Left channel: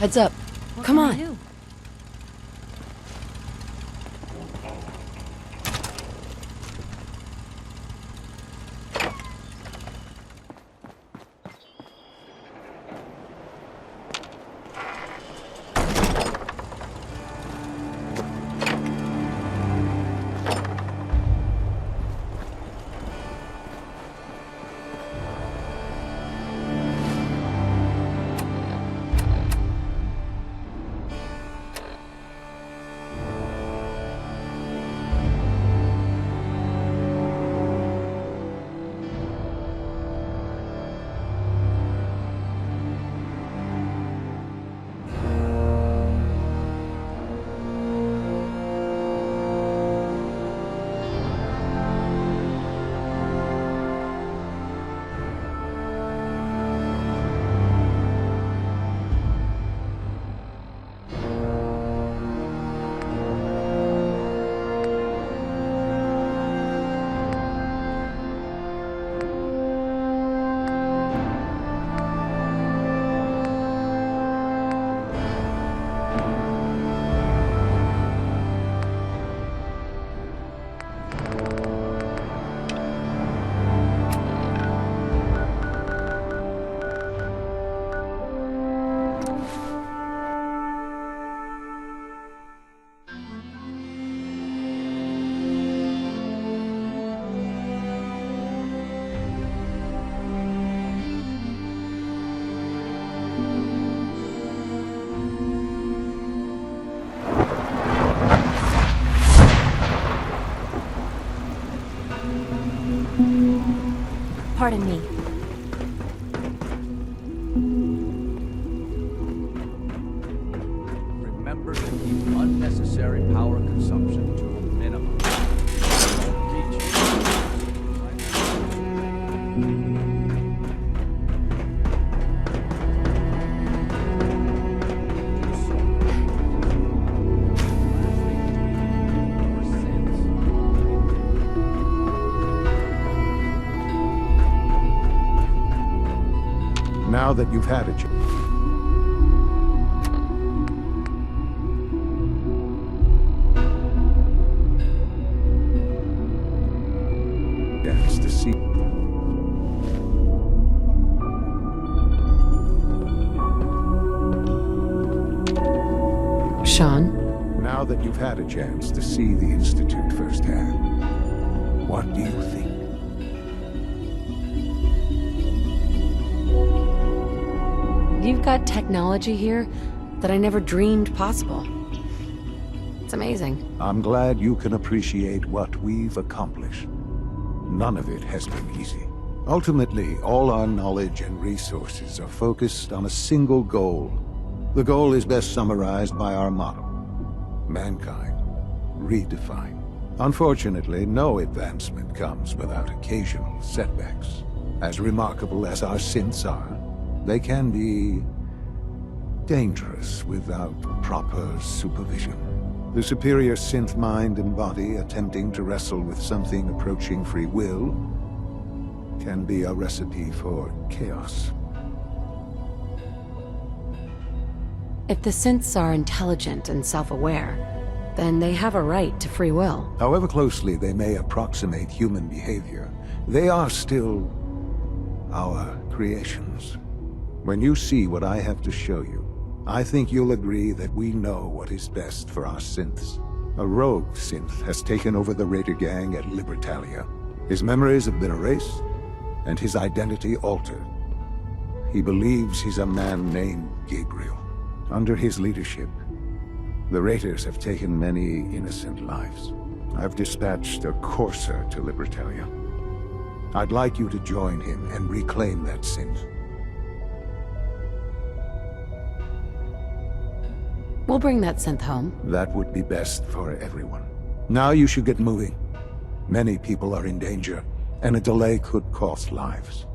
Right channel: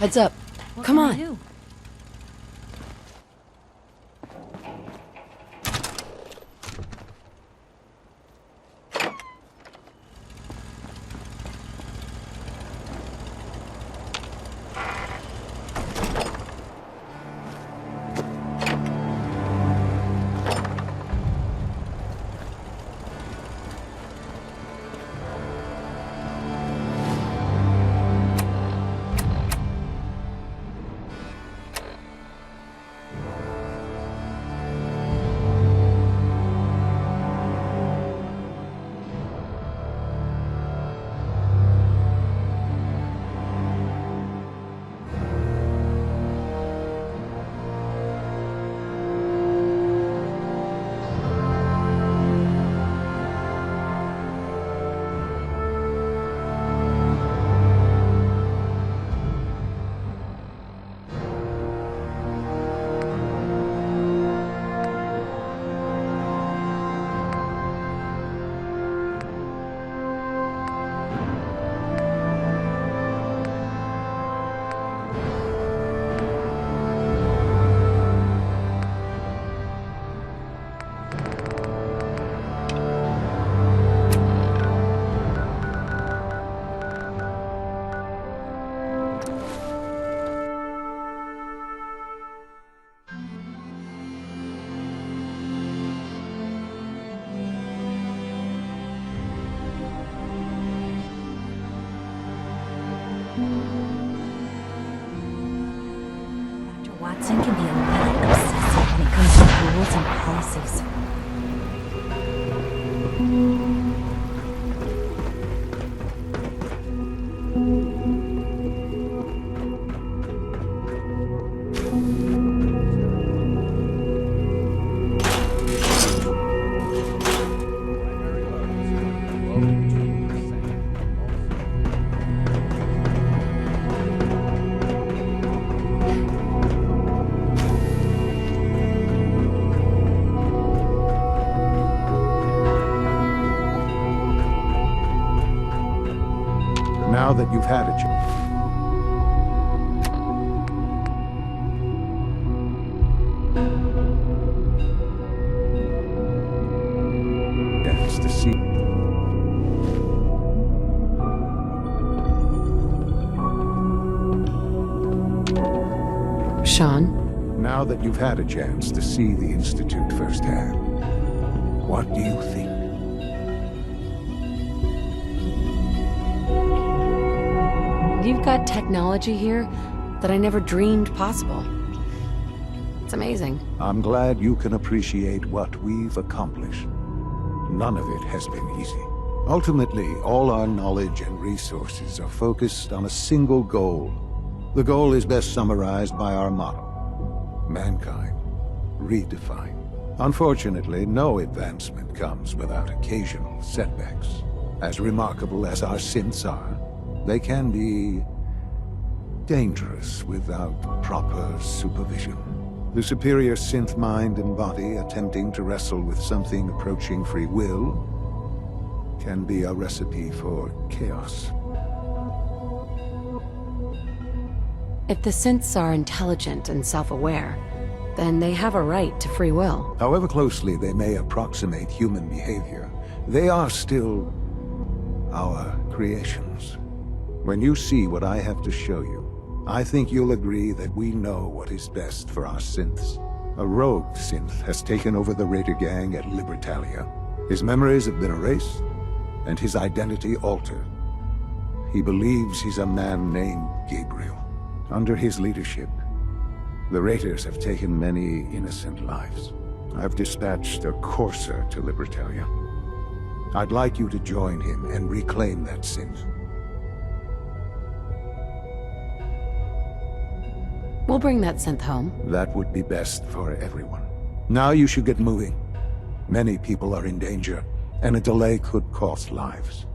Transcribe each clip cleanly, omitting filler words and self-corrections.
Heads up. What Come can I on. do? Watson can handle bureaucracy when it comes to rules and policies. Pardon me. Remember that unnecessary power consumption to a minimum. Now that you've had a chance to see. Sean? Now that you've had a chance to see the Institute firsthand, what do you think? You've got technology here that I never dreamed possible. It's amazing. I'm glad you can appreciate what we've accomplished. None of it has been easy. Ultimately, all our knowledge and resources are focused on a single goal. The goal is best summarized by our motto: mankind, redefined. Unfortunately, no advancement comes without occasional setbacks. As remarkable as our synths are, they can be dangerous without proper supervision. The superior synth mind and body attempting to wrestle with something approaching free will can be a recipe for chaos. If the synths are intelligent and self-aware, then they have a right to free will. However closely they may approximate human behavior, they are still our creations. When you see what I have to show you, I think you'll agree that we know what is best for our synths. A rogue synth has taken over the Raider gang at Libertalia. His memories have been erased, and his identity altered. He believes he's a man named Gabriel. Under his leadership, the Raiders have taken many innocent lives. I've dispatched a courser to Libertalia. I'd like you to join him and reclaim that synth. We'll bring that synth home. That would be best for everyone. Now you should get moving. Many people are in danger, and a delay could cost lives.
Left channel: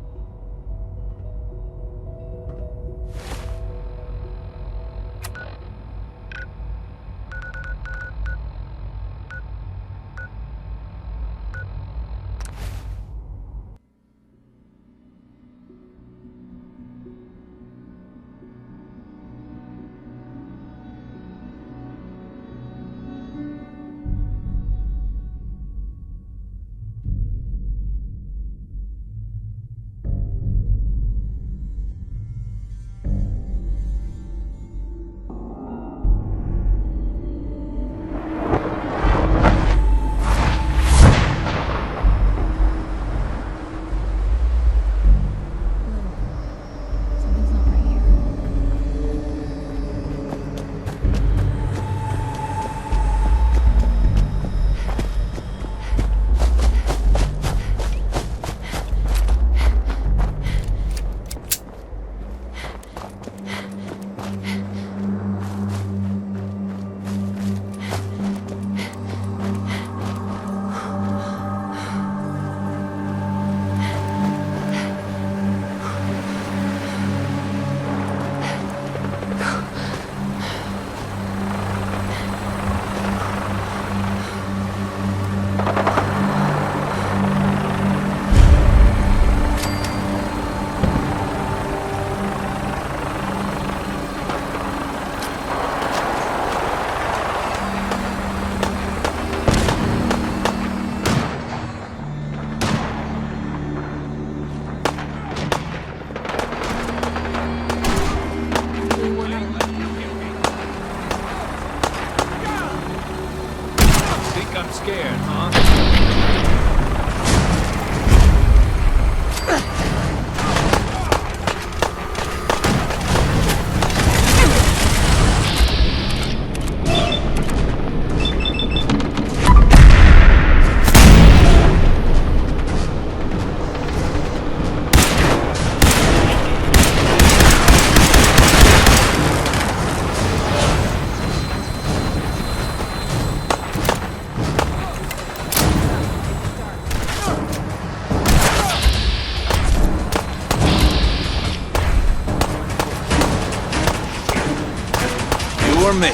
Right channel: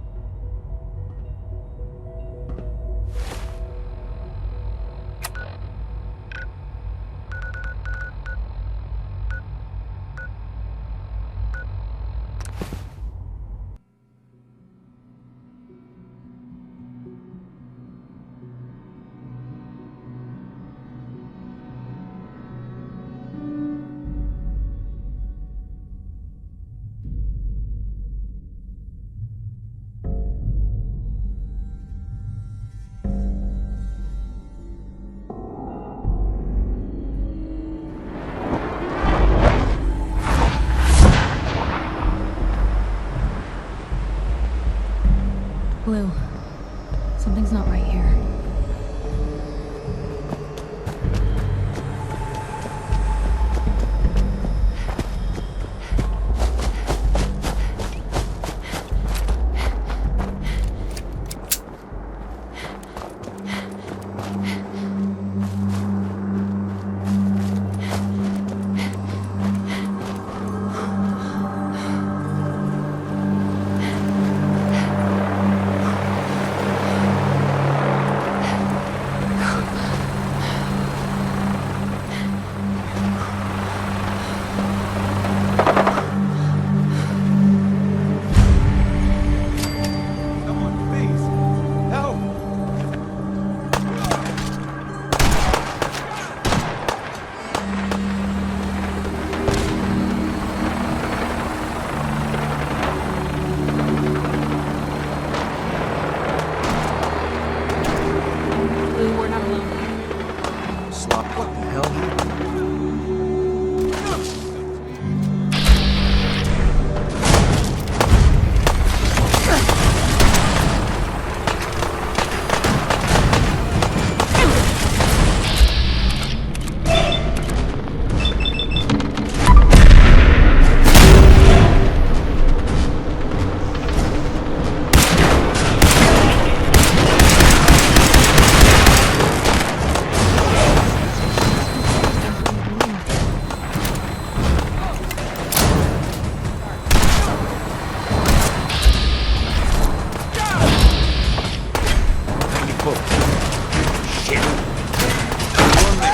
from me!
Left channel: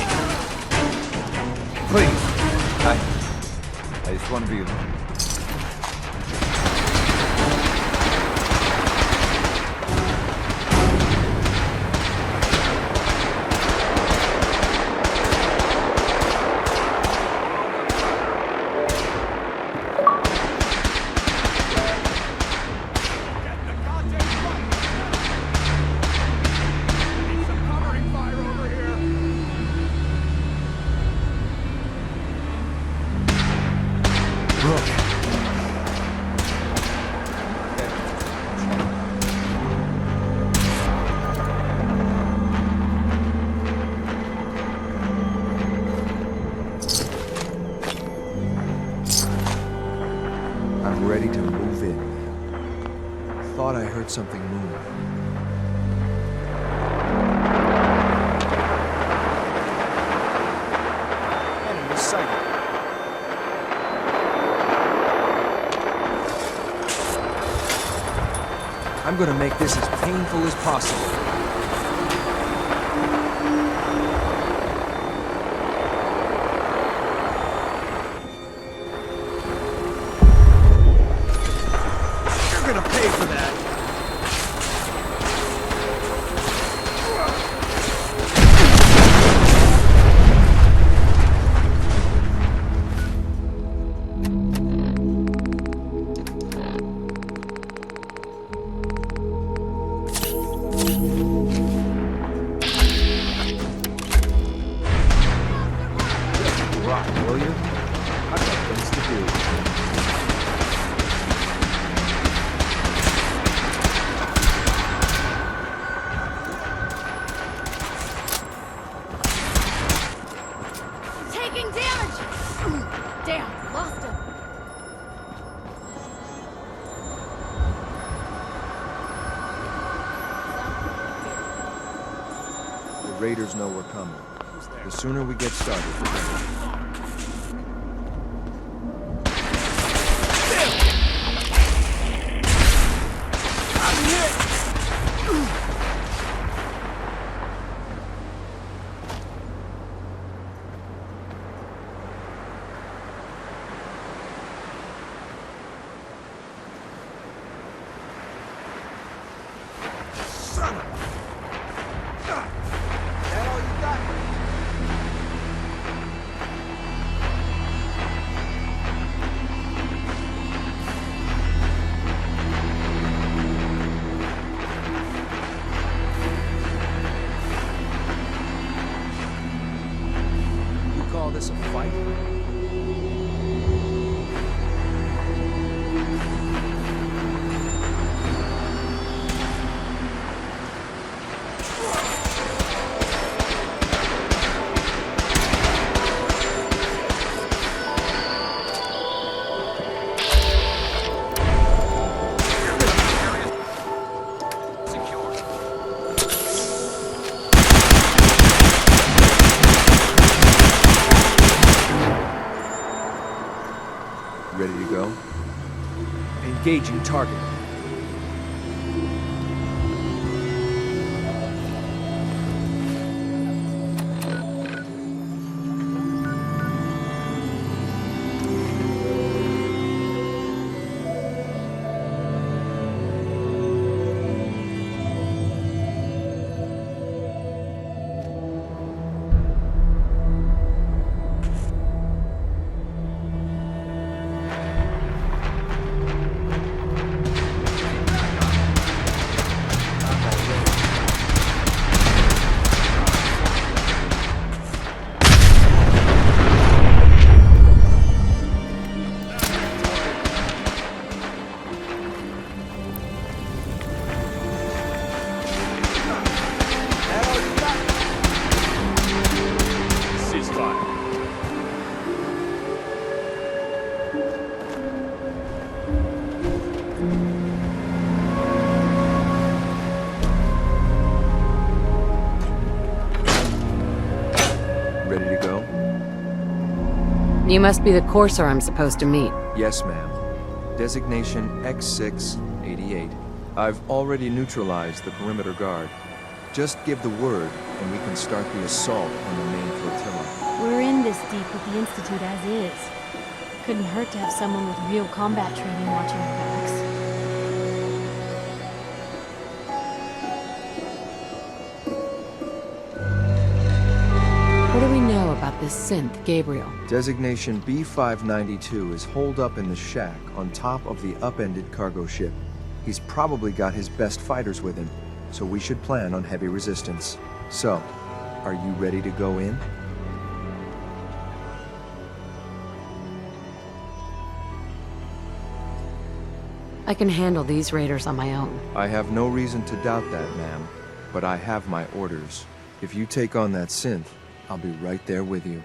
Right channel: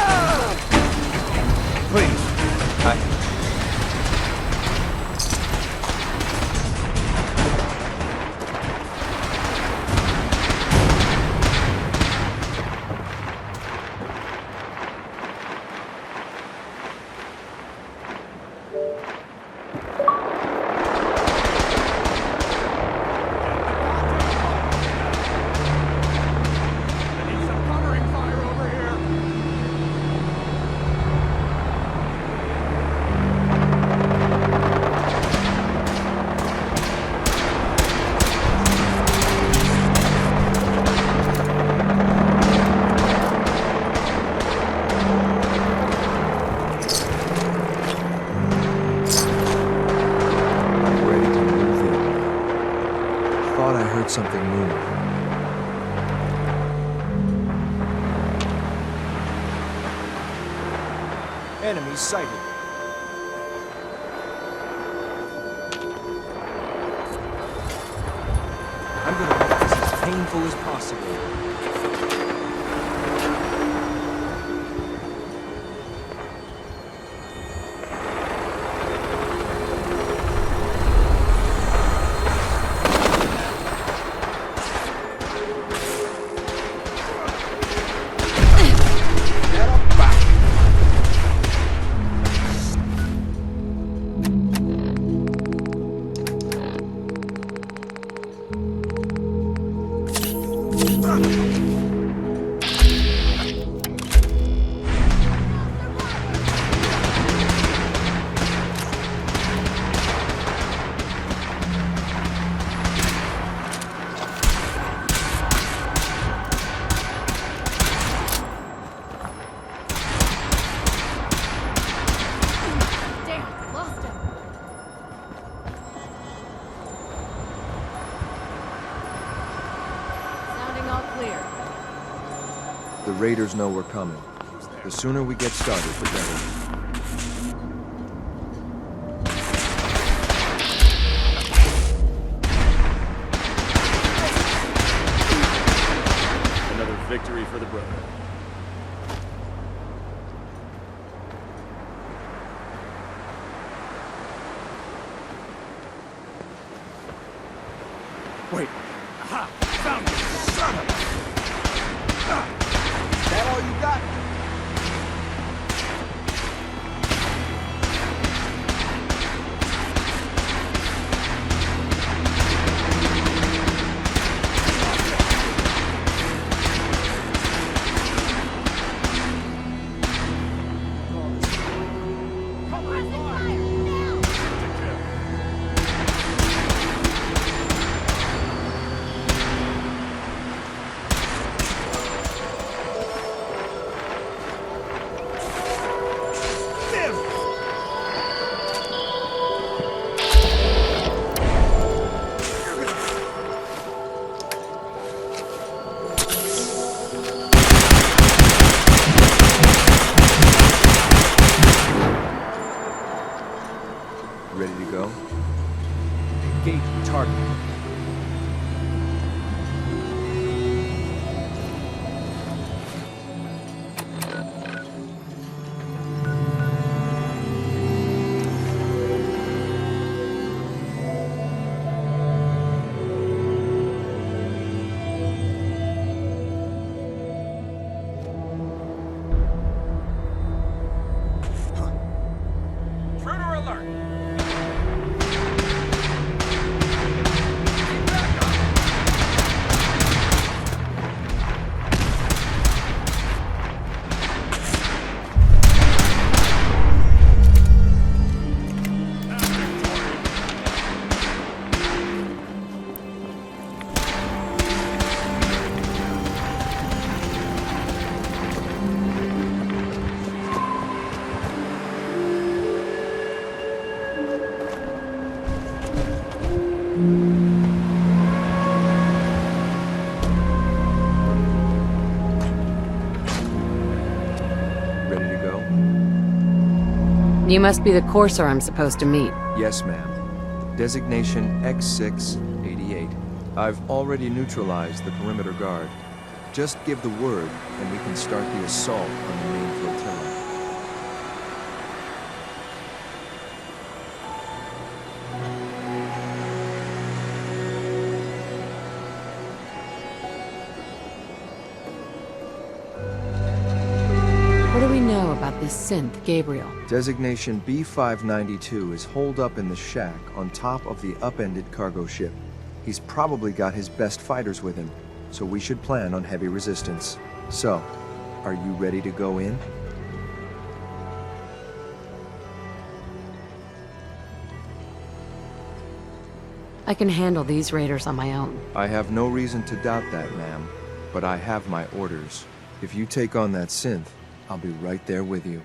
Please. I just want to be... Ready to move in. Thought I heard something move. Enemy sighted. I'm gonna make this as painful as possible. The raiders know we're coming. The sooner we get started, the better. Another victory for the brother. Wait. Aha! Found me! Son of a... That all you got? You call this a fight? Ready to go? Engaging target. Ready to go? You must be the courser I'm supposed to meet. Yes, ma'am. Designation X688. I've already neutralized the perimeter guard. Just give the word, and we can start the assault on the main flotilla. We're in this deep with the Institute as is. Couldn't hurt to have someone with real combat training watching over us. What do we know about this synth, Gabriel? Designation B592 is holed up in the shack on top of the upended cargo ship. He's probably got his best fighters with him, so we should plan on heavy resistance. So, are you ready to go in? I can handle these raiders on my own. I have no reason to doubt that, ma'am, but I have my orders. If you take on that synth, I'll be right there with you.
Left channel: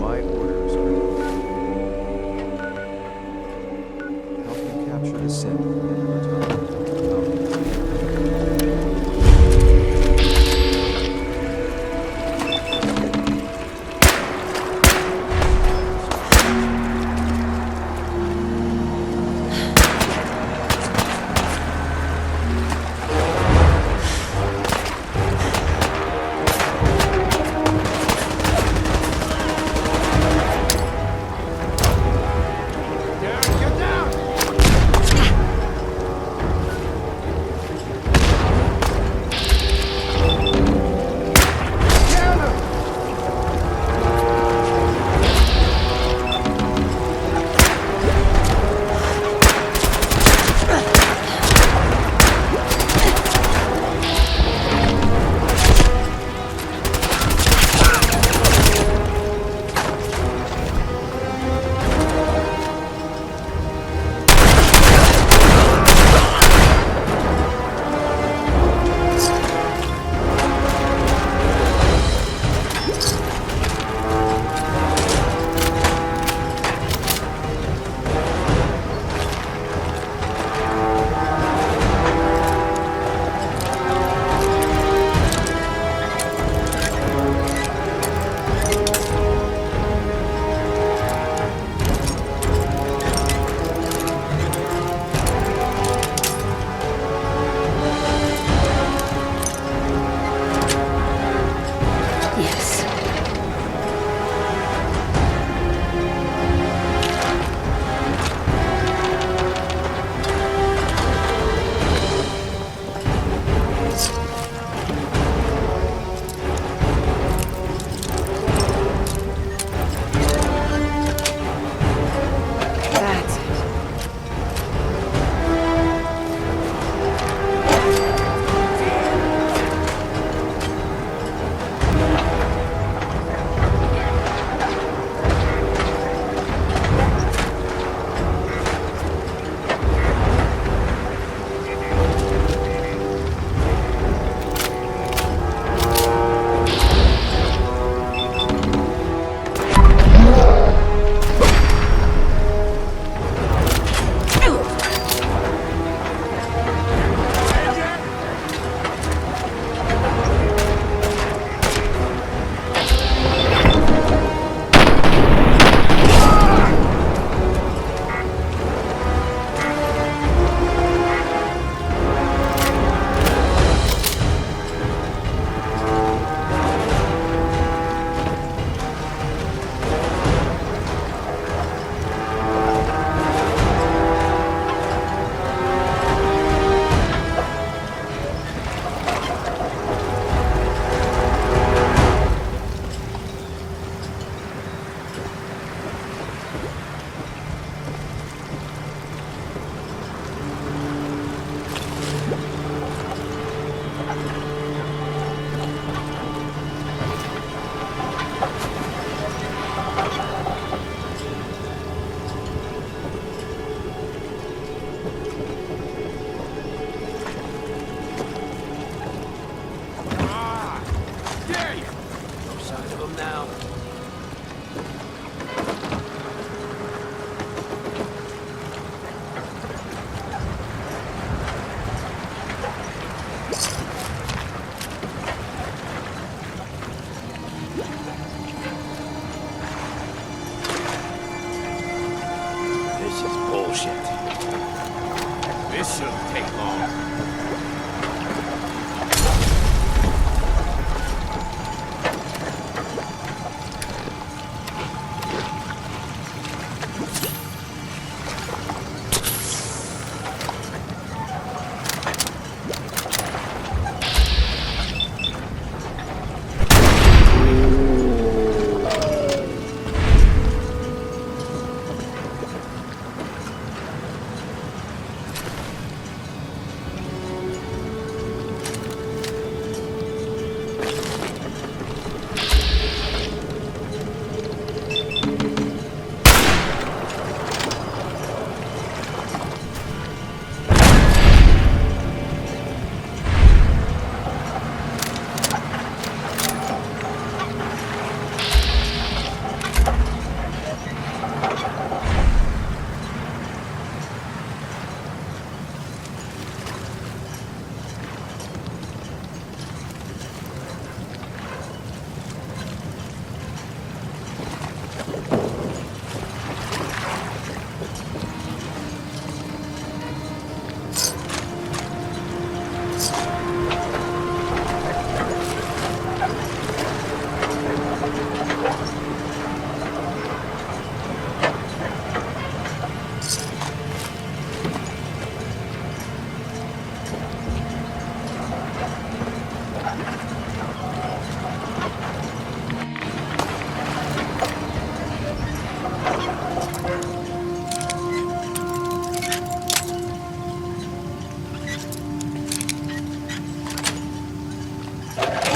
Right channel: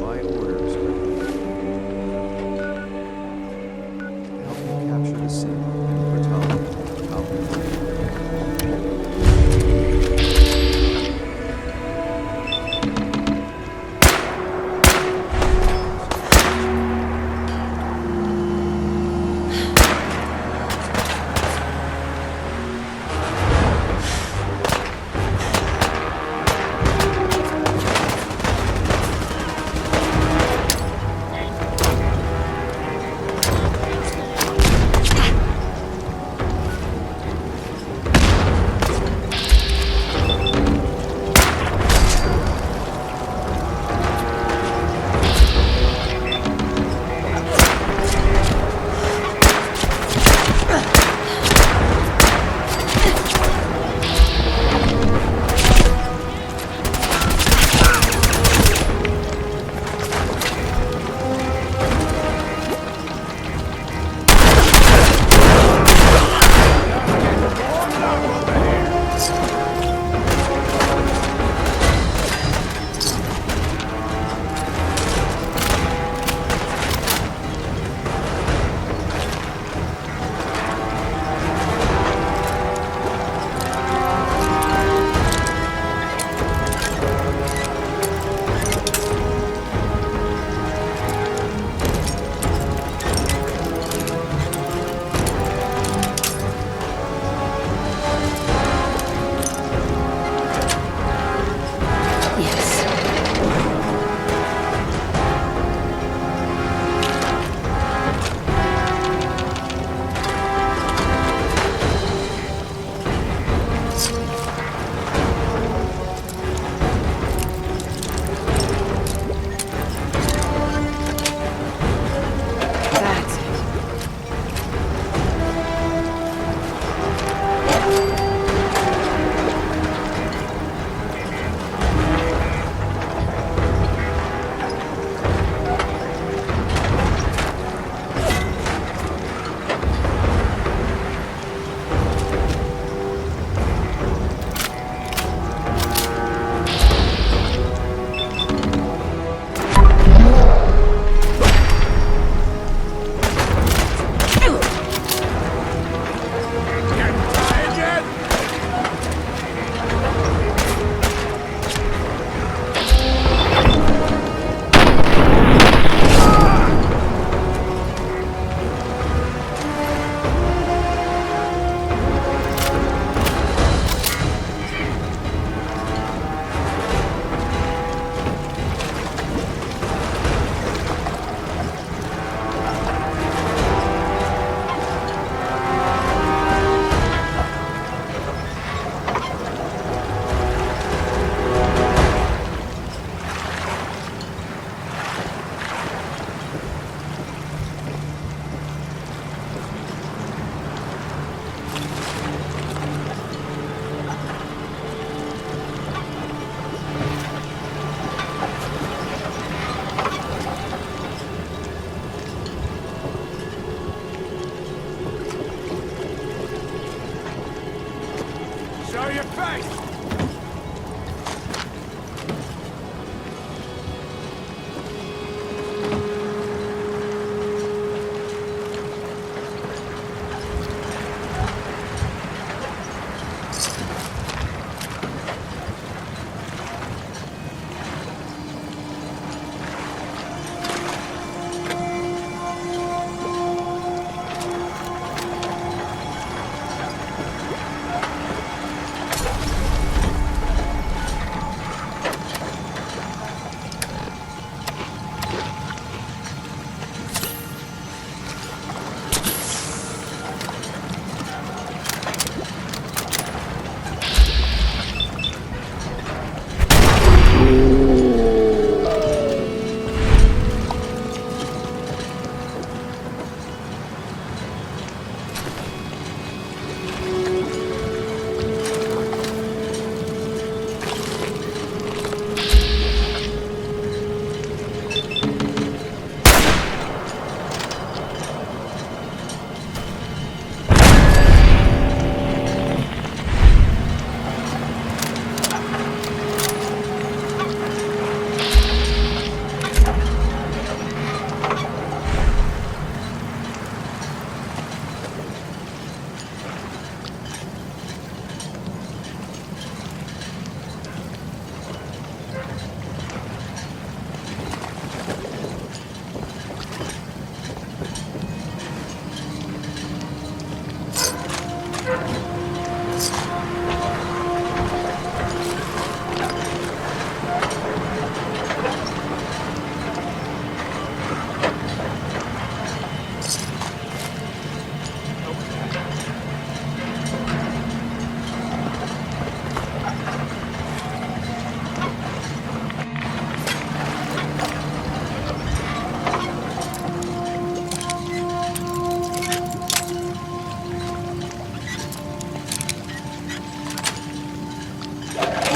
My orders are to help you capture the synth and the battalion. I'll be with you.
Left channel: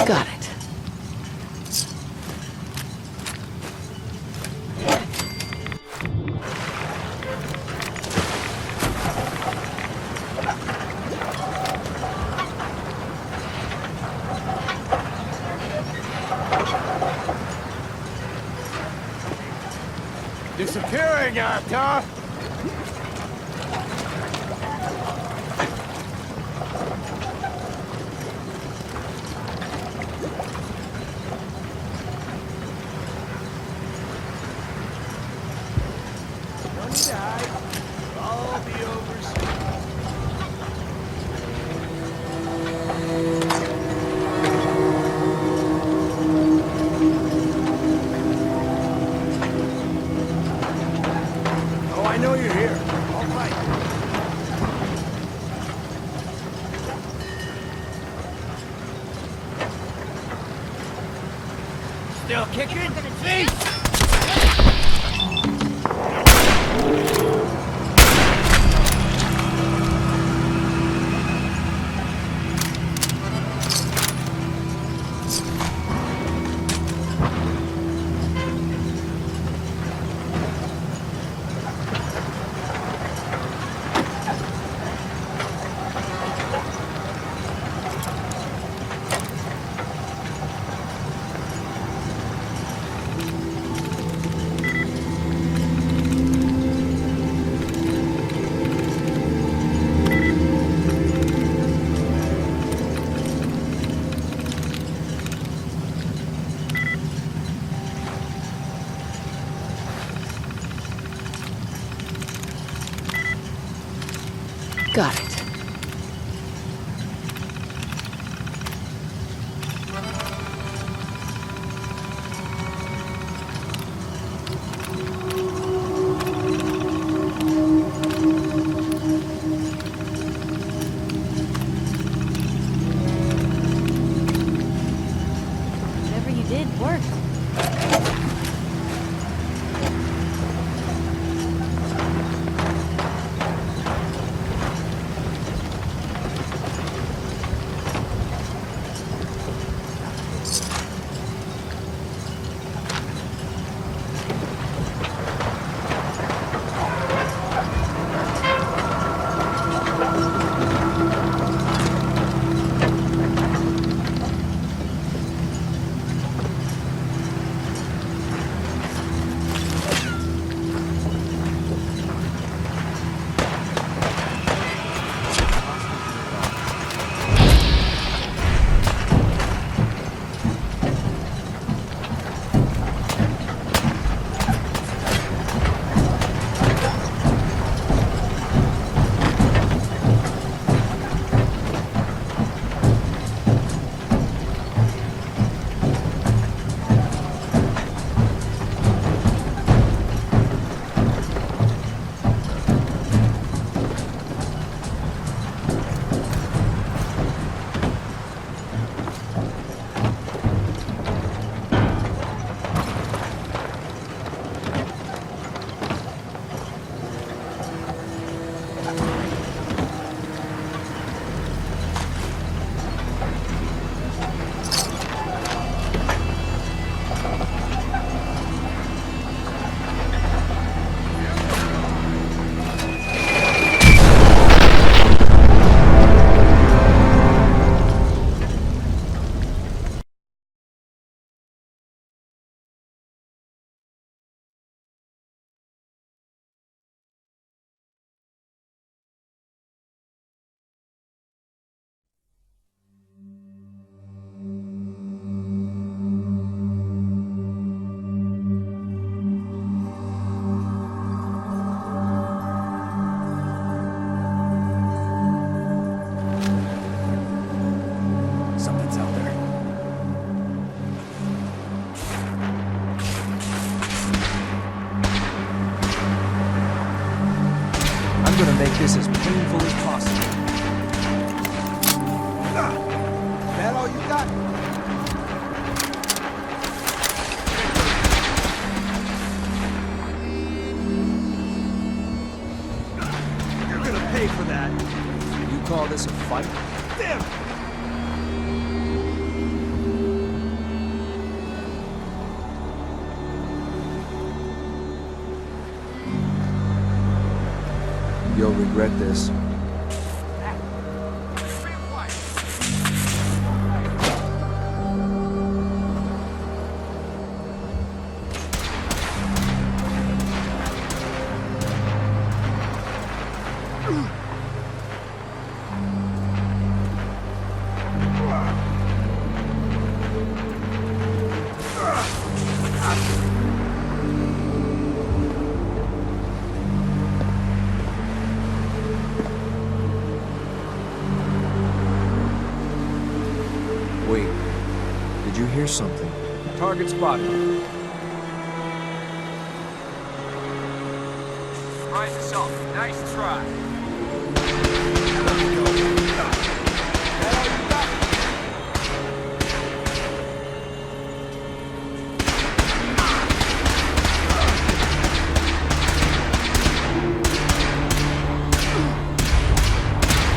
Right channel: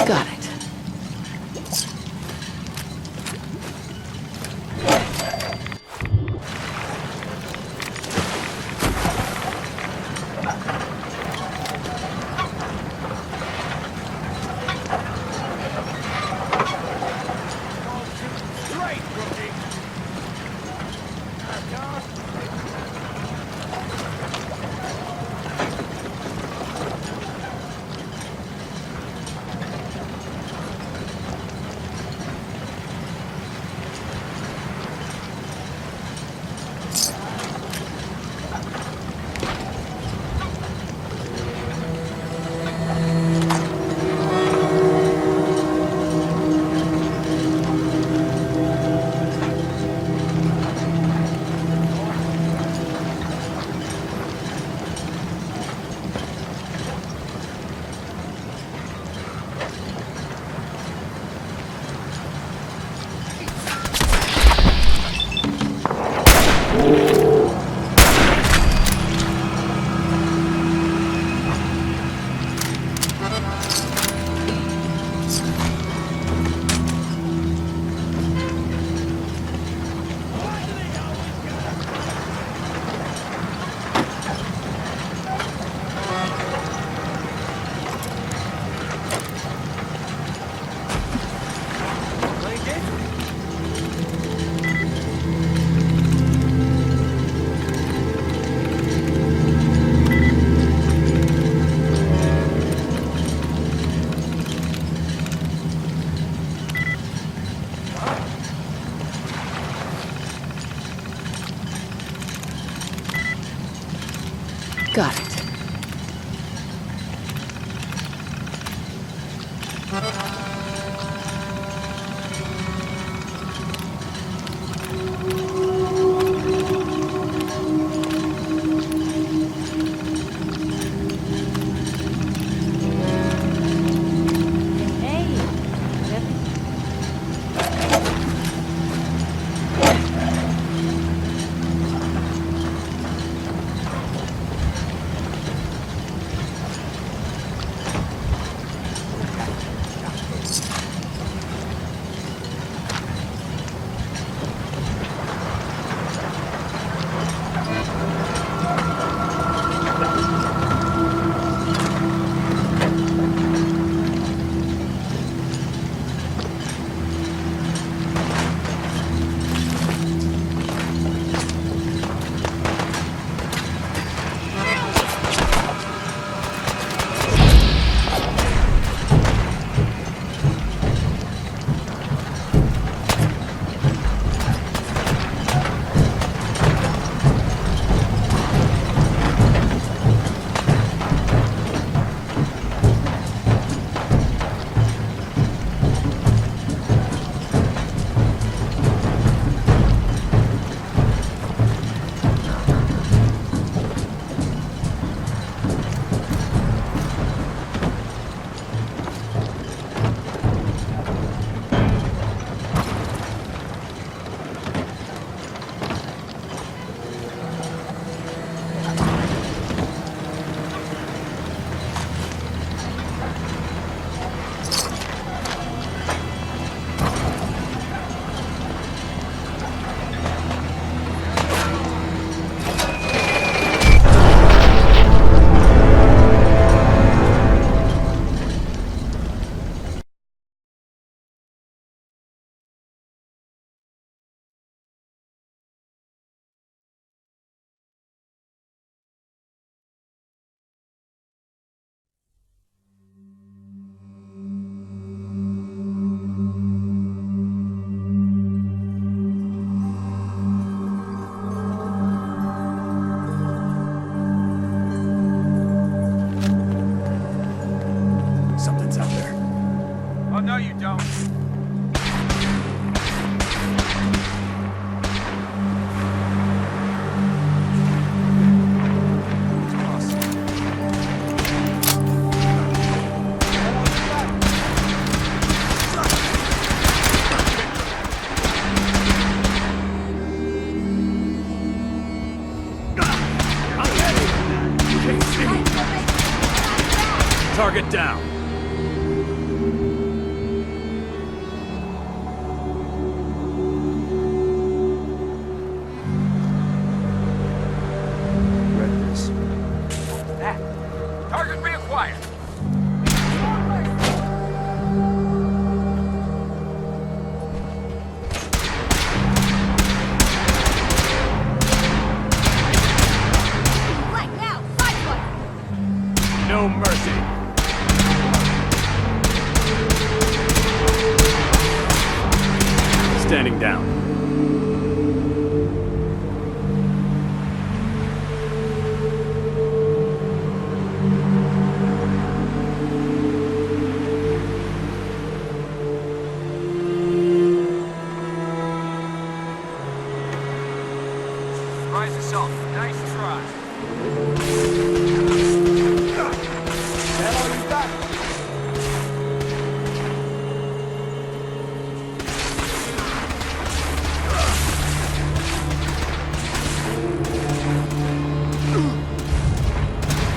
Got it. Disappearing, Arthur! Oh, I know you're here. All right. Still kicking? See? Got it. Hey, whatever you did worked. Target down. You'll regret this. Target reacquired. No mercy. Standing down. Wait, did you hear something? Target spotted. Surprise assault. Nice try. That all you got?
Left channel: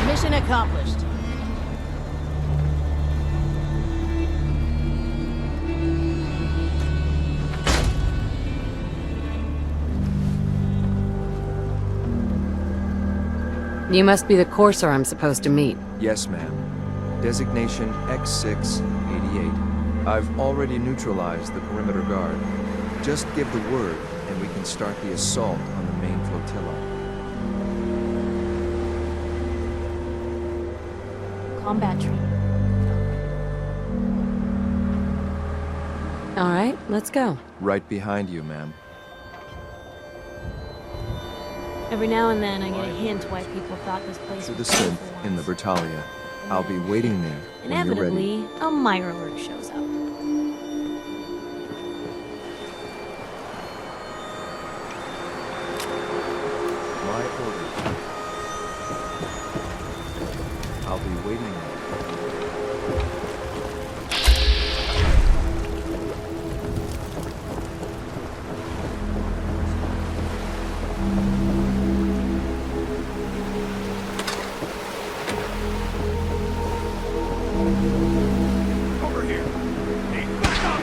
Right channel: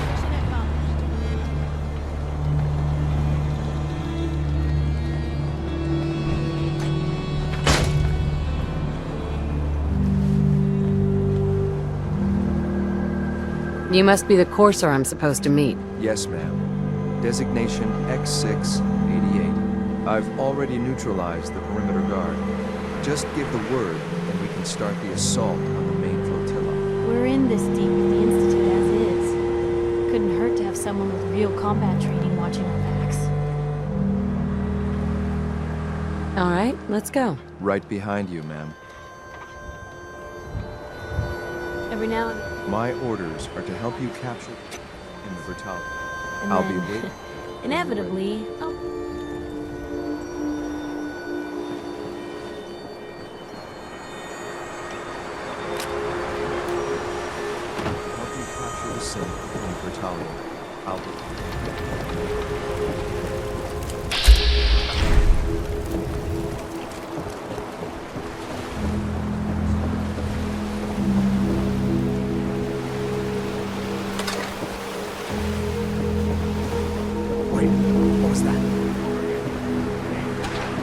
Mission accomplished. You must be the courser I'm supposed to meet. Yes, ma'am. Designation X688. I've already neutralized the perimeter guard. Just give the word, and we can start the assault on the main flotilla. We're in this deep with the Institute as is. Couldn't hurt to have someone with real combat training watching our backs. All right, let's go. Right behind you, ma'am. Every now and then, I My get a hint orders why are to people help thought you this place capture the was synth for in the once. Britalia. And I'll be then, waiting there when you're ready. Inevitably, a Mirror shows up. My orders are to help you capture the synth in the Britalia. I'll be waiting there. Over here. Hey, back up.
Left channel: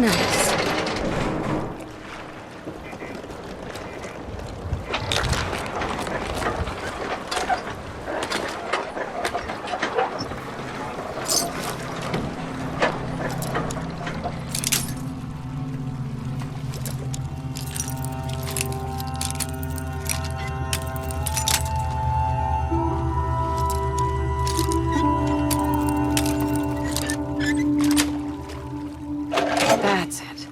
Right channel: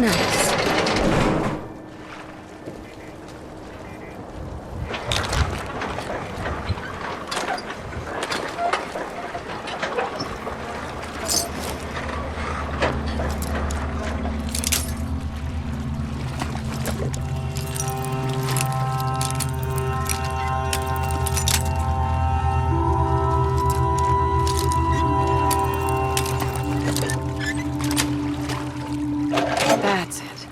Nice. That's it.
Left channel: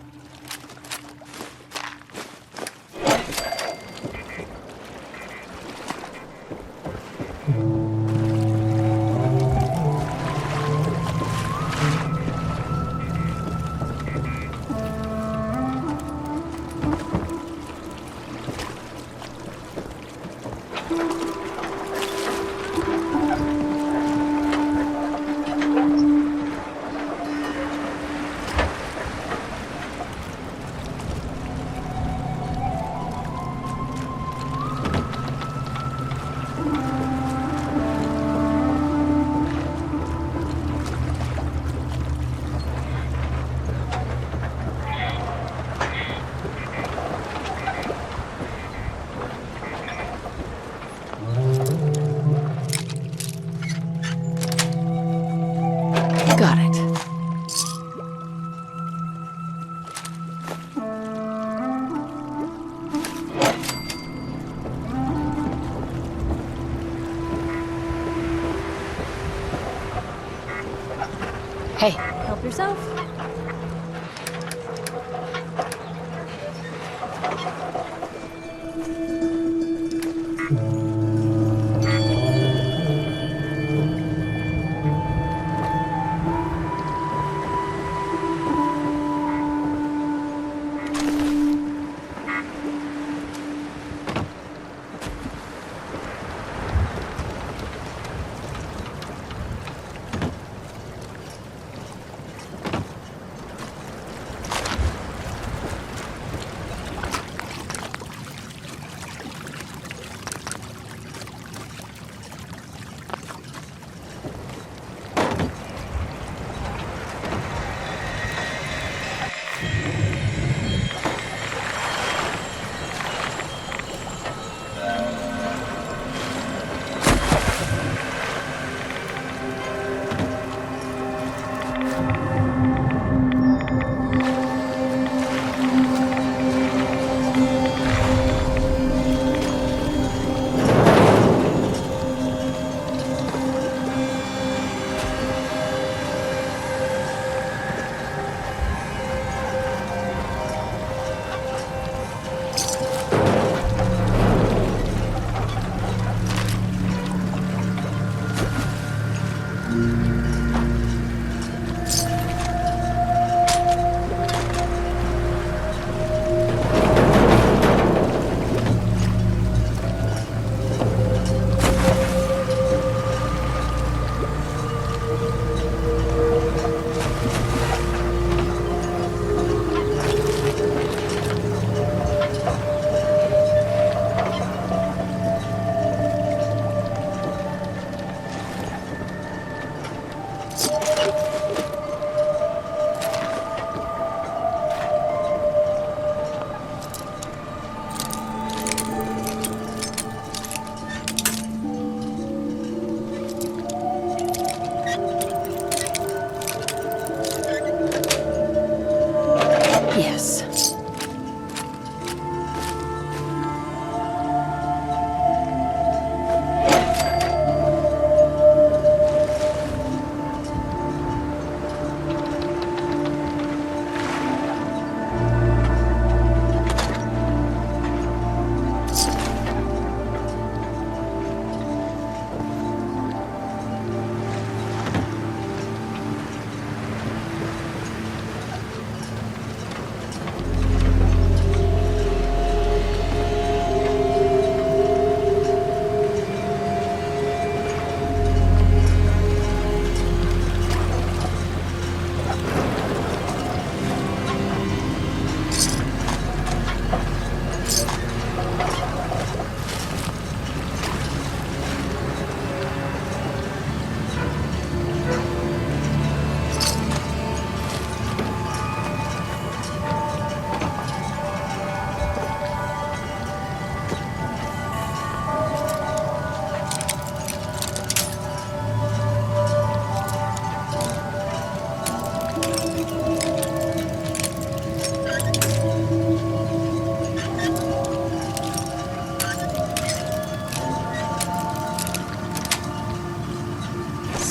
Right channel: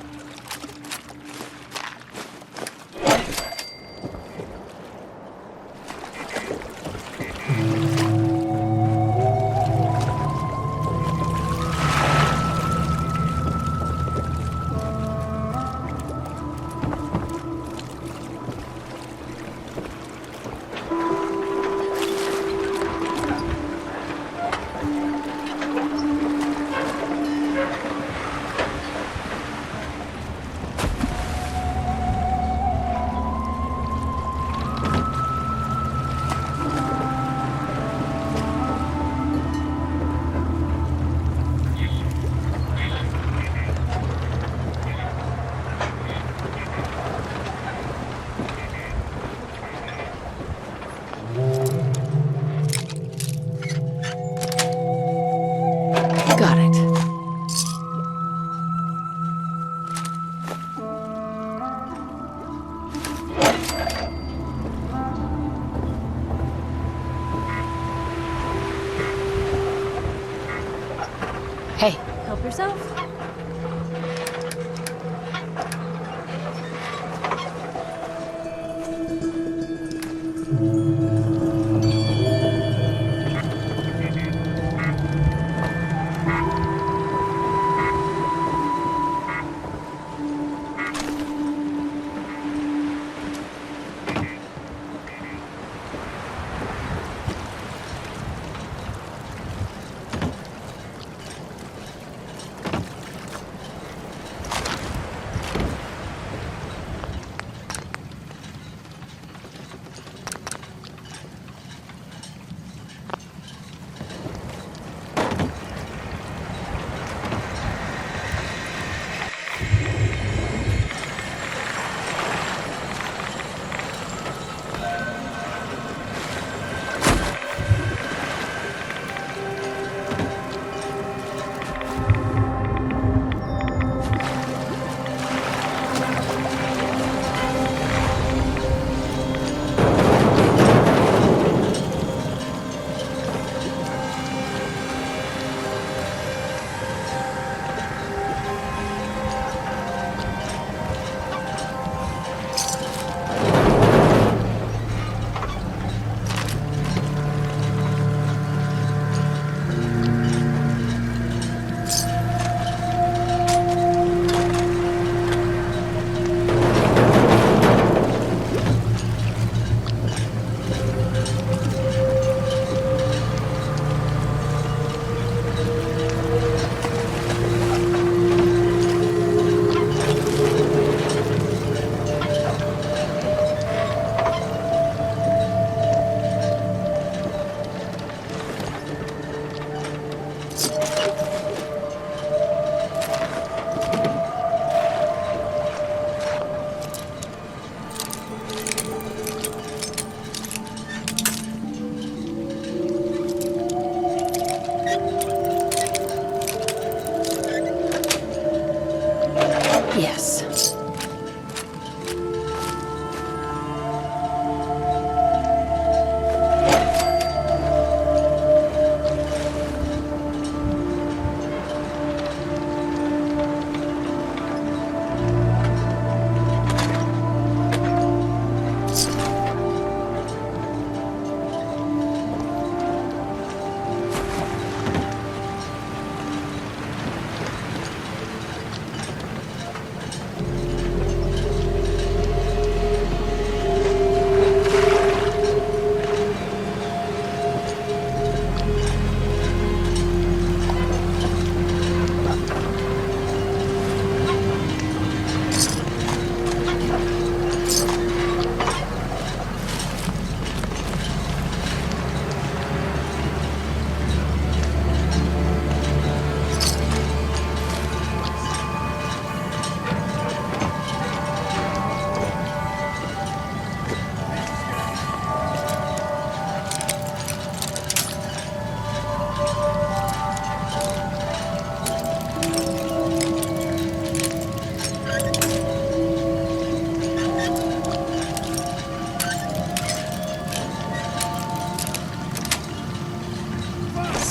Got it. Hey, Help yourself.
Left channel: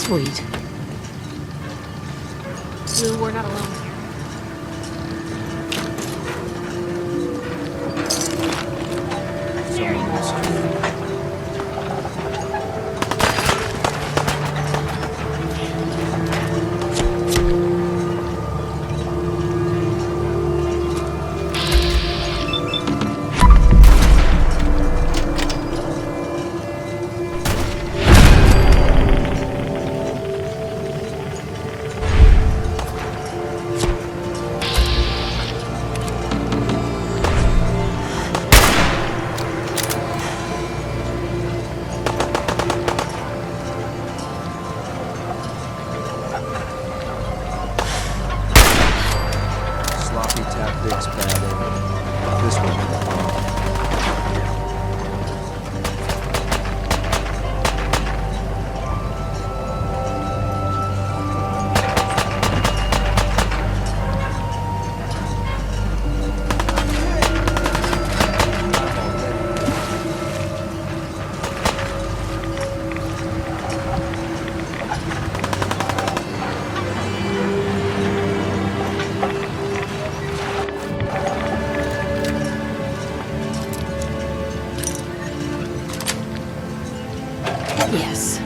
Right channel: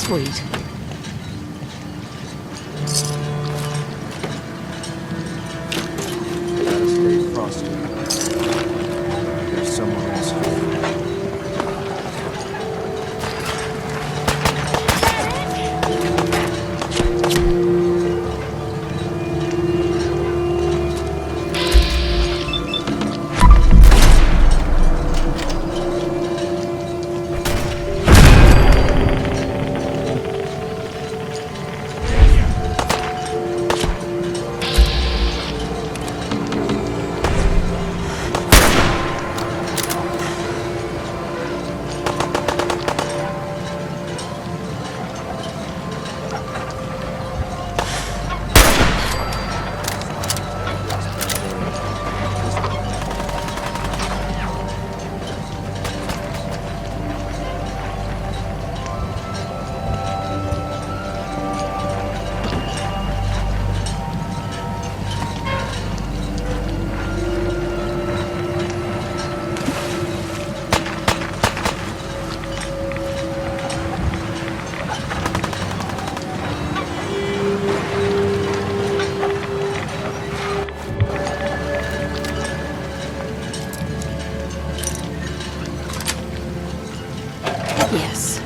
Sweet. We're not wrong. Stay frosty. There's someone else here. Sloppy tactics, bad aim. This way. Yes.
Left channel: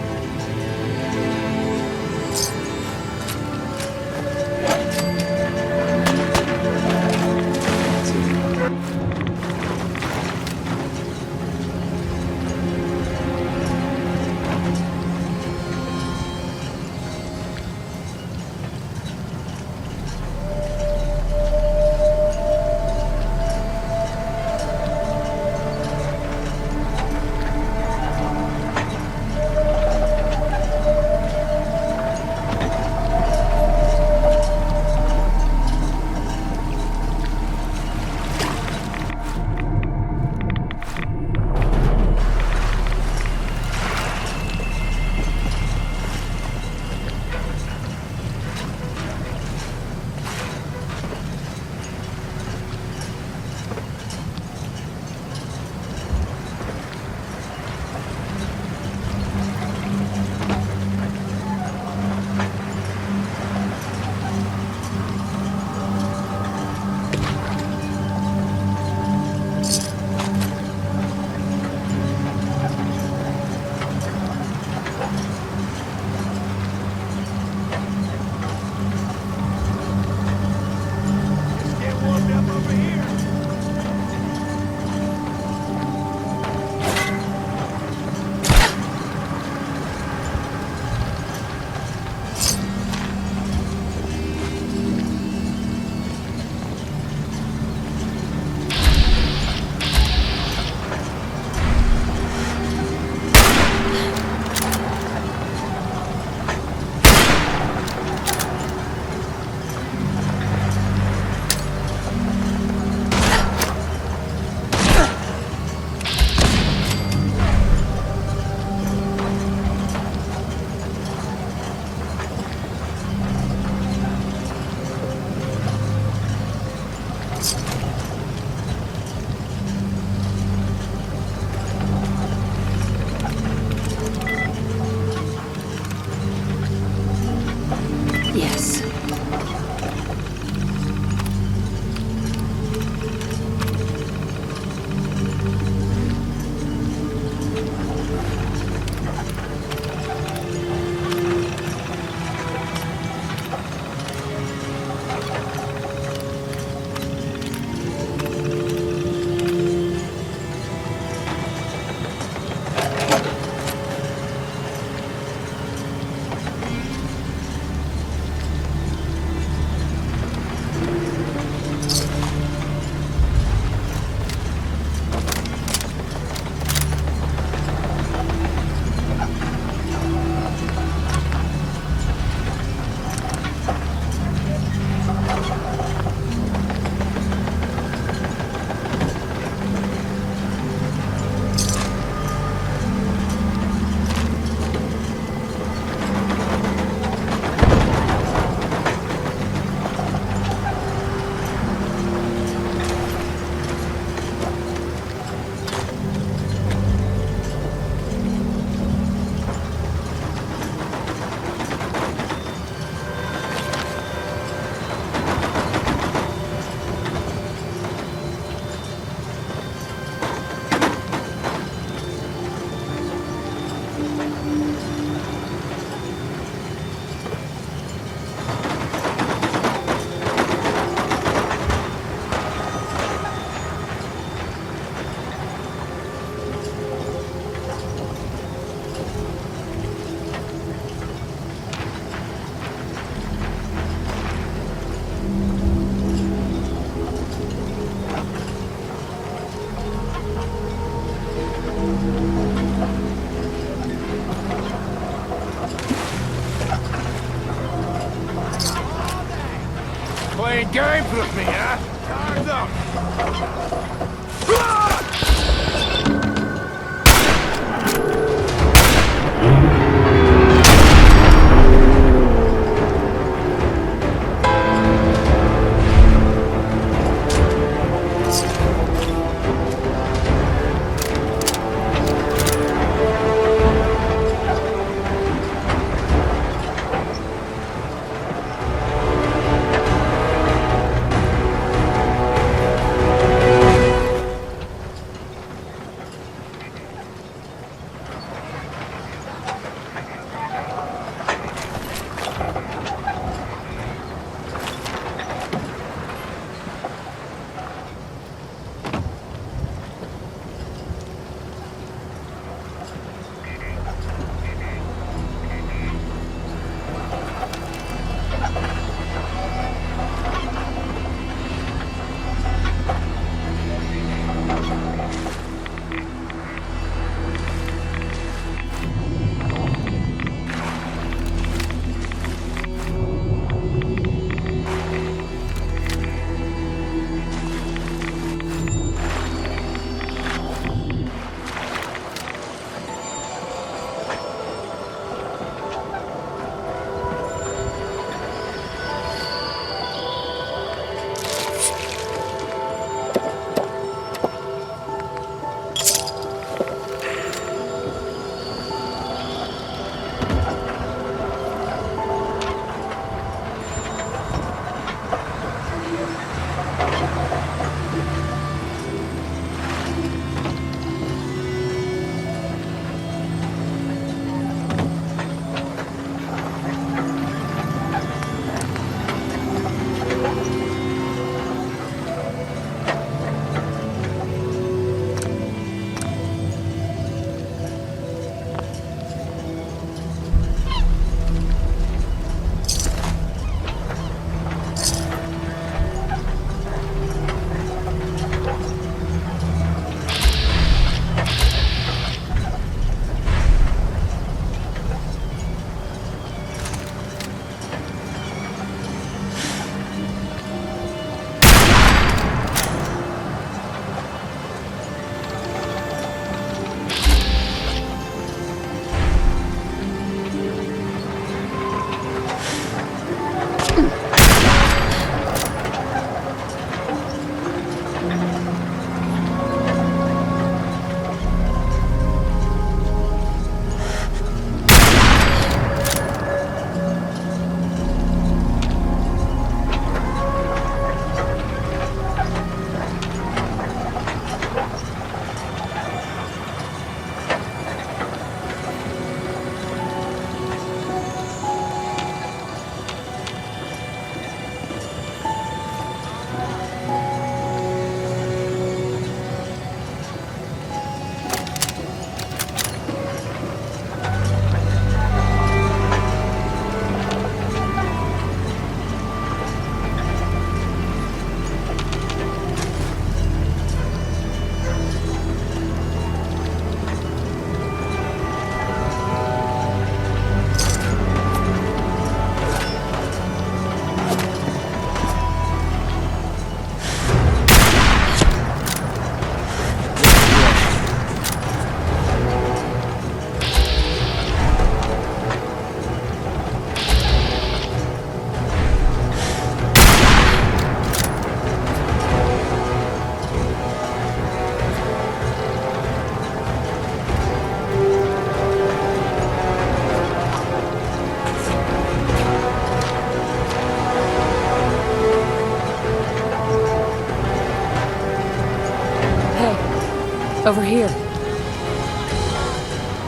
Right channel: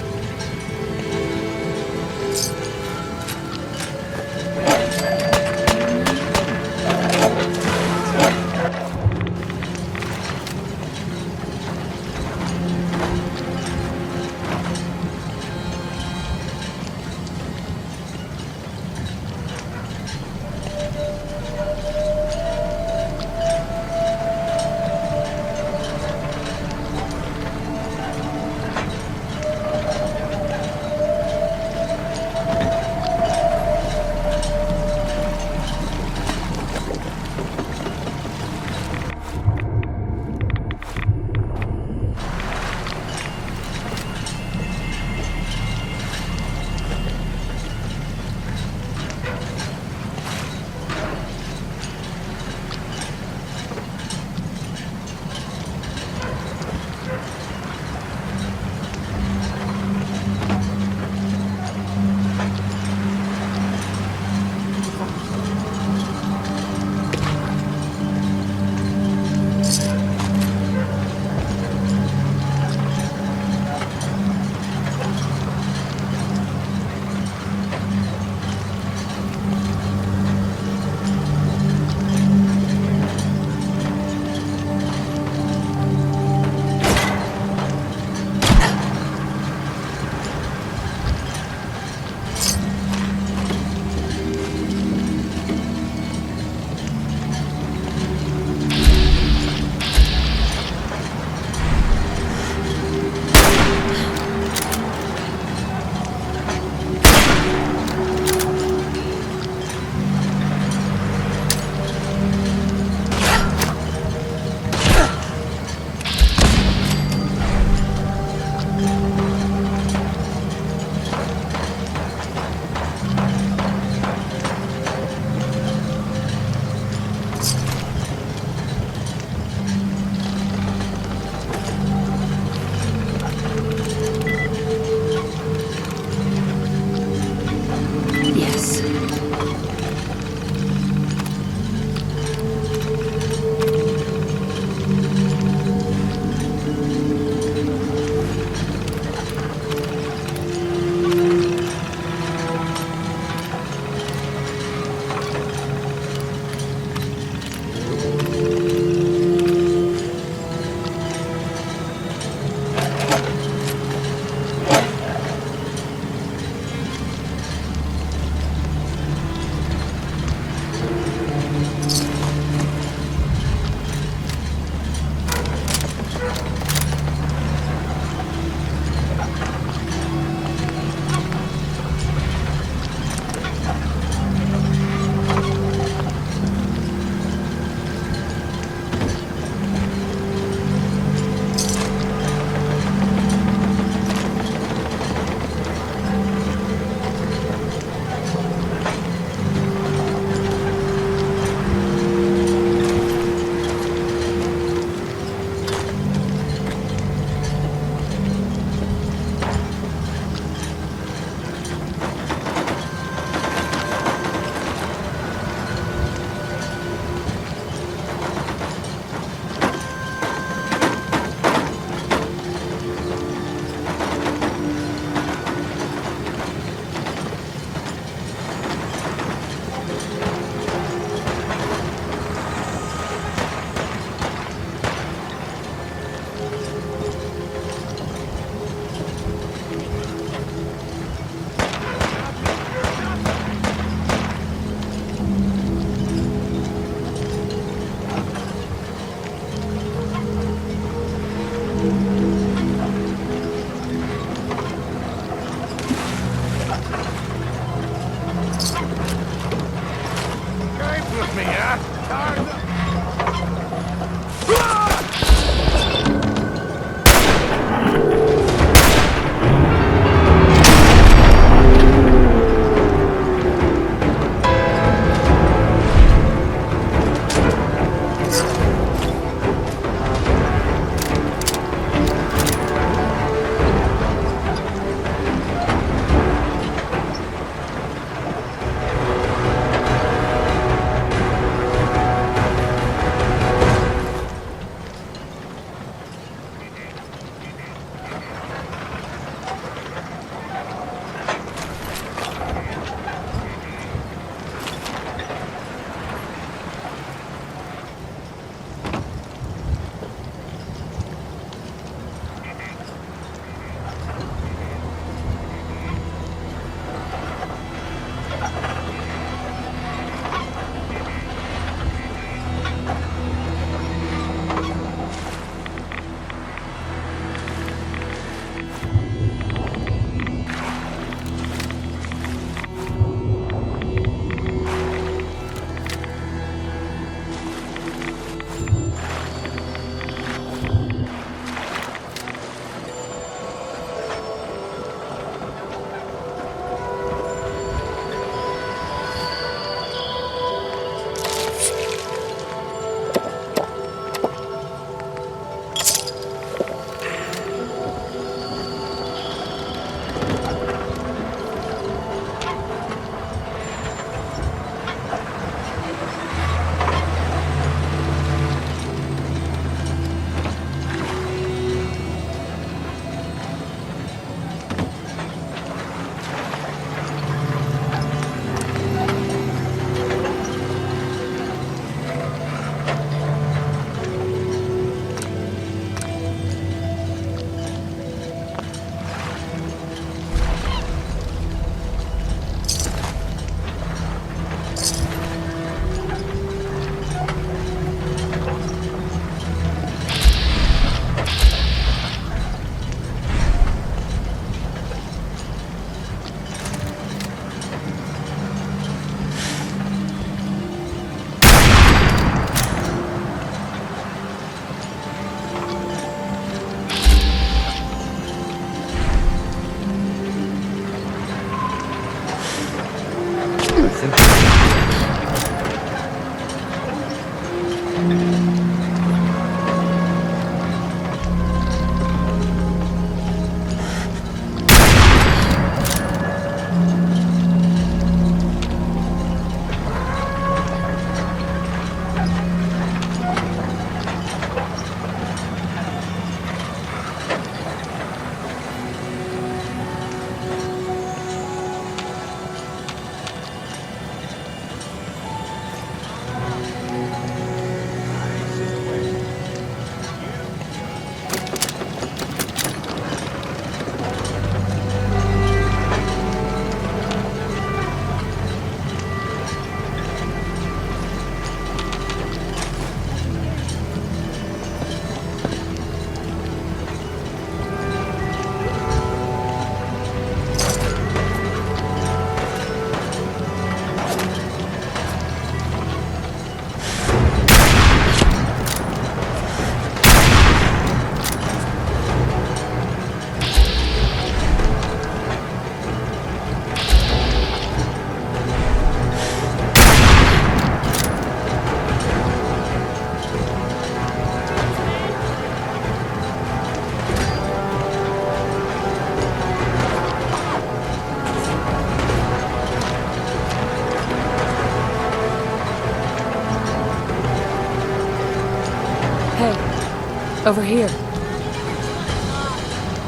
Hey, over here.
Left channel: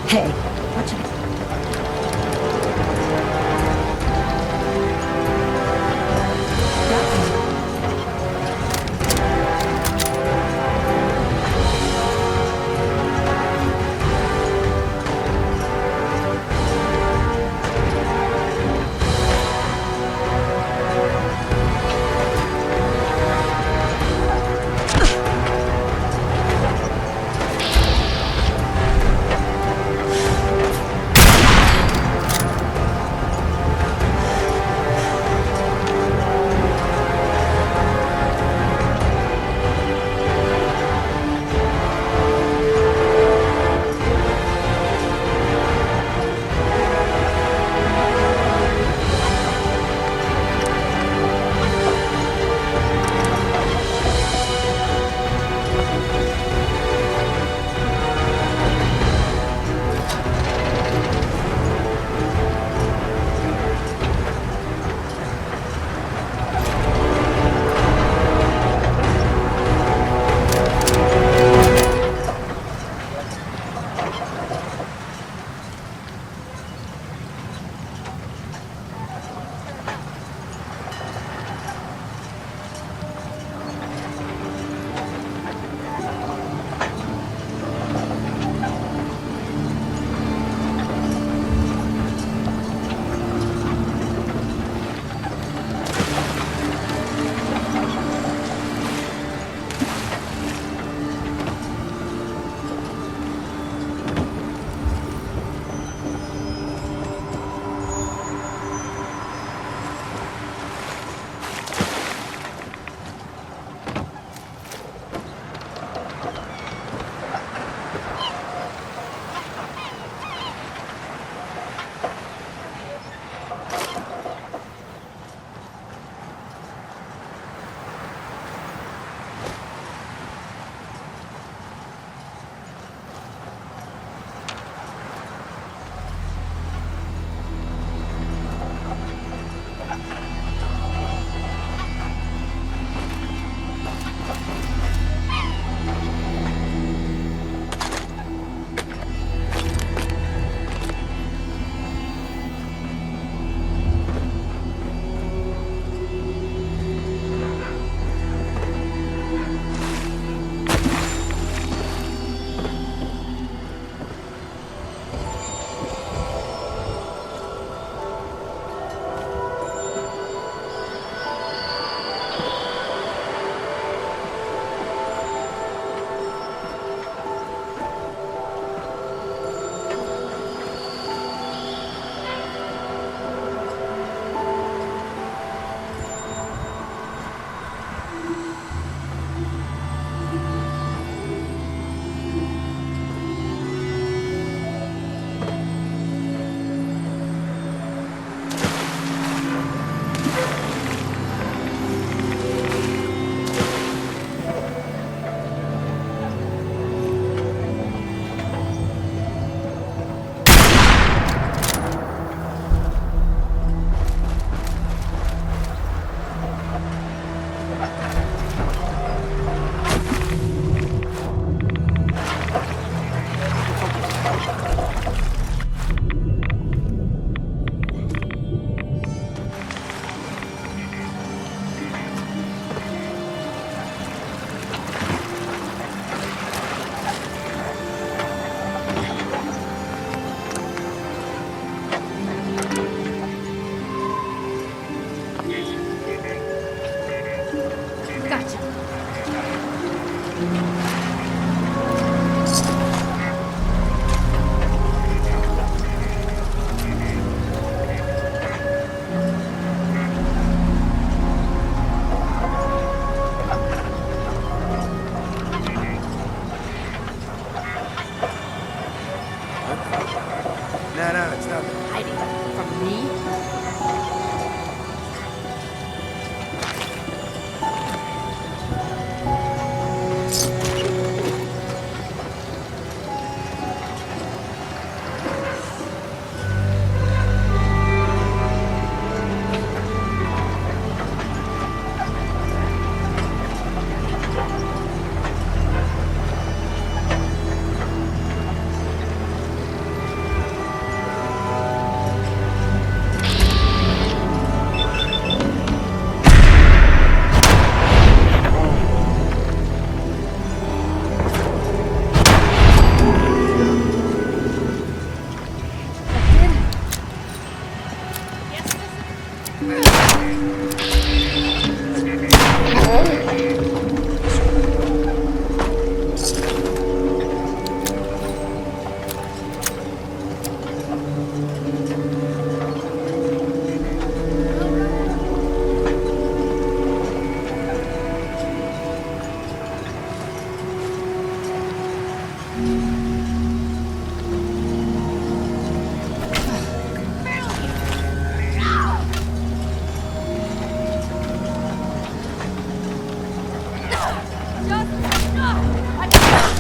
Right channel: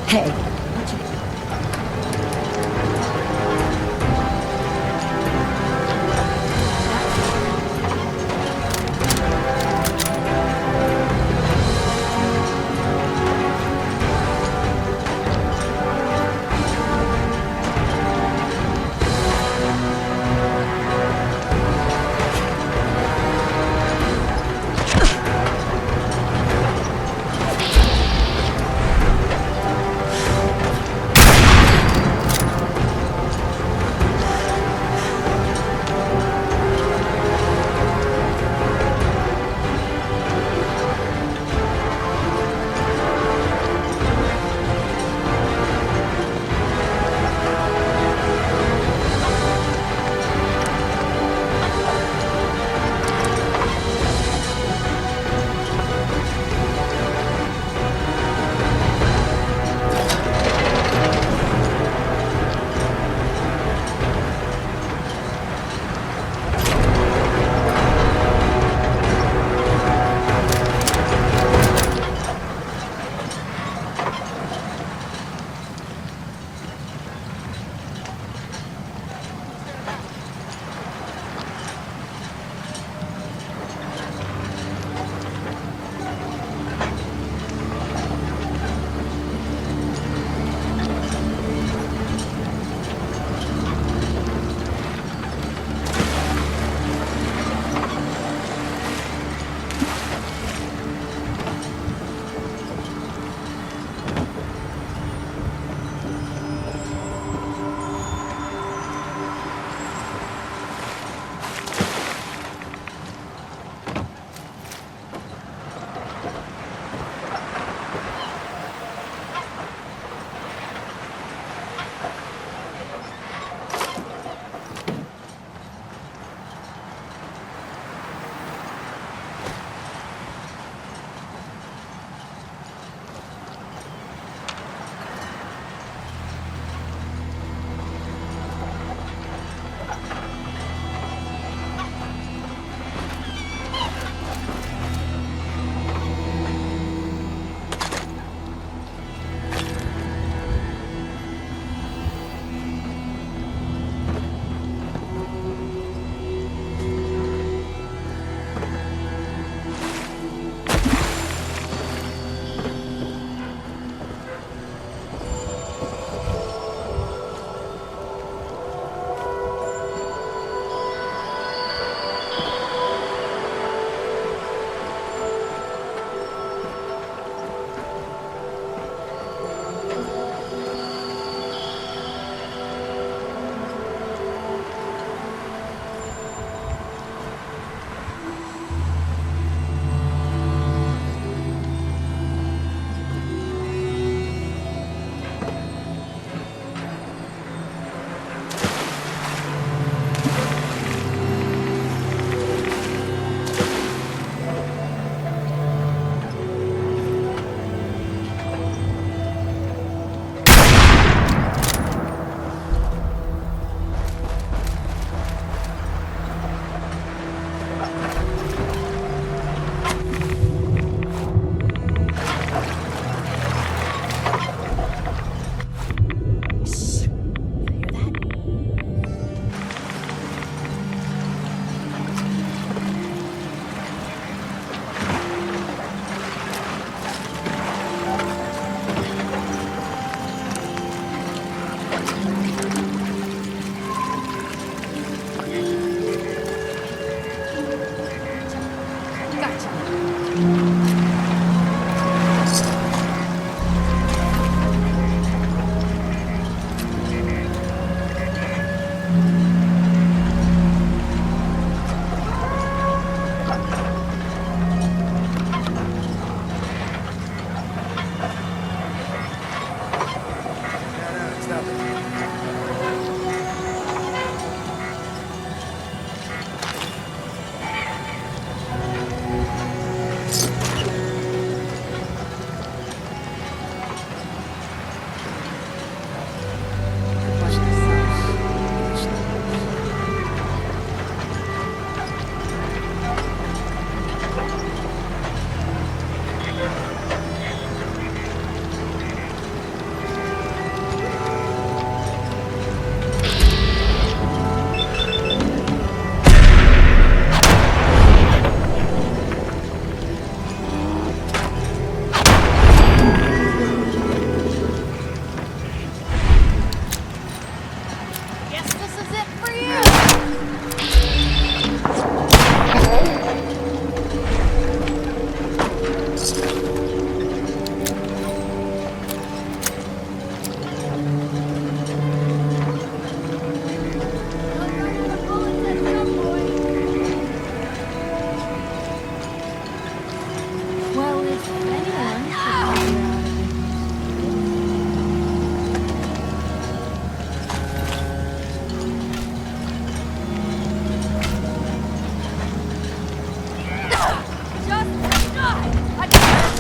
Hey, watch it. no, it's nothing. Hiding from me. Guess this is it for you. Don't run out of bullets, boy. Well, if anyone. Just die! I can't.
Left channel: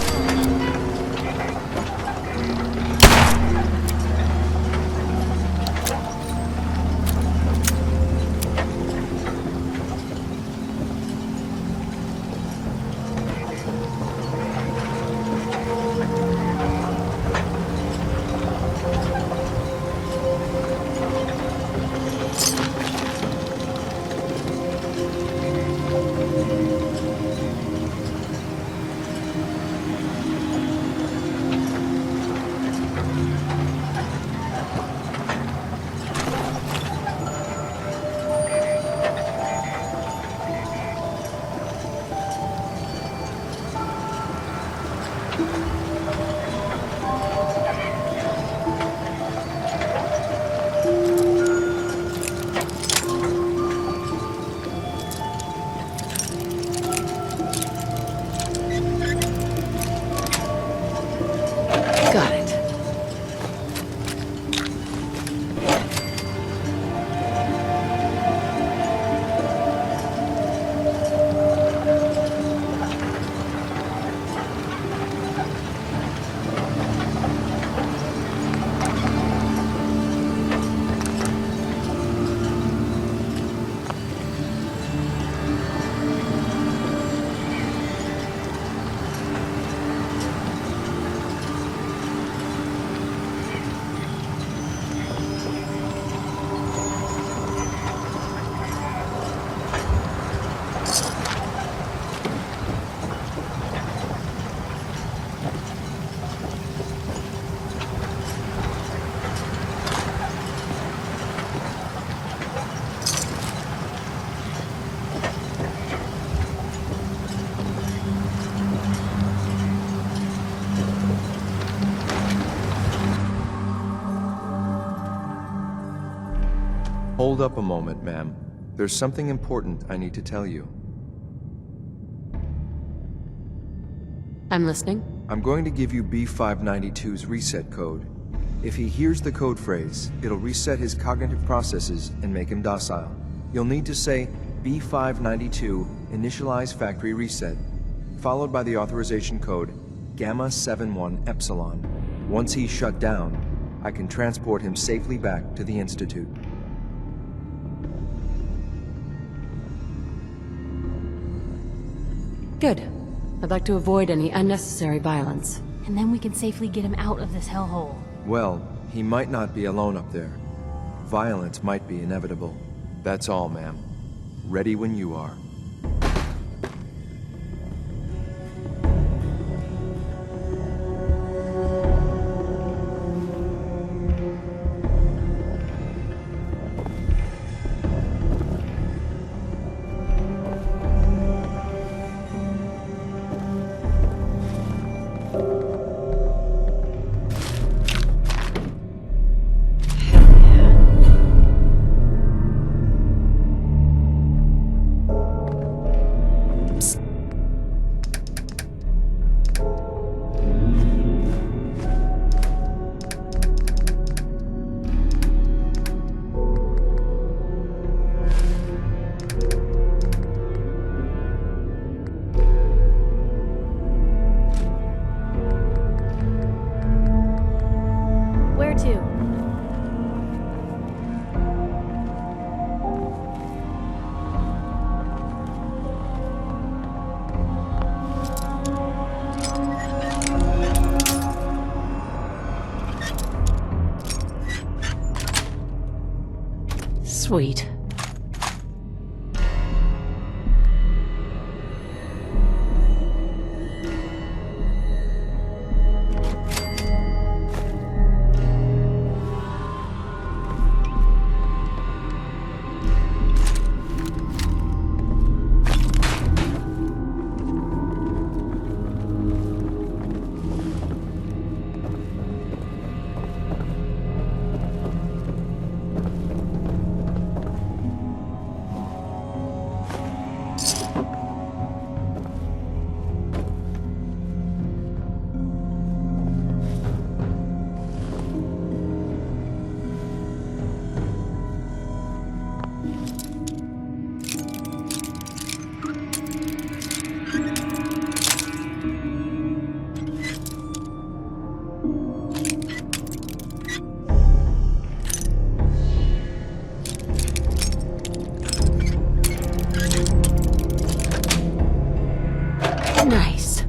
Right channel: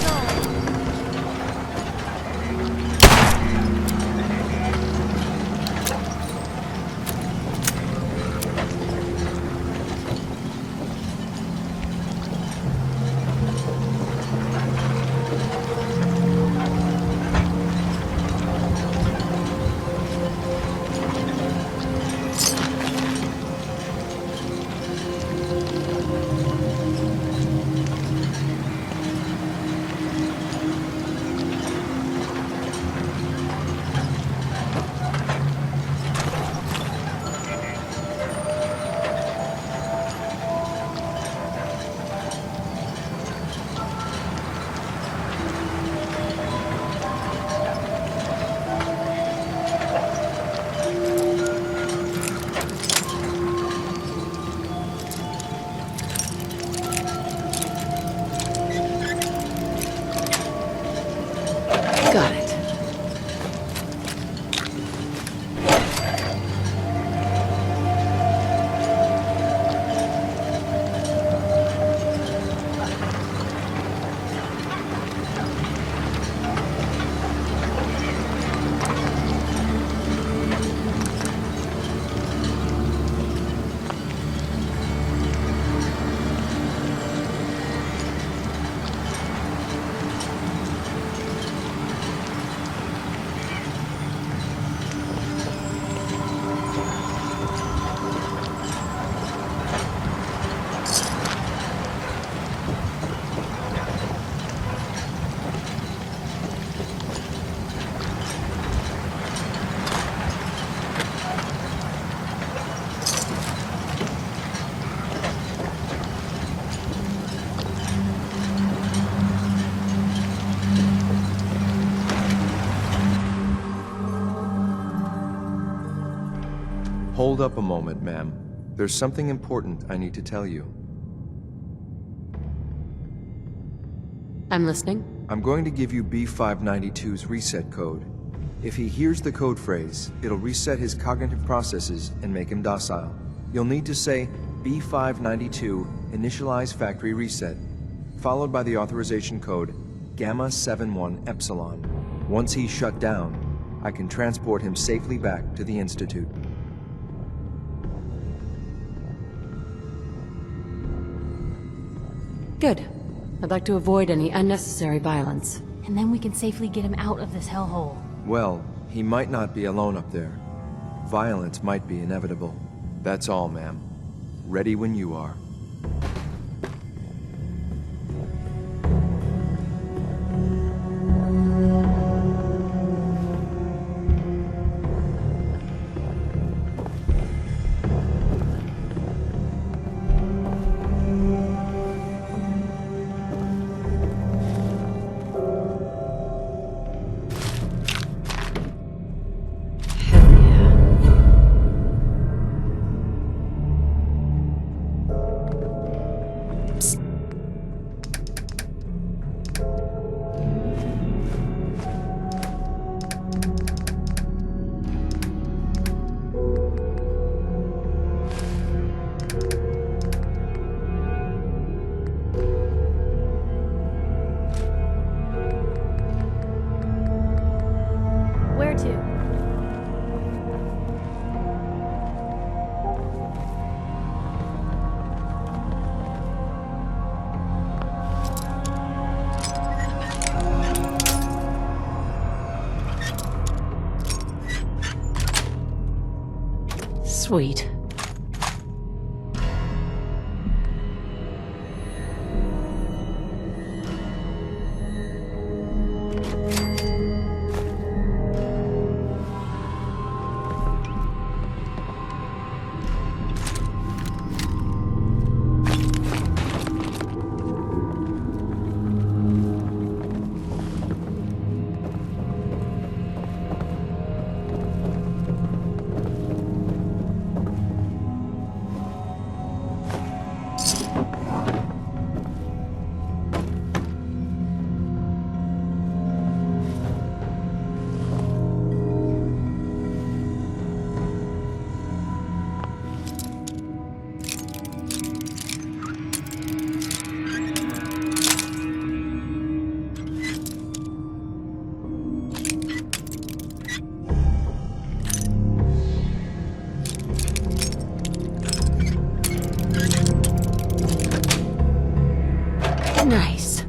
Got it. Hold up a moment, ma'am. There's something important I need to tell you. I'm listening. I'm going to give you B592's reset code. If he hears the code phrase, it'll reset his cognitive processes and make him docile. You'll need to say B592 initialize factory reset, followed by the authorization code Gamma 71 Epsilon. Once he's shut down, I can transport him safely back to the Institute. Good. I'd like to avoid any unnecessary violence. And then we can safely get him out of this hellhole. Well, he might not be alone up there. Violence might be inevitable. That's all, ma'am. Ready when you are. Where to? Sweet. Nice.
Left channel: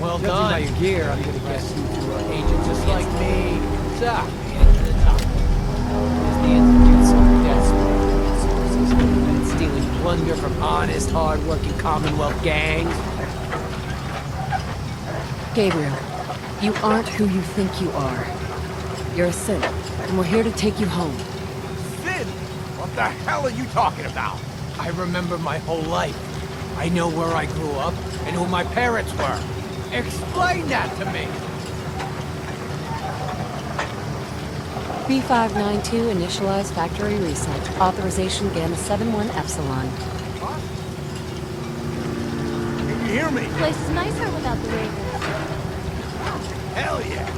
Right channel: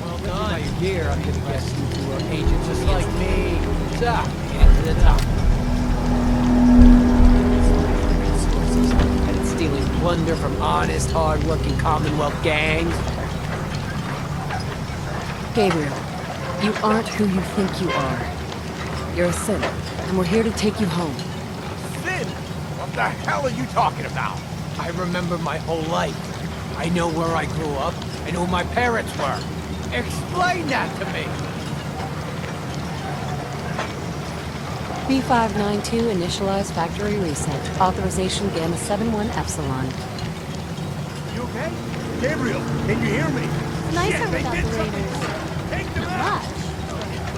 Well Judging by done. your gear, I'm gonna guess you two are agents Just of the like me. Top, man, to the top. And it's stealing plunder from honest, hard-working Commonwealth gangs. Gabriel, you aren't who you think you are. You're a sin, and we're here to take you home. Sin? What the hell are you talking about? I remember my whole life. I know where I grew up and who my parents were. Explain that to me. B592 initialize factory reset. Authorization Gamma 71 Epsilon. You okay? Gabriel, can you hear me? Place is nicer without the raiders. Much. Hell yeah.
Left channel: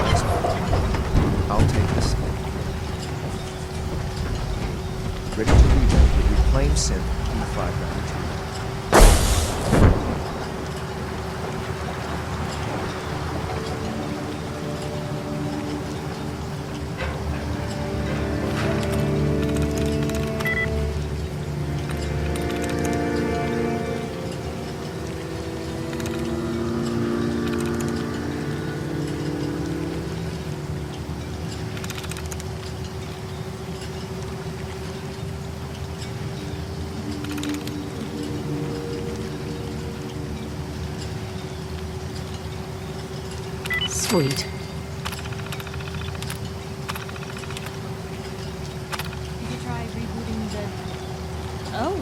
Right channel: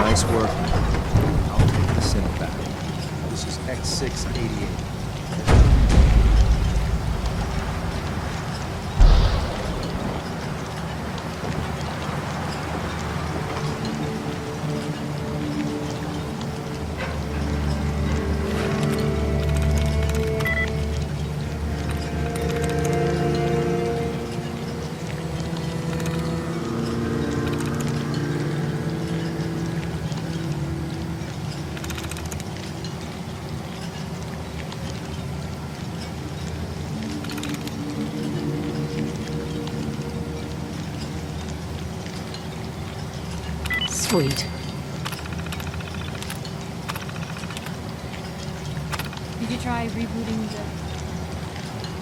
Nice work. I'll take the center back. This is X688. Ready to reload with reclaimed synth on the front. Sweet. Did you try rebooting the... Oh.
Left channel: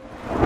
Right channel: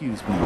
Excuse me.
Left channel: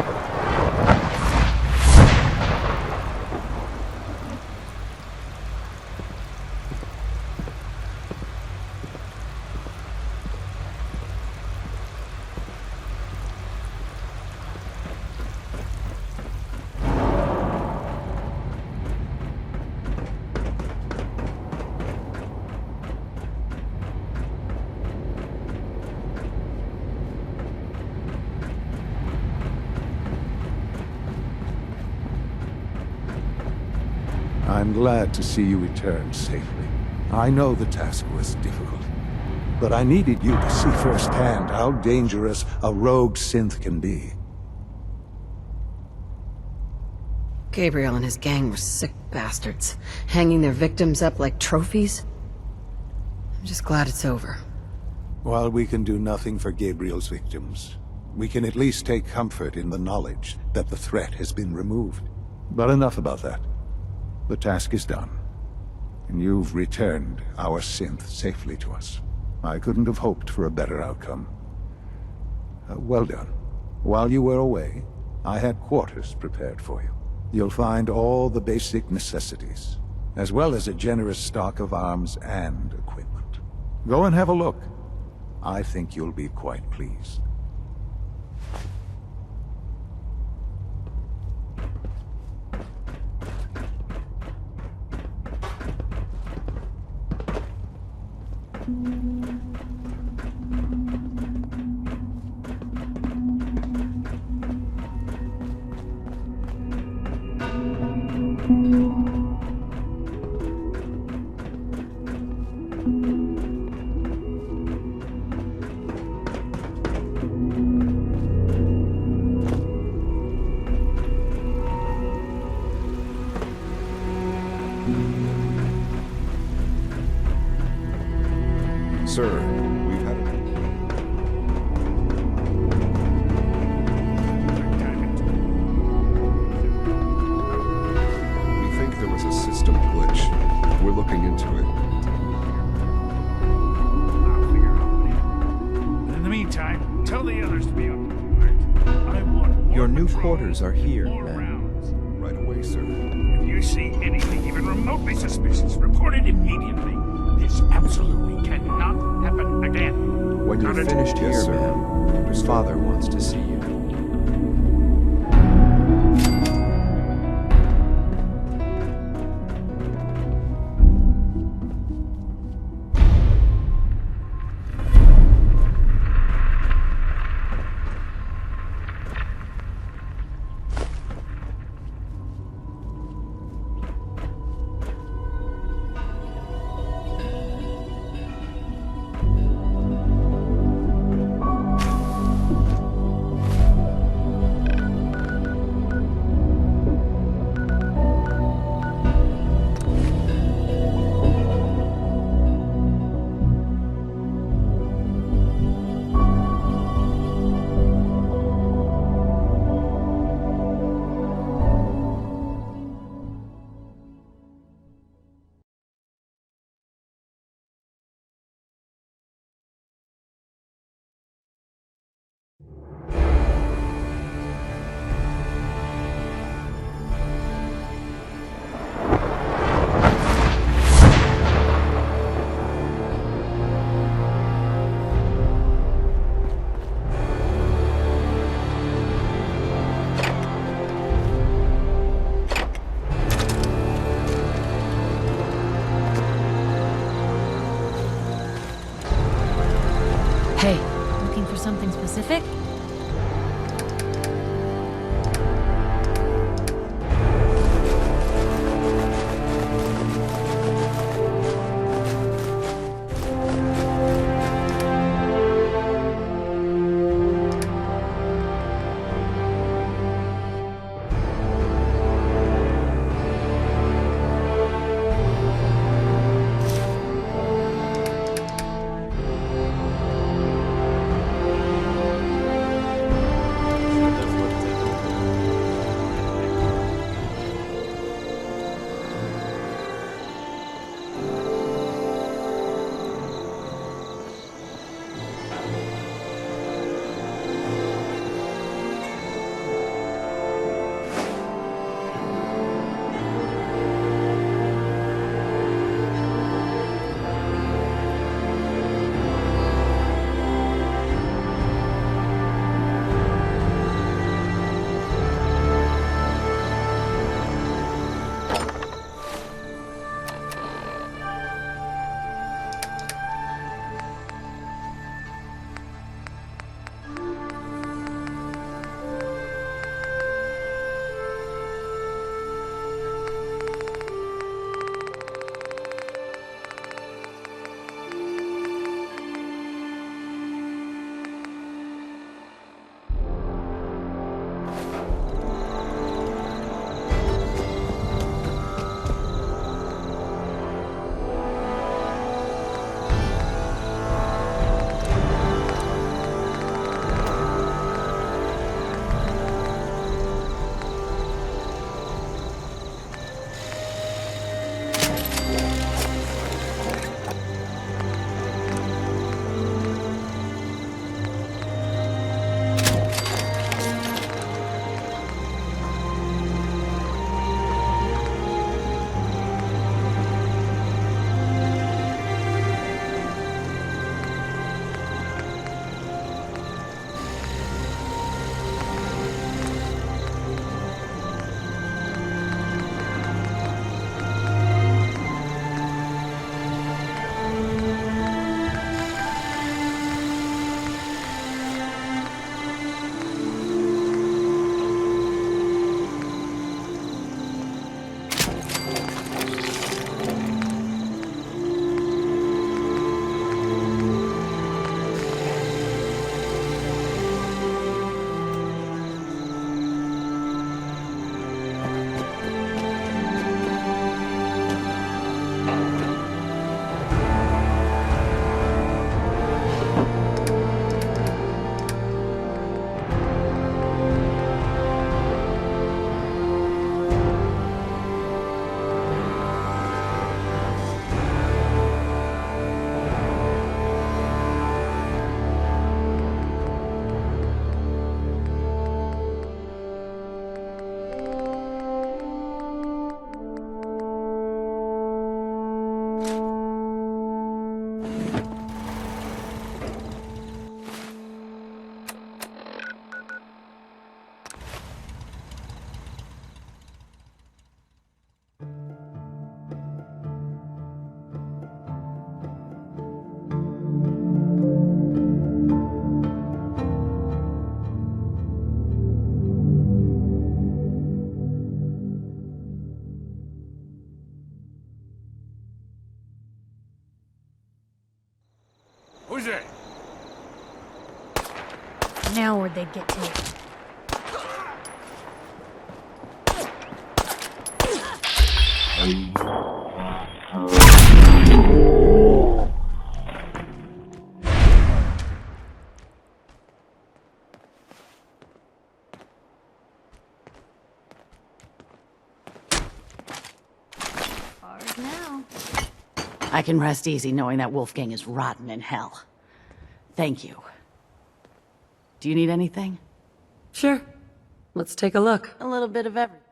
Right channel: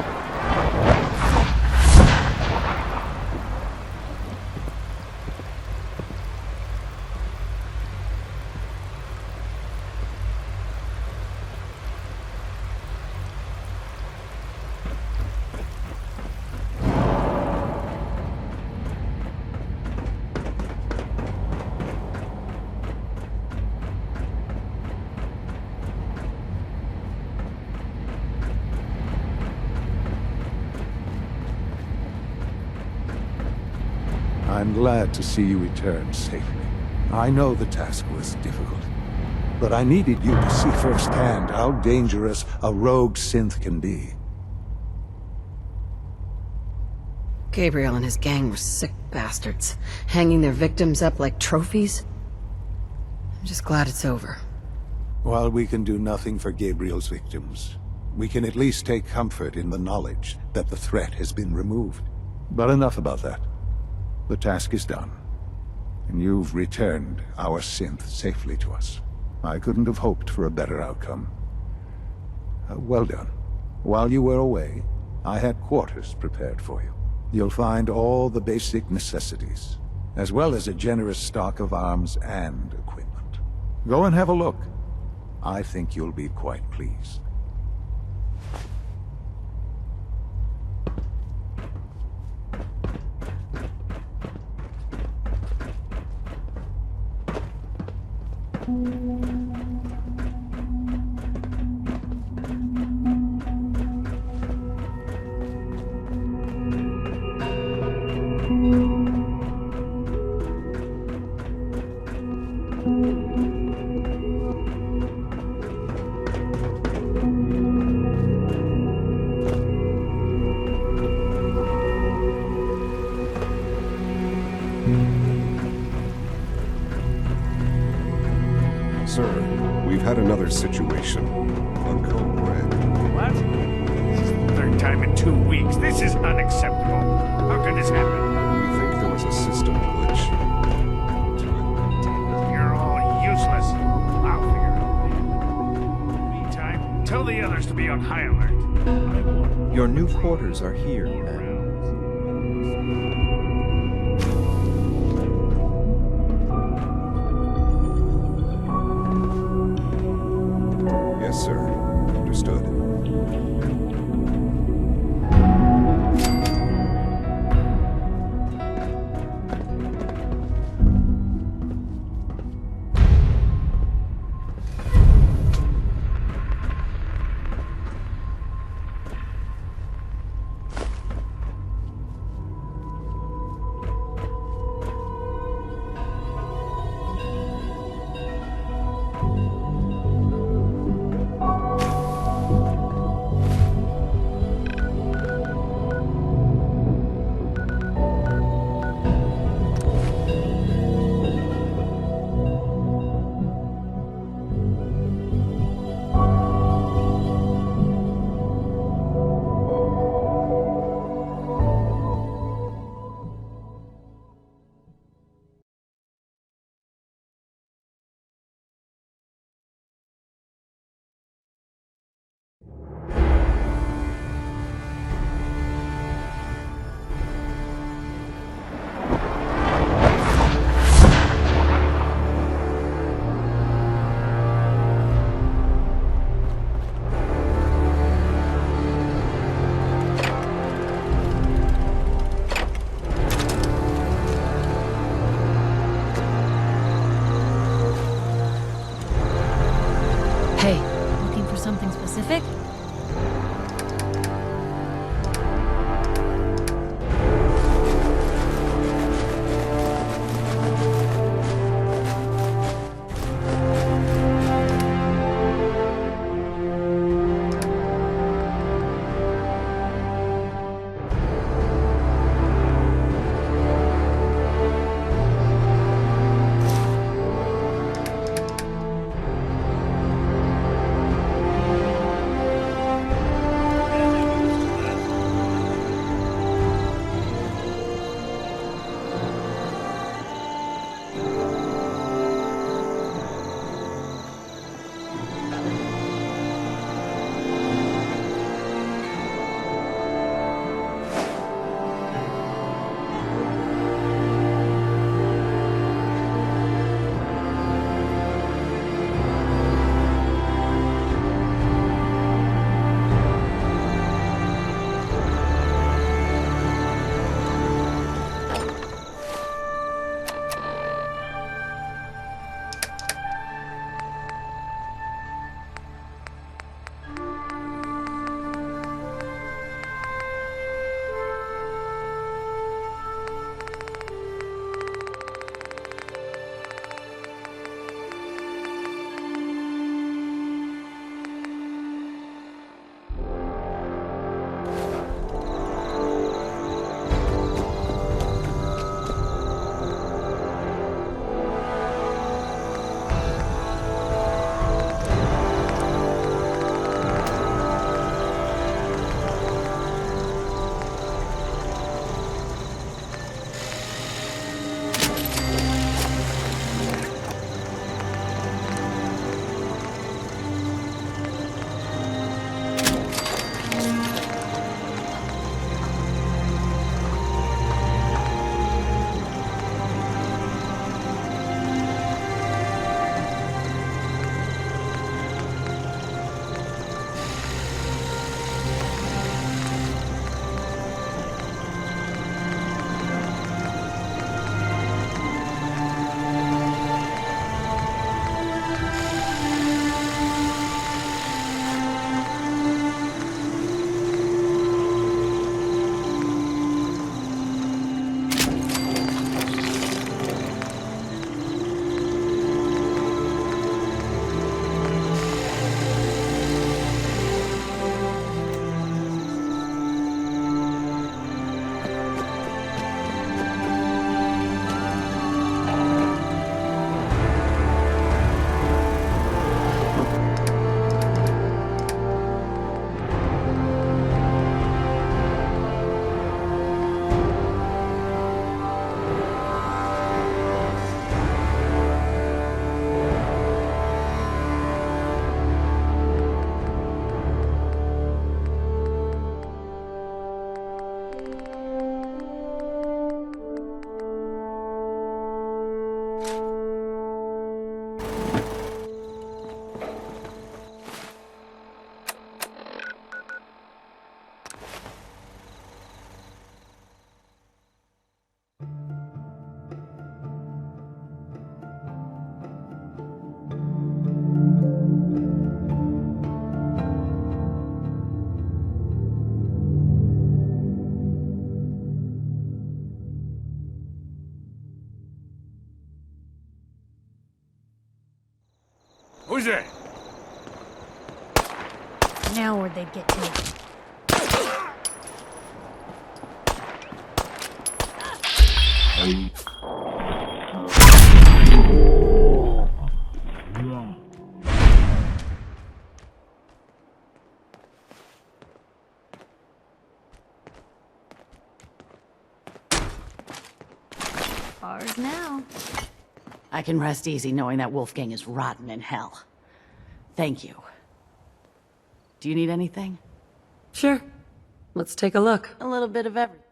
I'm glad to see you return safely. I know the task was difficult, but I needed you to see firsthand how dangerous a rogue synth can be. Gabriel and his gang were sick bastards, hanging their victims up like trophies. I'm just glad it's over. While we can do nothing for Gabriel's victims, we can at least take comfort in the knowledge that the threat has been removed. But enough about that. The task is done, and you've returned our synth safely to us. I couldn't have hoped for a better outcome. Well done. While you were away, I had quarters prepared for you. You'll find all the basic necessities, as well as a generous stock of arms and equipment. Go and have a look. I think you'll be quite pleased. Sir, we've had another situation. What? This is the third time in 2 weeks. This is unacceptable. How could this happen? We think there was a system glitch. We're looking into it. You're all useless. I'll figure out what happened. In the meantime, tell the others to be on high alert. I want more Your new patrols, quarters are here, more man. rounds. Right away, sir. If you see anything even remotely suspicious, report it immediately. This absolutely cannot happen again. When you're Got it? finished here, Yes, sir. man, Understood. Father wants to see you. Hey, Looking for something specific? Use it! Now where'd they get to? Ours now. I can rest easy knowing that Wolfgang is rotten in hell. Thank you. Do you need anything? Sure. Let's take a look. A little bit of everything.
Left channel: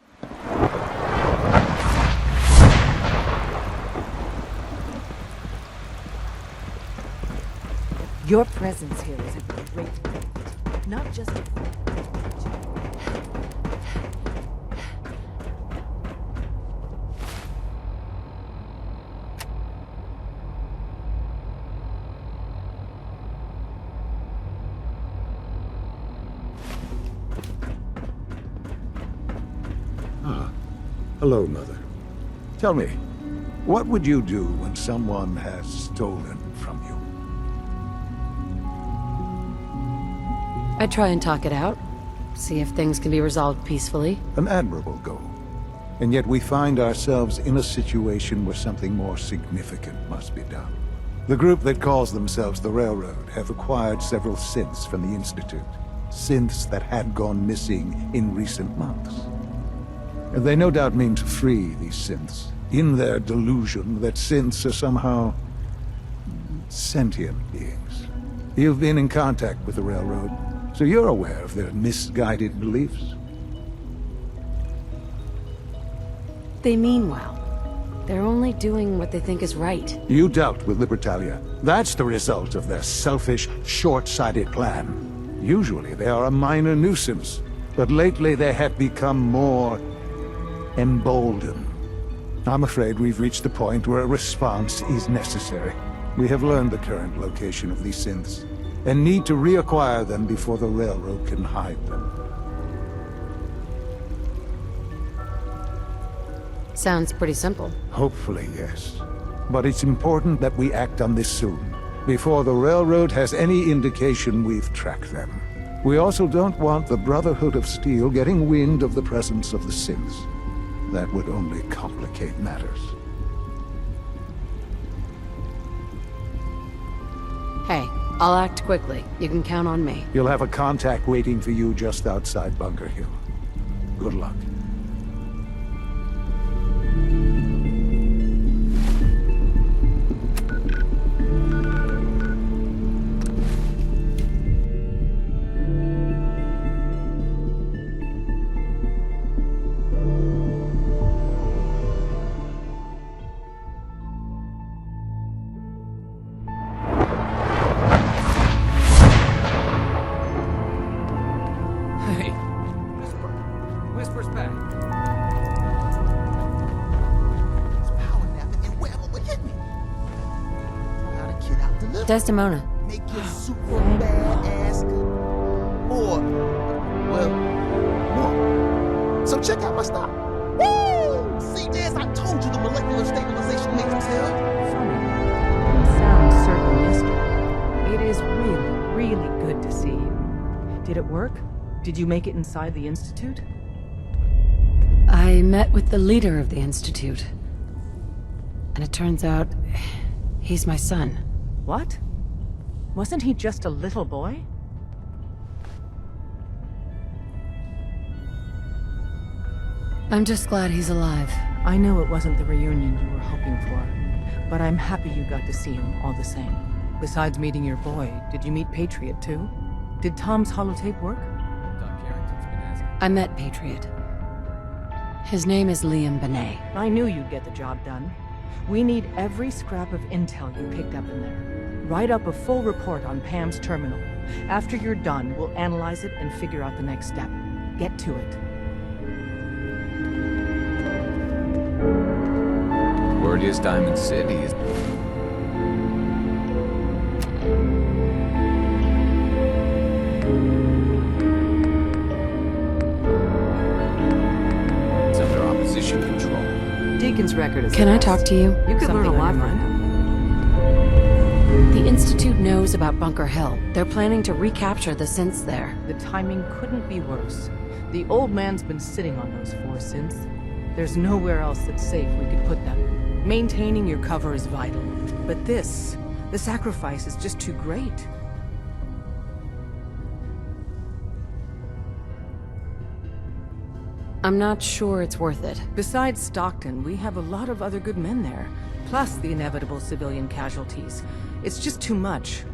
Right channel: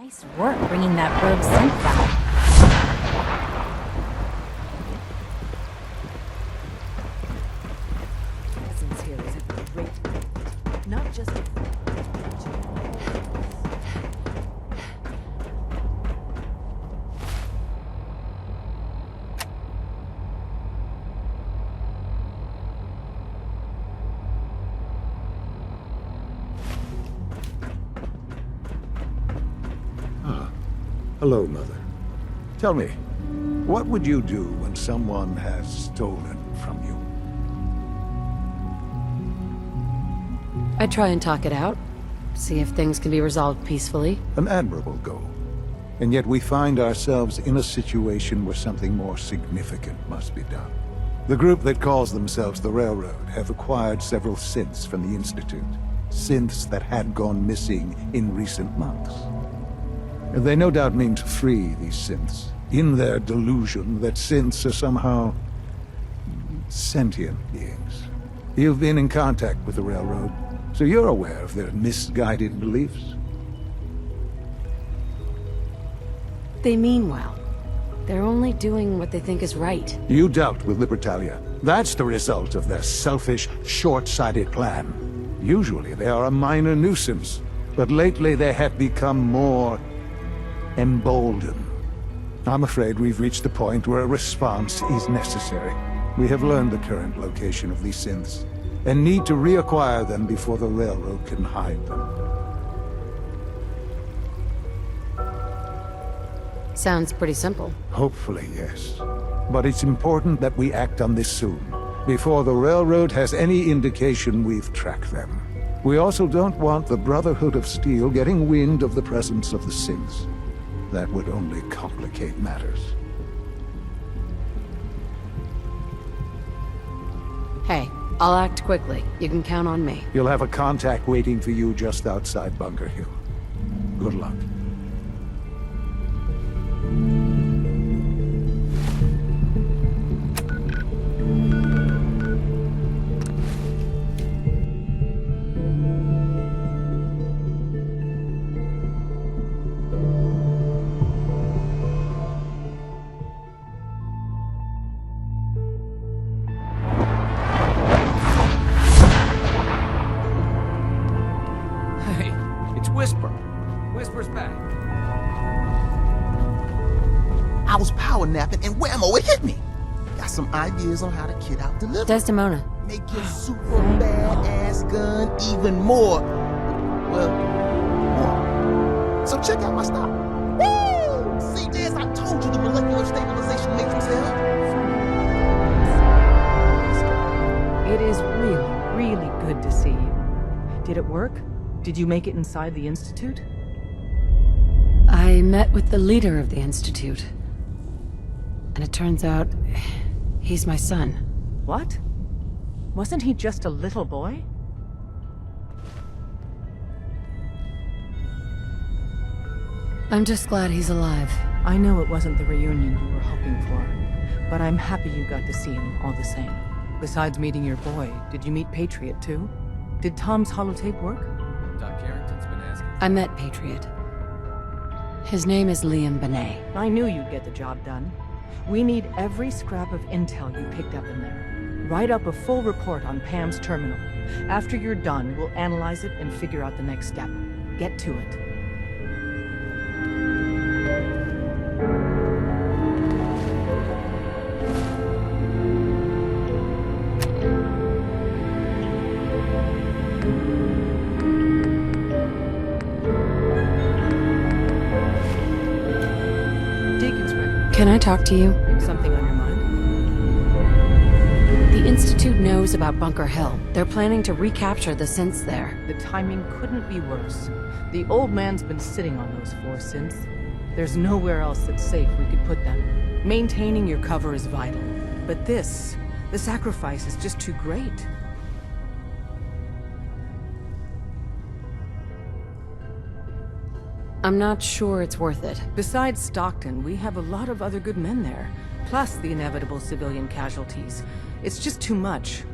Nice work bringing that rogue synth back. Your presence here is a great gift. Not just a Hello, Mother. Tell me, what would you do when someone has stolen from you? I try and talk it out. See if things can be resolved peacefully. An admirable goal. And yet we find ourselves in a situation where something more significant must be done. The group that calls themselves the Railroad have acquired several synths from the Institute. Synths that had gone missing in recent months. And they no doubt mean to free these synths, in their delusion that synths are somehow sentient beings. You've been in contact with the Railroad, so you're aware of their misguided beliefs. They mean well. They're only doing what they think is right. You dealt with Libertalia. That's the result of their selfish, short-sighted plan. Usually they are a minor nuisance, but lately they have become more emboldened. I'm afraid we've reached the point where a response is necessary. We have learned the current location of these synths, and need to reacquire them before the Railroad can hide them. Sounds pretty simple. Hopefully, yes. But it's important that we act on this soon, before the Railroad has any indication we've tracked them. We also don't want the Brotherhood of Steel getting wind of the presence of the synths. That would only complicate matters. Hey, I'll act quickly. You can count on me. You'll have a contact waiting for you just outside Bunker Hill. Good luck. power napping, and whammo, it hit me. Got some ideas on how to kit out deliver. Desdemona. Make your super badass gun even more, well, more. So check out my stop. Woo! See, Jazz, I told you the molecular stabilization matrix held. Funny. It sounds serendipitous. It is really, really good to see you. Did it work? Did you make it inside the Institute? I met with the leader of the Institute. And it turns out, he's my son. What? Wasn't he just a little boy? I'm just glad he's alive. I know it wasn't the reunion you were hoping for, but I'm happy you got to see him all the same. Besides meeting your boy, did you meet Patriot too? Did Tom's holotape work? Doc Carrington's been asking. I met Patriot. His name is Liam Benet. I knew you'd get the job done. We need every scrap of intel you picked up in there. Write up a full report on Pam's terminal. After you're done, we'll analyze it and figure out the next step. Get to it. Word is Diamond City is... It's under opposition control. Deacon's record is... Can I talk to you? You could learn a lot from it. The Institute knows about Bunker Hill. They're planning to recapture the synths there. The timing couldn't be worse. The old man's been sitting on those 4 synths. There's nowhere else that's safe we could put them. Maintaining your cover is vital. But the sacrifice is just too great. I'm not sure it's worth it. Besides Stockton, we have a lot of other good men there. Plus the inevitable civilian casualties. It's just too much.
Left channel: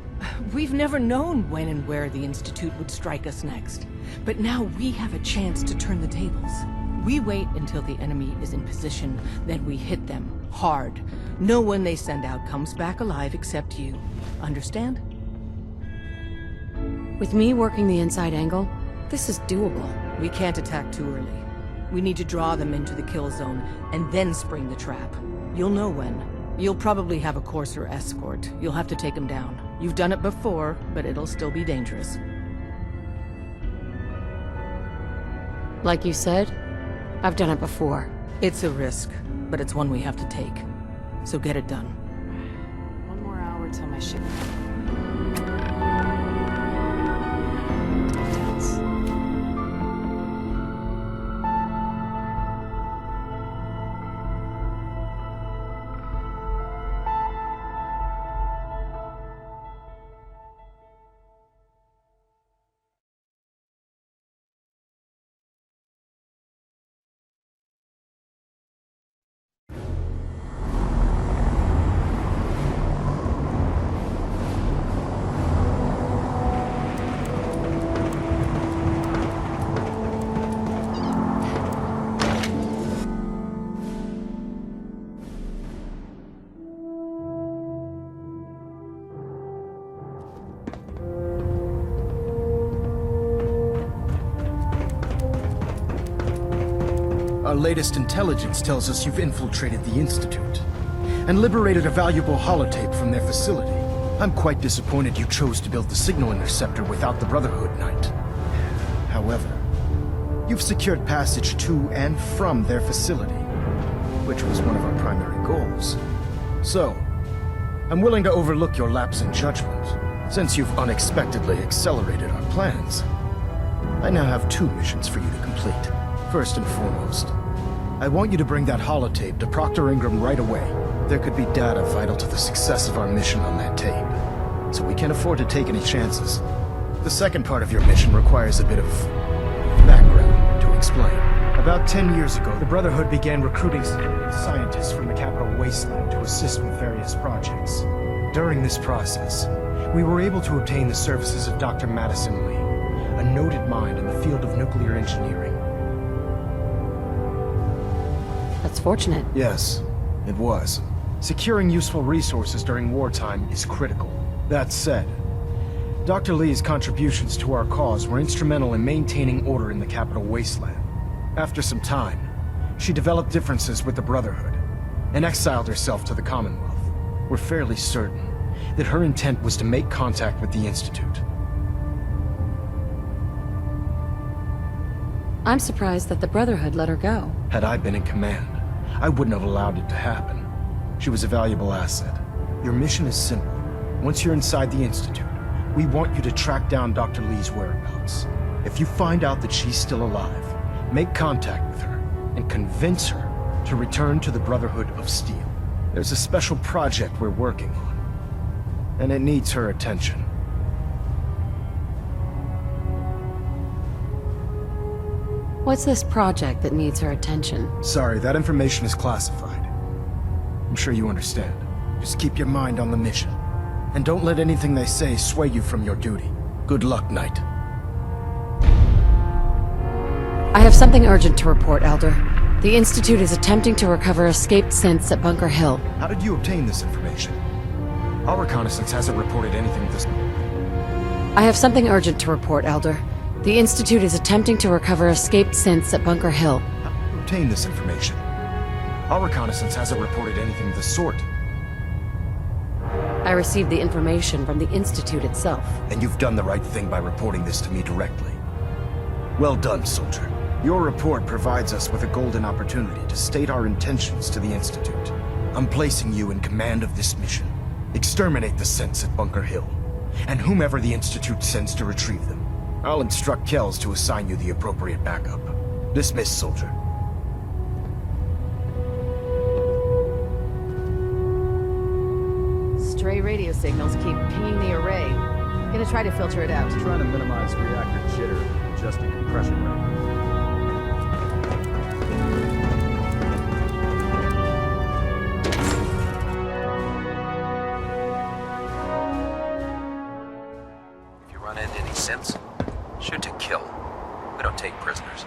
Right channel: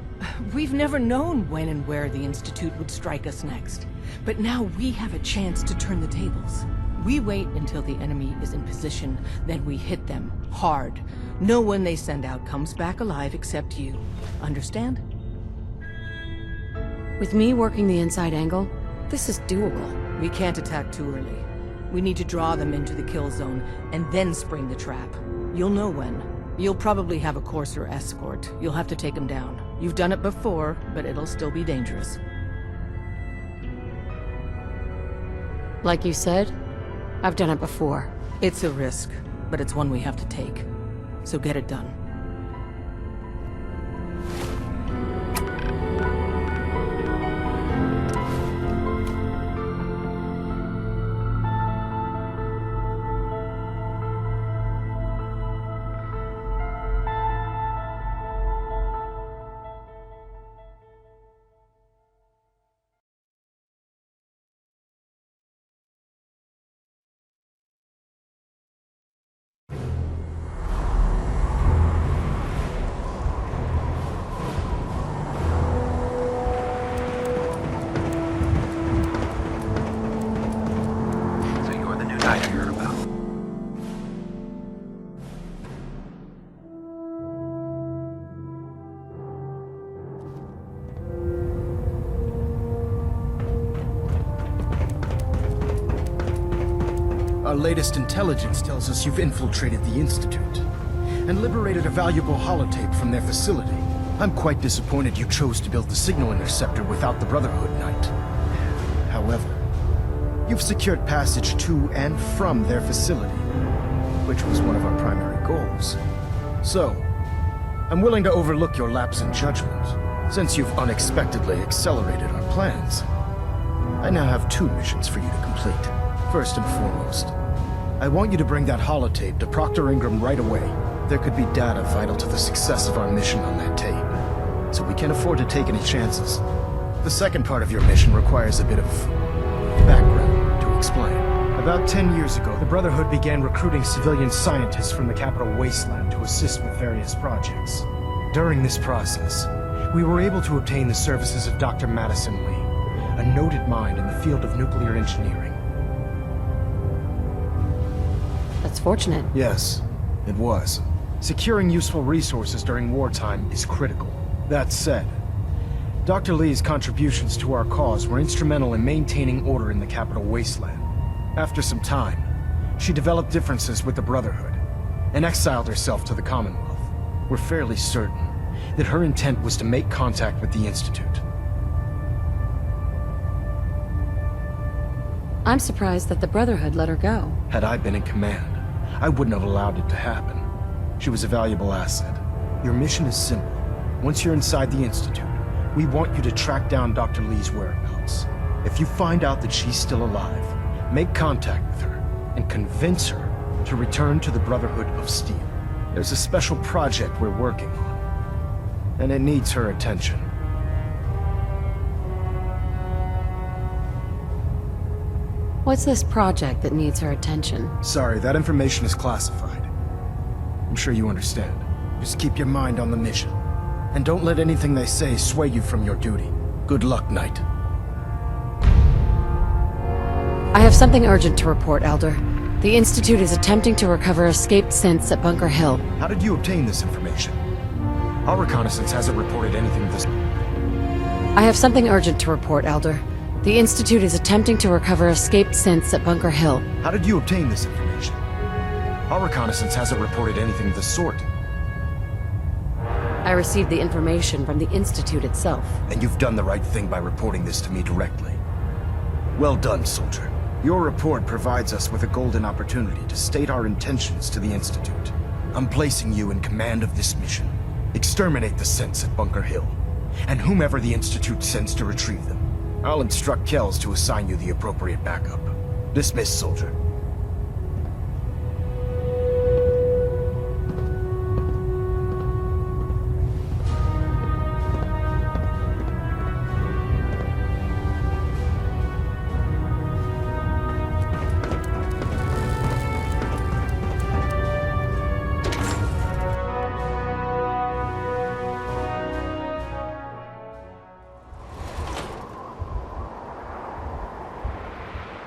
We've never known when and where the Institute would strike us next. But now we have a chance to turn the tables. We wait until the enemy is in position, then we hit them hard. No one they send out comes back alive except you. Understand? With me working the inside angle, this is doable. We can't attack too early. We need to draw them into the kill zone, and then spring the trap. You'll know when. You'll probably have a Courser escort. You'll have to take them down. You've done it before, but it'll still be dangerous. Like you said, I've done it before. It's a risk, but it's one we have to take. So get it done. 1 more hour till my ship. Our latest intelligence tells us you've infiltrated the Institute and liberated a valuable holotape from their facility. I'm quite disappointed you chose to build the signal interceptor without the Brotherhood Knight. However, you've secured passage to and from their facility, which was one of our primary goals. So, I'm willing to overlook your lapse in judgment, since you've unexpectedly accelerated our plans. I now have 2 missions for you to complete. First and foremost, I want you to bring that holotape to Proctor Ingram right away. There could be data vital to the success of our mission on that tape, so we can't afford to take any chances. The second part of your mission requires a bit of background to explain. About 10 years ago, the Brotherhood began recruiting civilian scientists from the capital wasteland to assist with various projects. During this process, we were able to obtain the services of Dr. Madison Lee, a noted mind in the field of nuclear engineering. That's fortunate. Yes, it was. Securing useful resources during wartime is critical. That said, Dr. Lee's contributions to our cause were instrumental in maintaining order in the capital wasteland. After some time, she developed differences with the Brotherhood. and exiled herself to the Commonwealth. We're fairly certain that her intent was to make contact with the Institute. I'm surprised that the Brotherhood let her go. Had I been in command, I wouldn't have allowed it to happen. She was a valuable asset. Your mission is simple. Once you're inside the Institute, we want you to track down Dr. Lee's whereabouts. If you find out that she's still alive, make contact with her and convince her to return to the Brotherhood of Steel. There's a special project we're working on, and it needs her attention. What's this project that needs her attention? Sorry, that information is classified. I'm sure you understand. Just keep your mind on the mission. And don't let anything they say sway you from your duty. Good luck, Knight. I have something urgent to report, Elder. The Institute is attempting to recover escaped synths at Bunker Hill. How did you obtain this information? Our reconnaissance hasn't reported anything this... I have something urgent to report, Elder. The Institute is attempting to recover escaped synths at Bunker Hill. How did you obtain this information? Our reconnaissance hasn't reported anything of the sort. I received the information from the Institute itself. And you've done the right thing by reporting this to me directly. Well done, soldier. Your report provides us with a golden opportunity to state our intentions to the Institute. I'm placing you in command of this mission. Exterminate the synths at Bunker Hill, and whomever the Institute sends to retrieve them. I'll instruct Kells to assign you the appropriate backup. Dismissed, soldier. Stray radio signals keep pinging the array. Gonna try to filter it out. Trying to minimize reactor jitter and adjust the compression rate. If you run into any synths, shoot to kill. We don't take prisoners.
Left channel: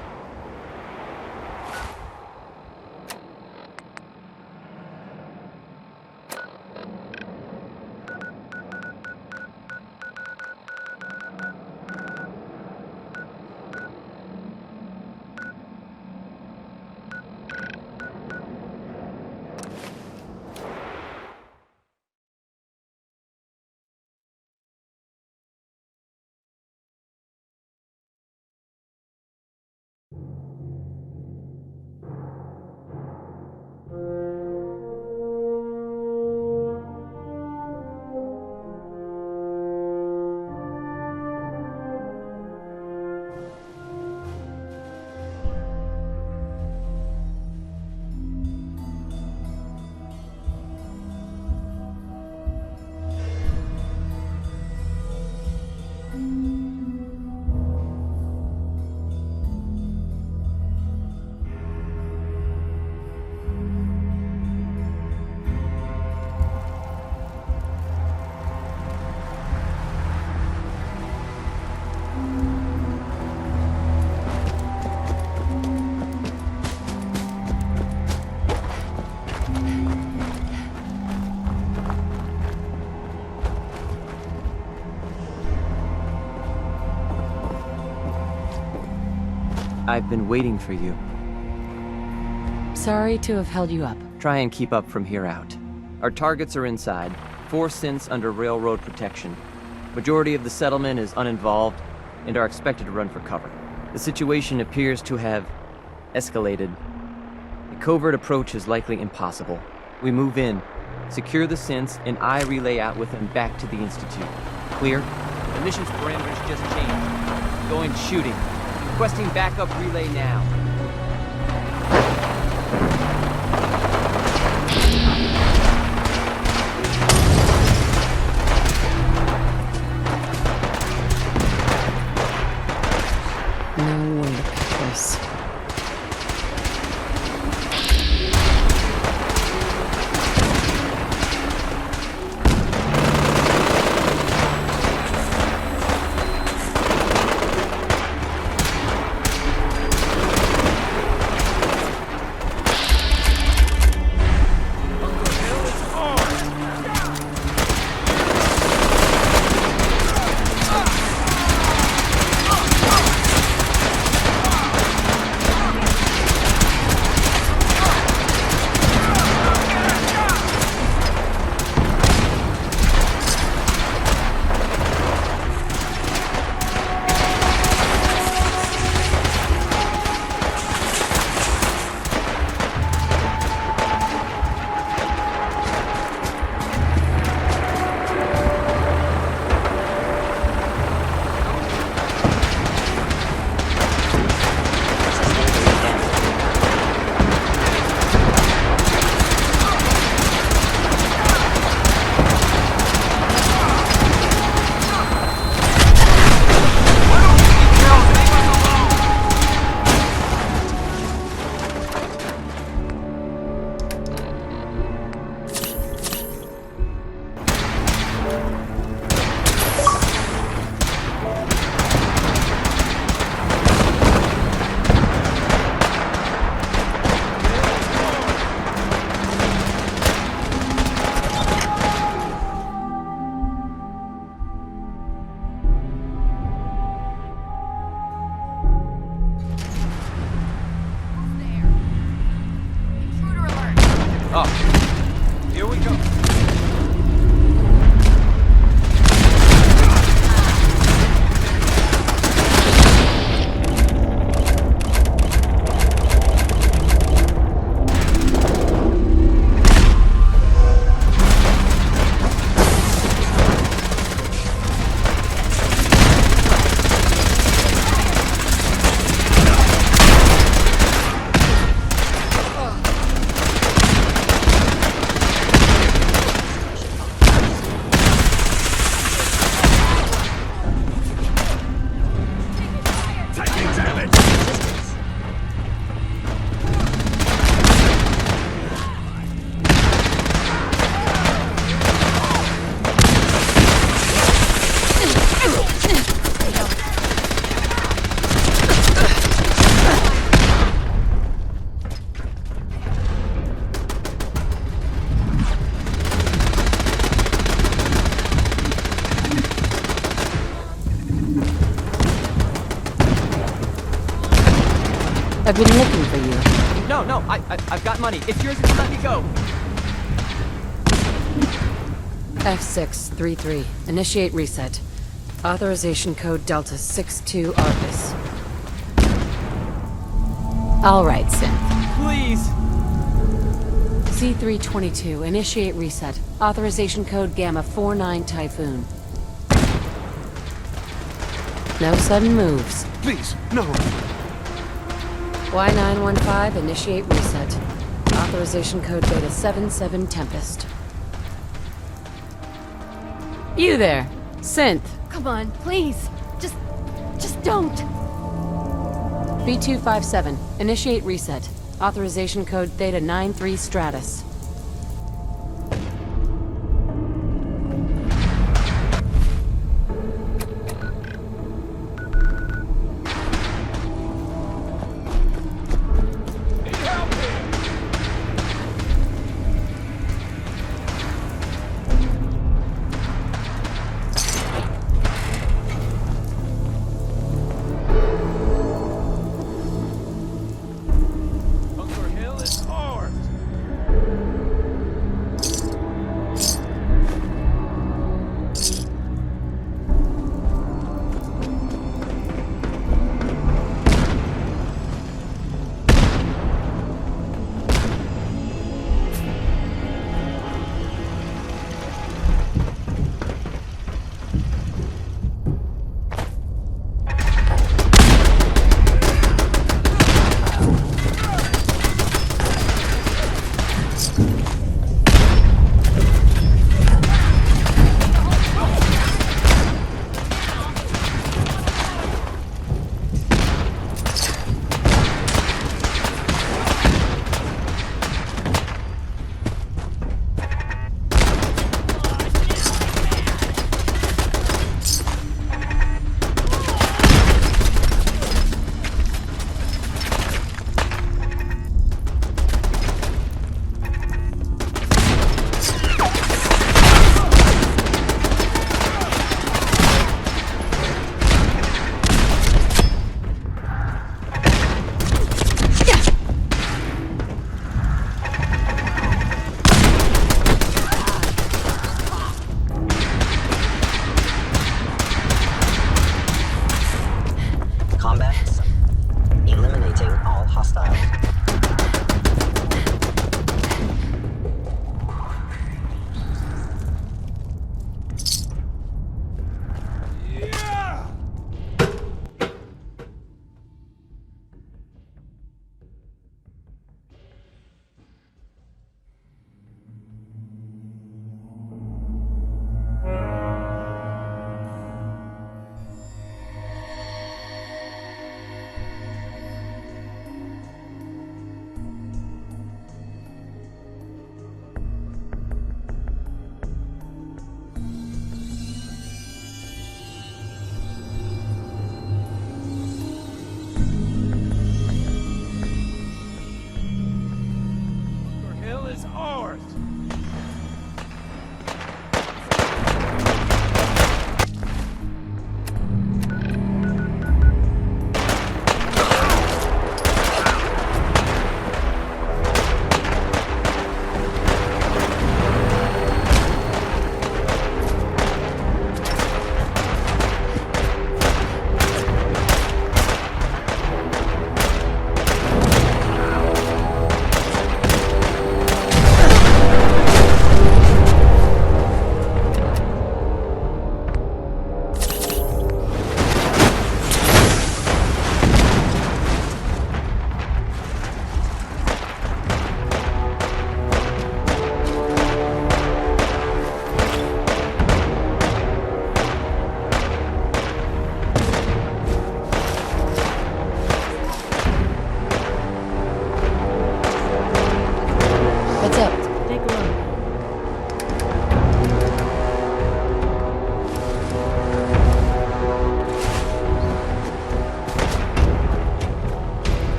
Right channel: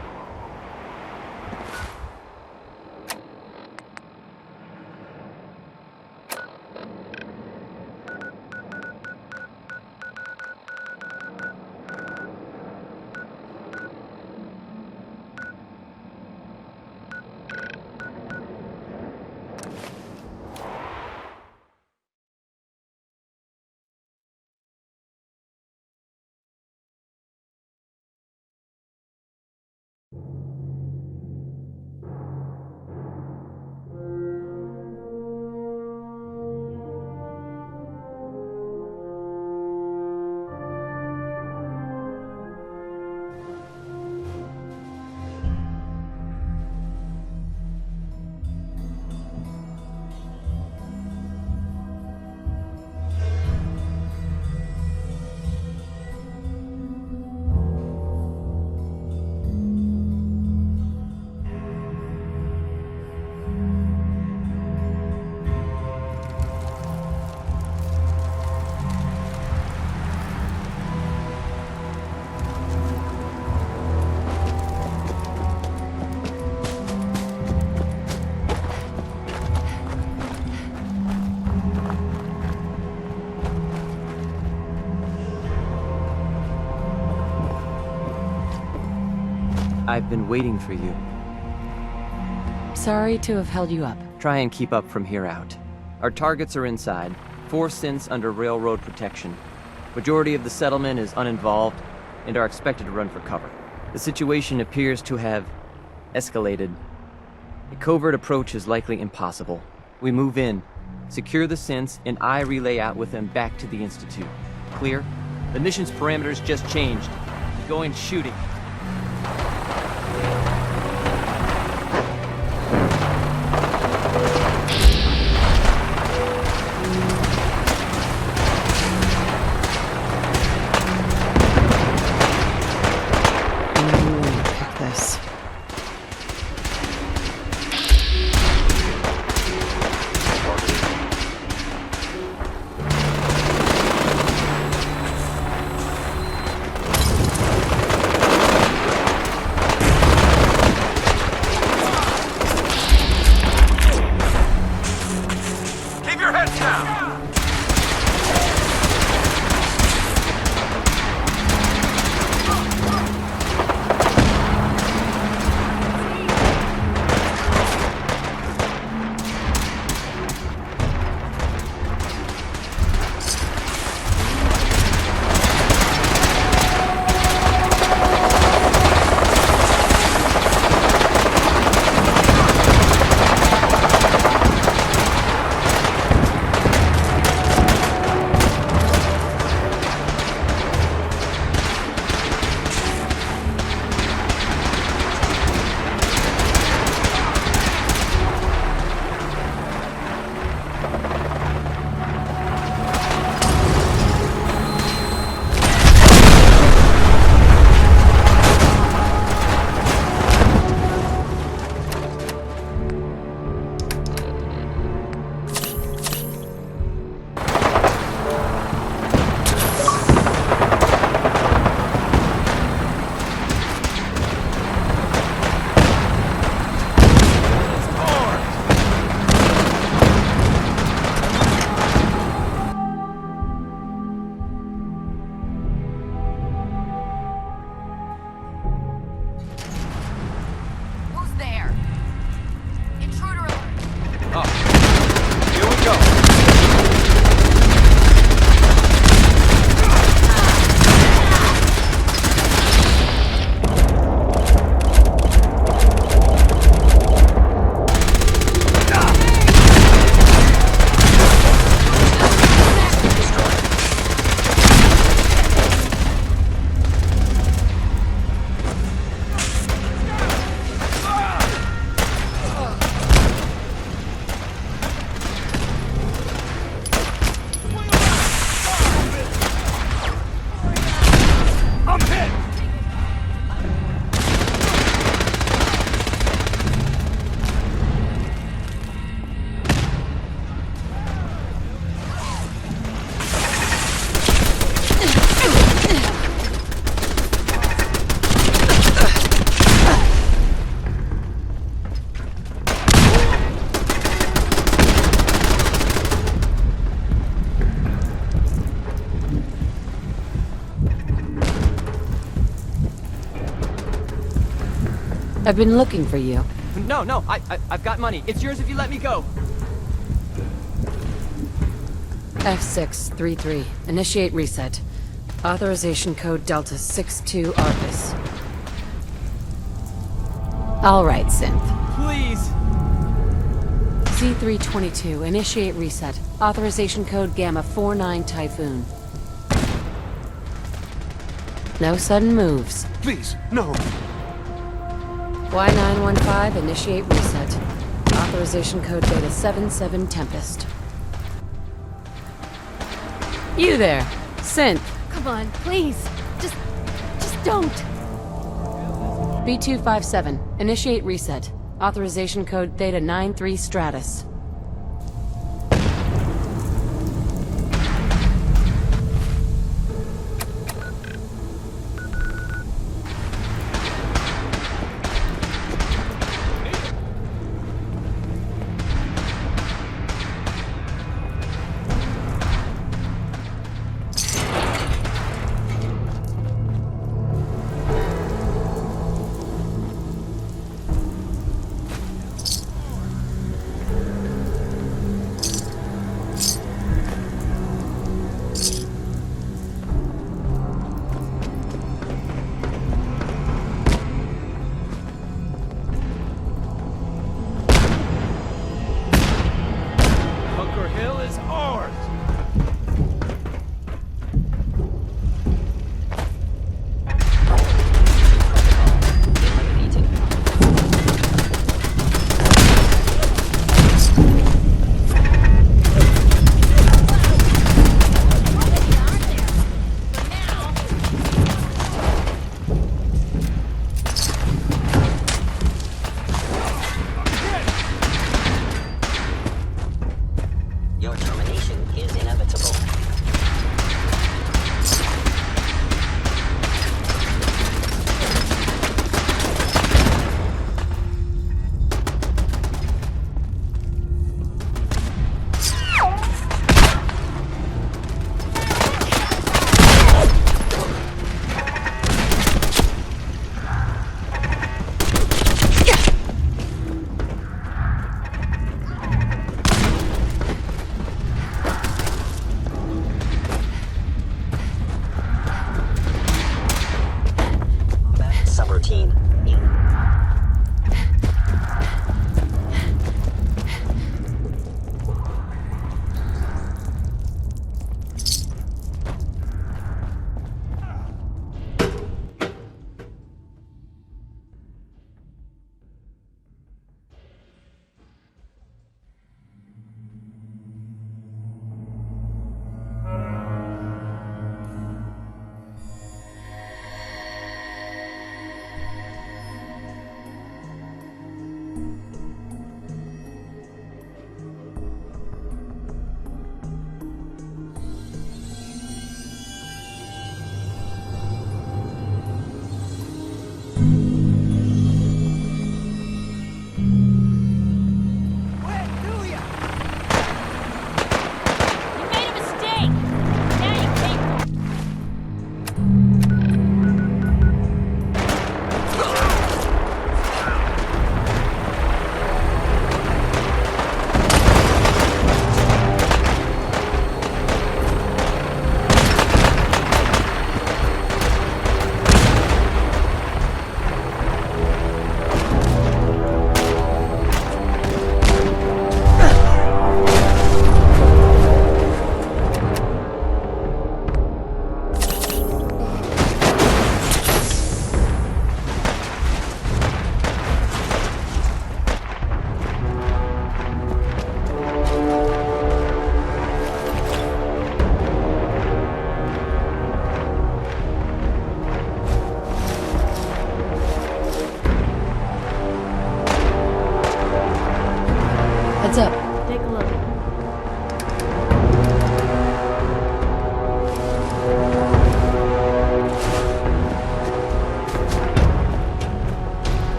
I've been waiting for you. Sorry to have held you up. Try and keep up from here out. Our targets are inside, 4 synths under railroad protection. Majority of the settlement is uninvolved and are expected to run for cover. The situation appears to have escalated. A covert approach is likely impossible. We move in, secure the synths, and I relay out with them back to the Institute. Clear? The mission's parameters just changed. Going shooting. Requesting backup relay now. No way to pick this. I've been looking for you. No, I've got money. It's yours if you let me go. F633. Initiate reset. Authorization code Delta 62 Arcus. All right, Synth. Please. C322. Initiate reset. Authorization code Gamma 49 Typhoon. No sudden moves. Please, no. Y915. Initiate reset. Authorization code Beta 77 Tempest. You there, Synth. Come on, please. Just don't. B257. Initiate reset. Authorization code Theta 93 Stratus.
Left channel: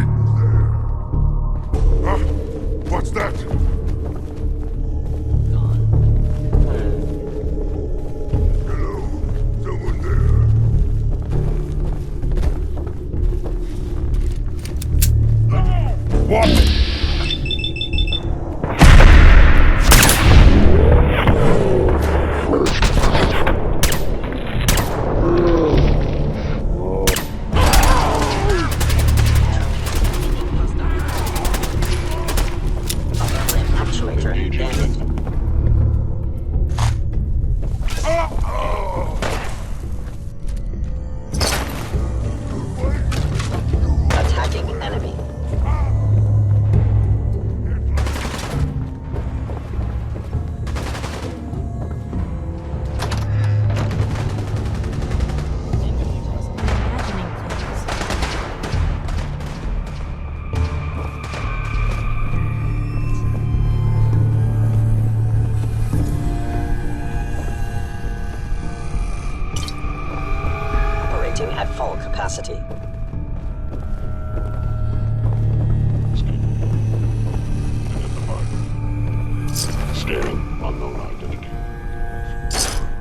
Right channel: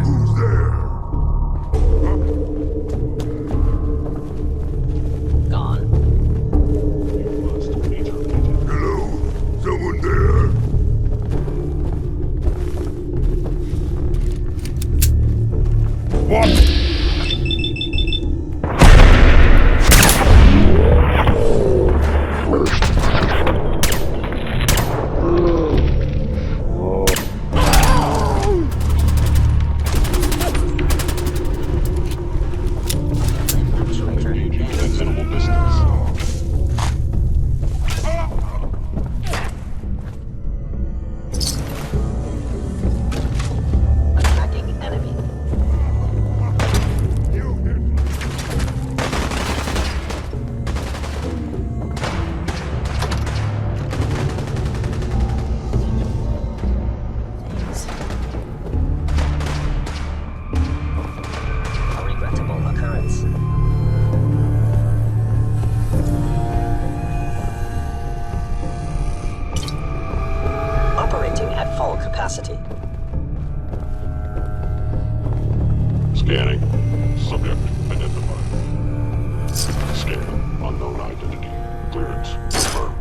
Who's there? Huh? What's that? Gone. Hello? Someone there? What? Attacking enemy. Regrettable occurrence. Operating at full capacity. Scanning. Subject identified. Scanning. Unknown identity. Clearance confirmed.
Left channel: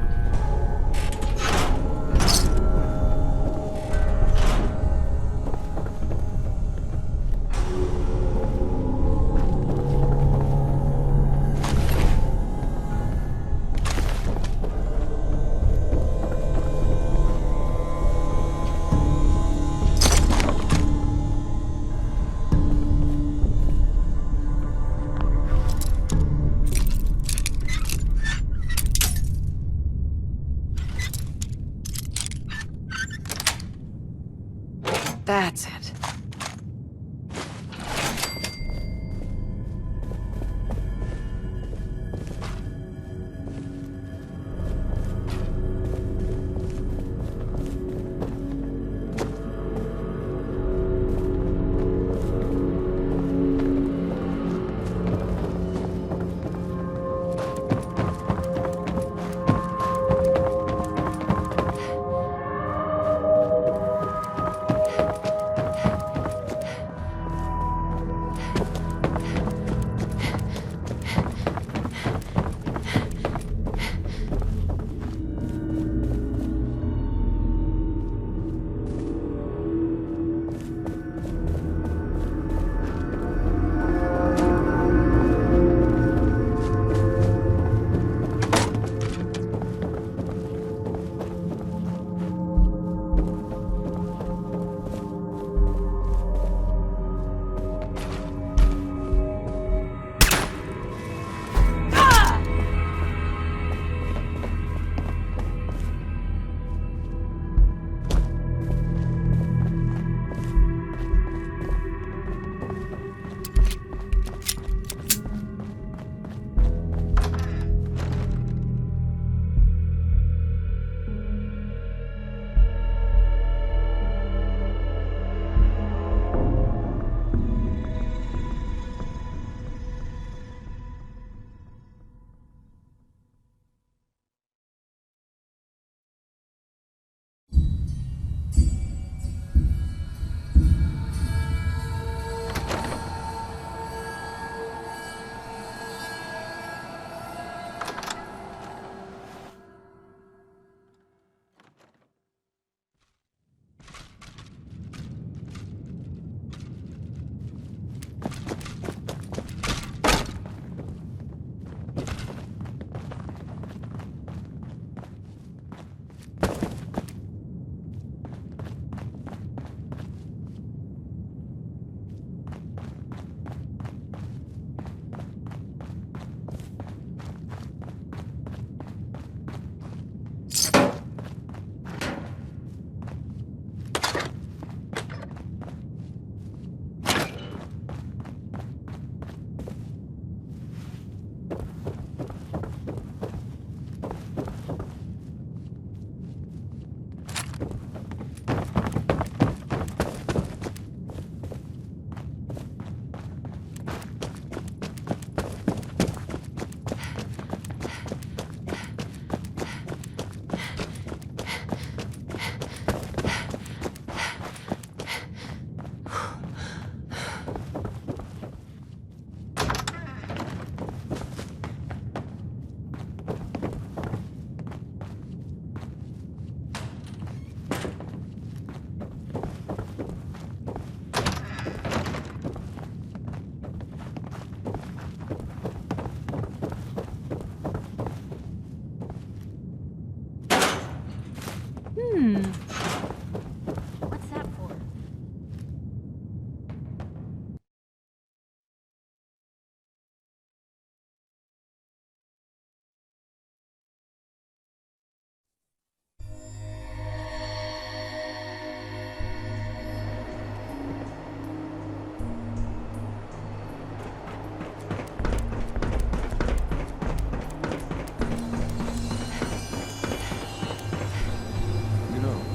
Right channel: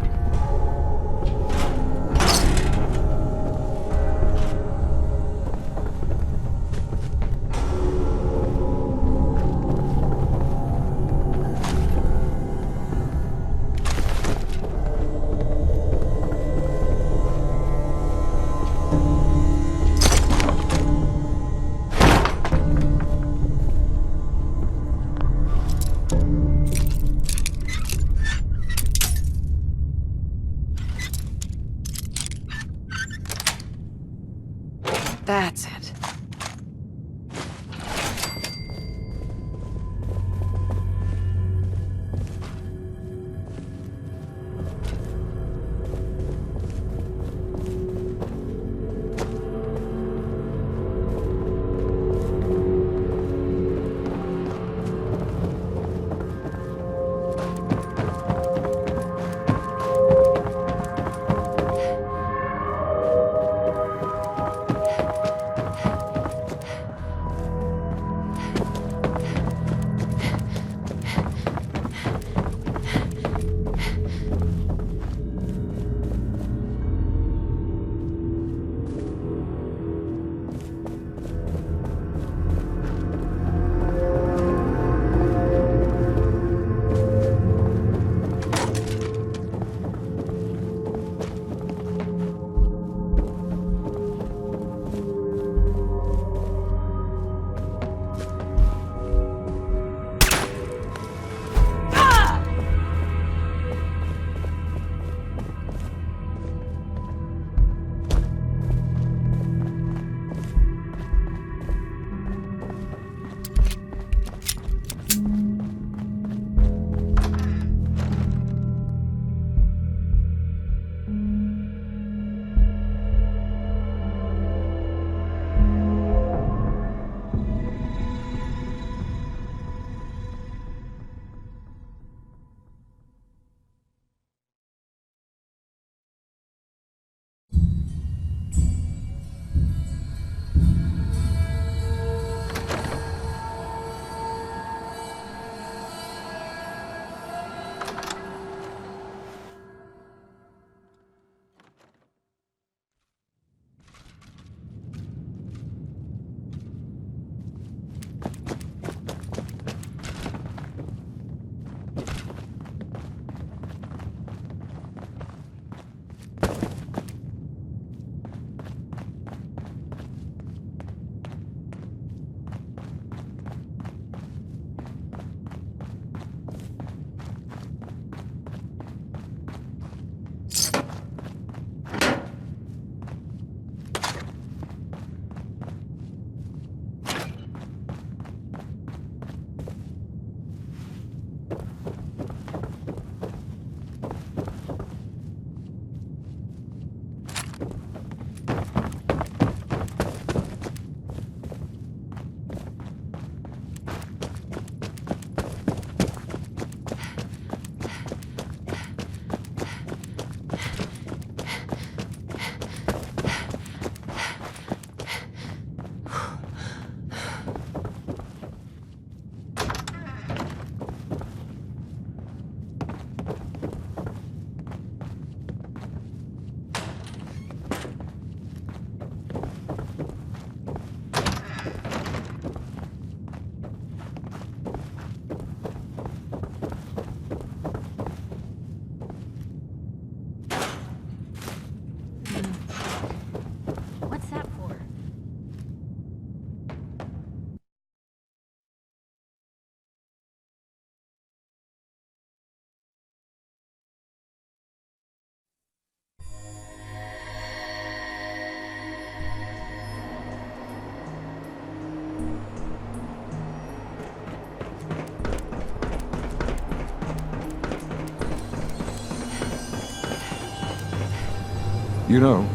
You know,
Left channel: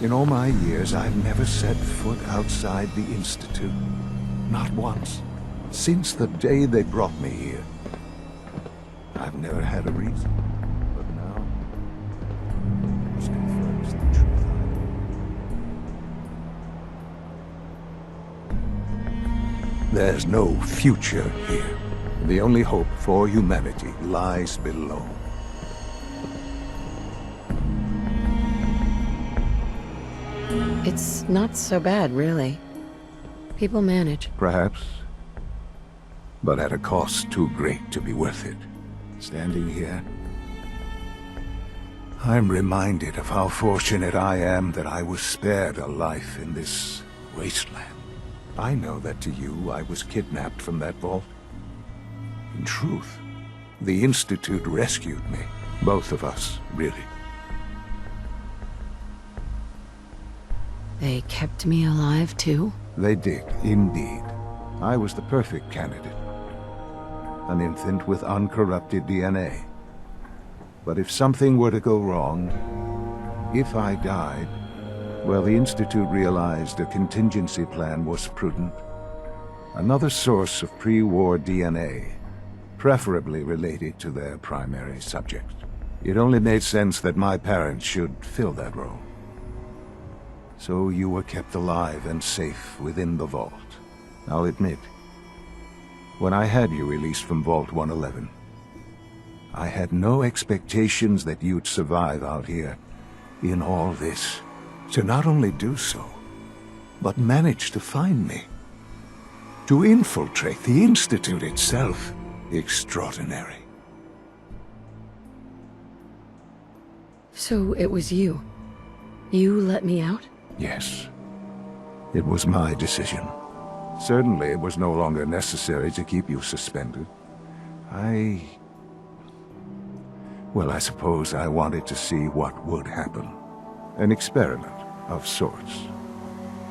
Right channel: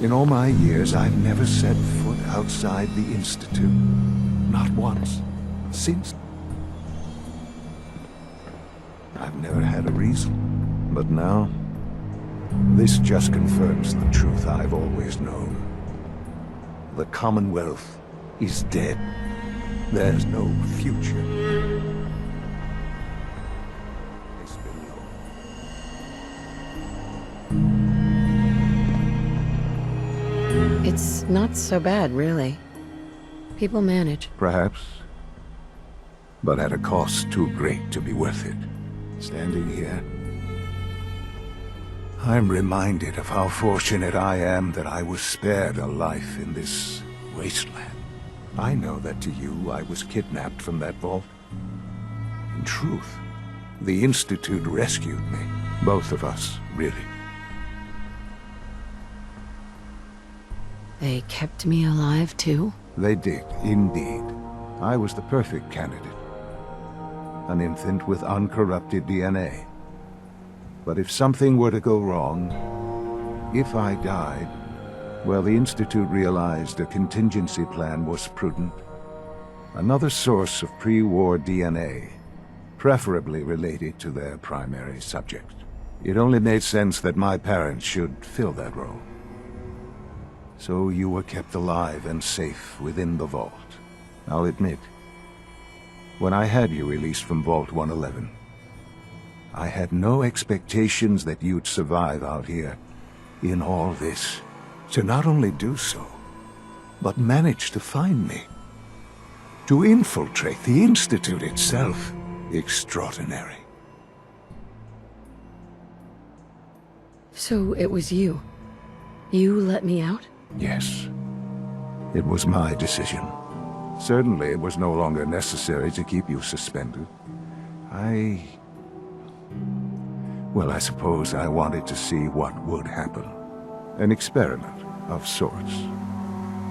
in all my years, I've never set foot outside the Institute. Not once. Since the day they brought me here. I've never had a reason. But now, this just confirms the truth I've always known. The Commonwealth is dead. There's no future here. The only hope for humanity lies below. It's not so bad, really. People manage. Perhaps. But at a cost too great to be worth it. Standing here, I'm reminded of how fortunate I am that I was spared a life in this wasteland. I know that to you, I was kidnapped from that vault. In truth, the Institute rescued me. Both of us, really. They kept me alive, too? They did, indeed. I was the perfect candidate. An infant with uncorrupted DNA. But if something were to go wrong, if I died, well, the Institute realized a contingency plan was prudent. Another source of pre-war DNA, preferably related to their primary subject. It only made sense that my parents should fill that role. So you were kept alive and safe within the vault. I'll admit, when I had you released from Vault 111, I had no expectations that you'd survive out here in all this. To not only do so, but manage to find me. To infiltrate the Institute itself. Extraordinary. So it was you. You let me out? Yes. It was my decision. Certainly it was no longer necessary to keep you suspended. Well, I suppose I wanted to see what would happen. An experiment of sorts.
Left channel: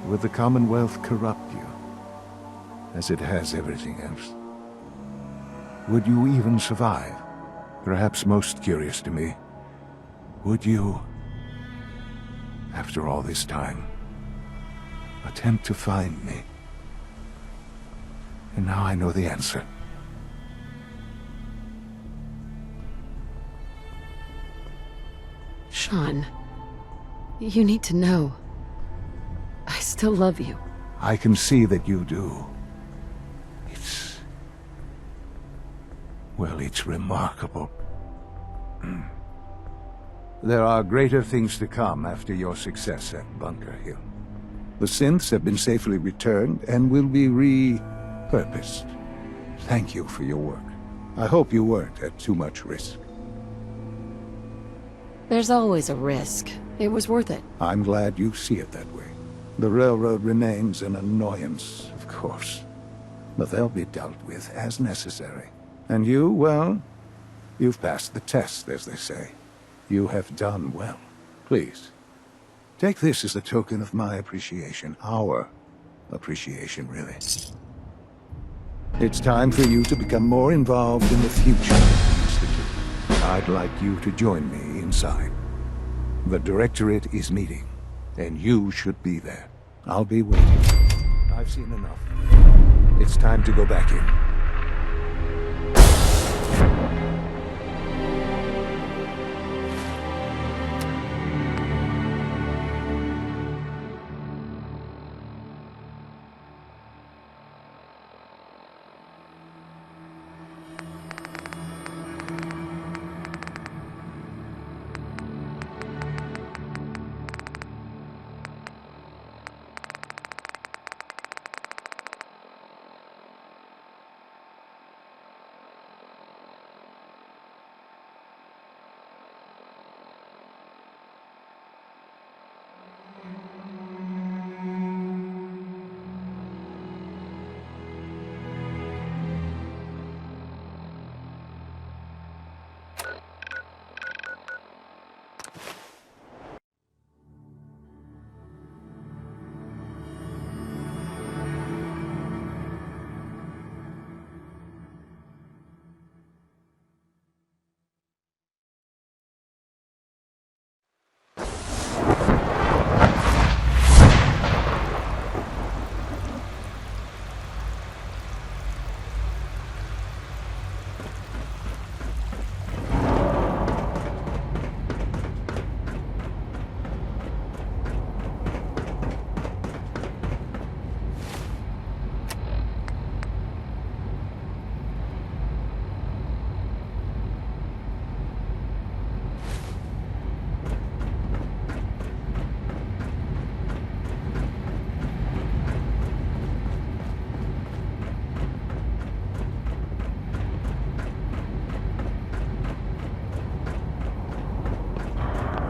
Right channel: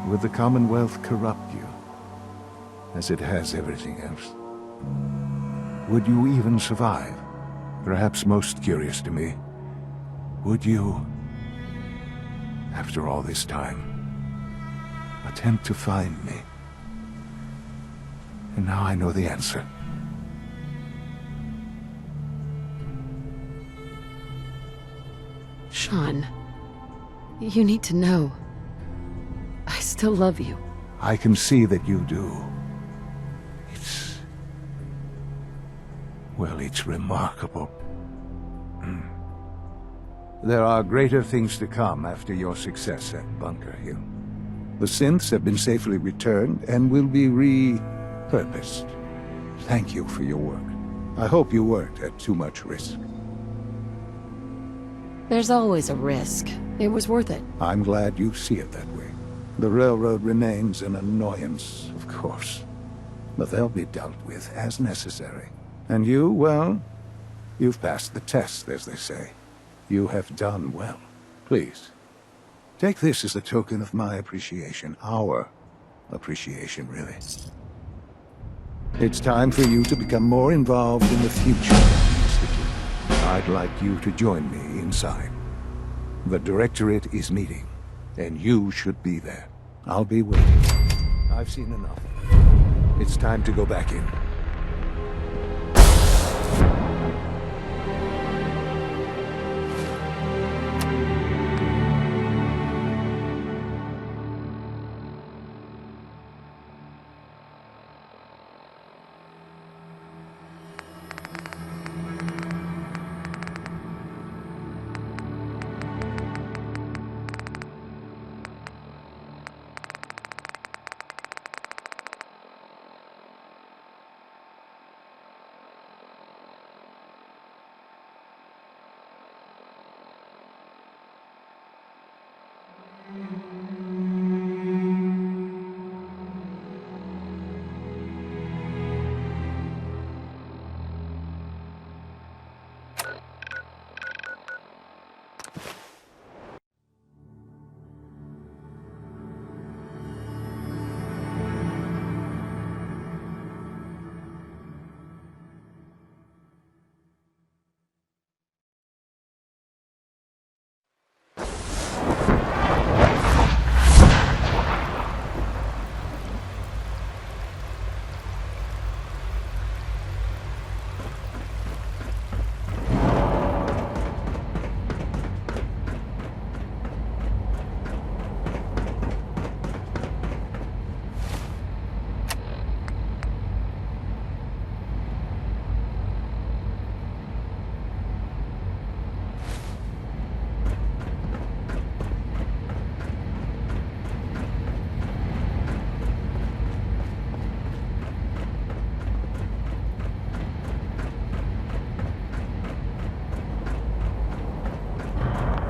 Would the Commonwealth corrupt you, as it has everything else? Would you even survive? Perhaps most curious to me, would you, after all this time, attempt to find me? And now I know the answer. Sean, you need to know. I still love you. I can see that you do. Well, it's remarkable. There are greater things to come after your success at Bunker Hill. The synths have been safely returned and will be repurposed. Thank you for your work. I hope you weren't at too much risk. There's always a risk. It was worth it. I'm glad you see it that way. The railroad remains an annoyance, of course. But they'll be dealt with as necessary. And you, well, you've passed the test, as they say. You have done well. Please, take this as a token of my appreciation. Our appreciation, really. It's time for you to become more involved in the future of the Institute. I'd like you to join me inside. The Directorate is meeting, and you should be there. I'll be waiting. I've seen enough. It's time to go back in.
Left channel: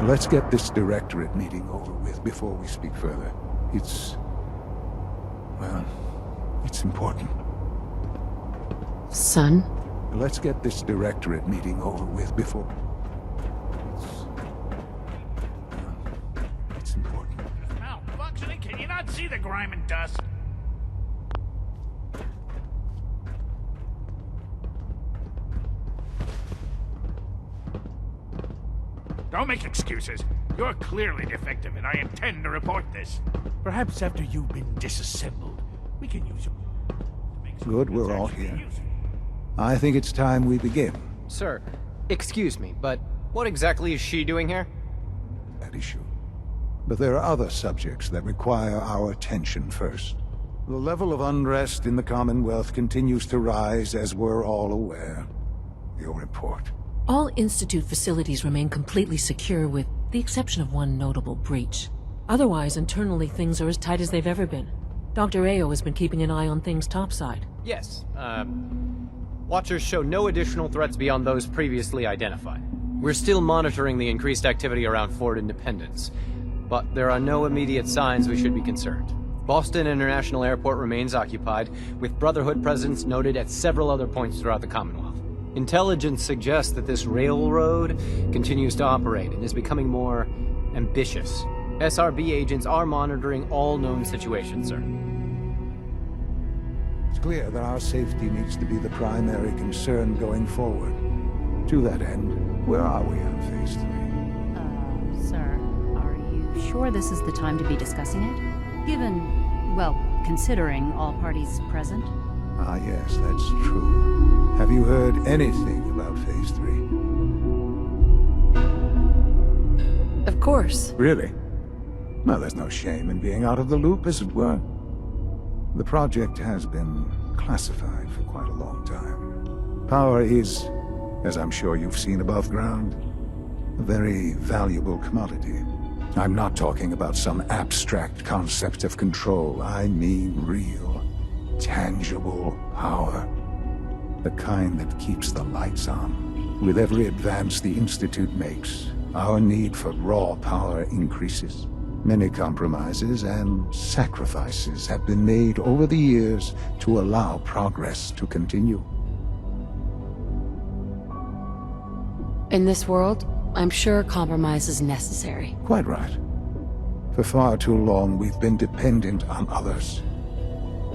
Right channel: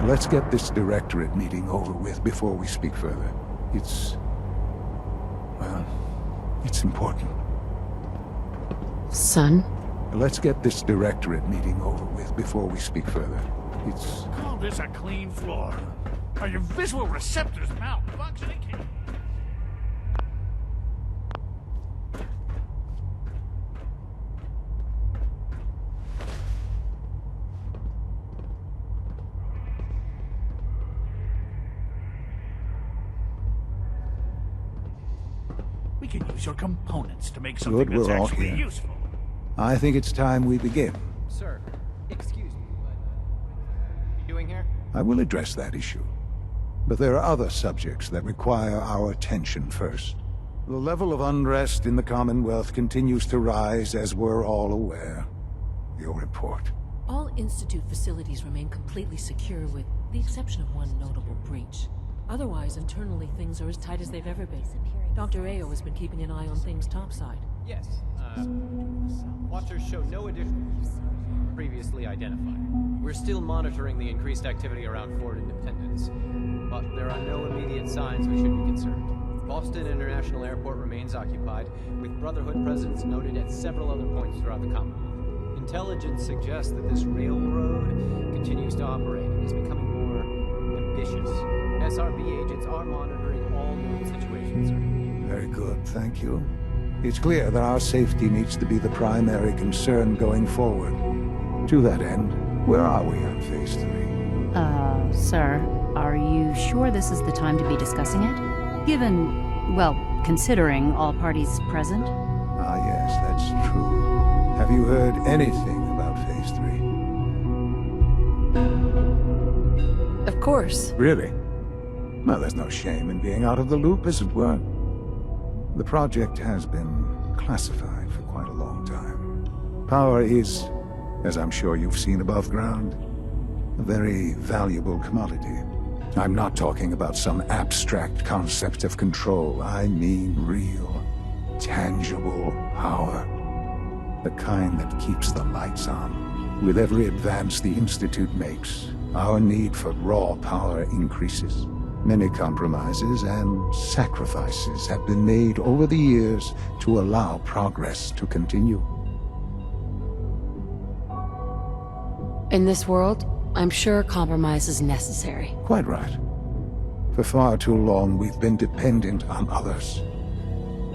Let's get this directorate meeting over with before we speak further. Well, it's important. Son? Let's get this directorate meeting over with before we speak further. Call this a clean floor. Are your visual receptors malfunctioning? Can you not see the grime and dust? Don't make excuses. You're clearly defective, and I intend to report this. Perhaps after you've been disassembled, we can use your components to make something Good, we're that's all actually here. useful. I think it's time we begin. Sir, excuse me, but what exactly is she doing here? I will address that issue. But there are other subjects that require our attention first. The level of unrest in the Commonwealth continues to rise, as we're all aware. Your report. All Institute facilities remain completely secure with the exception of one notable breach. Otherwise, internally things are as tight as they've ever been. Dr. Ao has been keeping an eye on things topside. Yes, Watchers show no additional threats beyond those previously identified. We're still monitoring the increased activity around Fort Independence, but there are no immediate signs we should be concerned. Boston International Airport remains occupied, with Brotherhood presence noted at several other points throughout the Commonwealth. Intelligence suggests that this railroad continues to operate and is becoming more ambitious. SRB agents are monitoring all known situations, sir. Very good, thank you. It's clear that our safety needs to be the primary concern going forward. To that end, where are we on Phase 3? Sir, are you sure this is the time to be discussing it? Given, well, considering all parties present? Ah, yes, that's true. Have you heard anything about Phase 3? Of course. Really? Well, there's no shame in being out of the loop, as it were. The project has been classified for quite a long time. Power is, as I'm sure you've seen above ground, a very valuable commodity. I'm not talking about some abstract concept of control. I mean real, tangible power. The kind that keeps the lights on. With every advance the Institute makes, our need for raw power increases. Many compromises and sacrifices have been made over the years to allow progress to continue. In this world, I'm sure compromise is necessary. Quite right. For far too long, we've been dependent on others.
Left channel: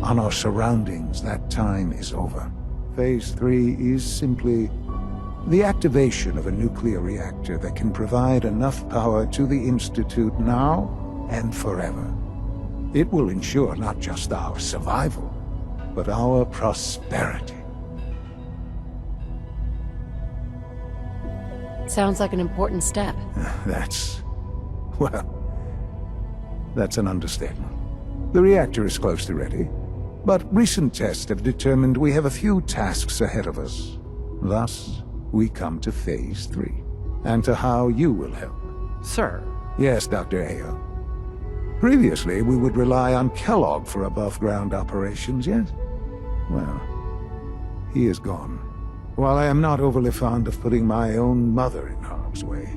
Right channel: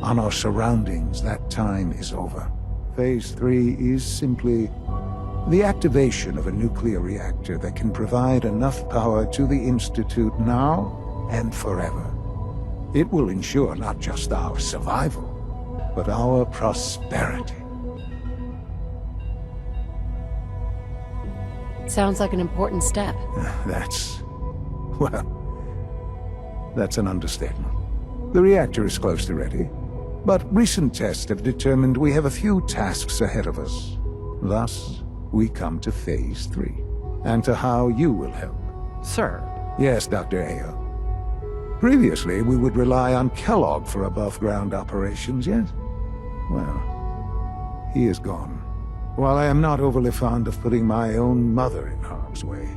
On our surroundings. That time is over. Phase 3 is simply the activation of a nuclear reactor that can provide enough power to the Institute now and forever. It will ensure not just our survival, but our prosperity. Sounds like an important step. That's an understatement. The reactor is close to ready, but recent tests have determined we have a few tasks ahead of us. Thus, we come to Phase 3, and to how you will help. Sir. Yes, Dr. Ao. Previously, we would rely on Kellogg for above-ground operations, yes? Well, he is gone. While I am not overly fond of putting my own mother in harm's way,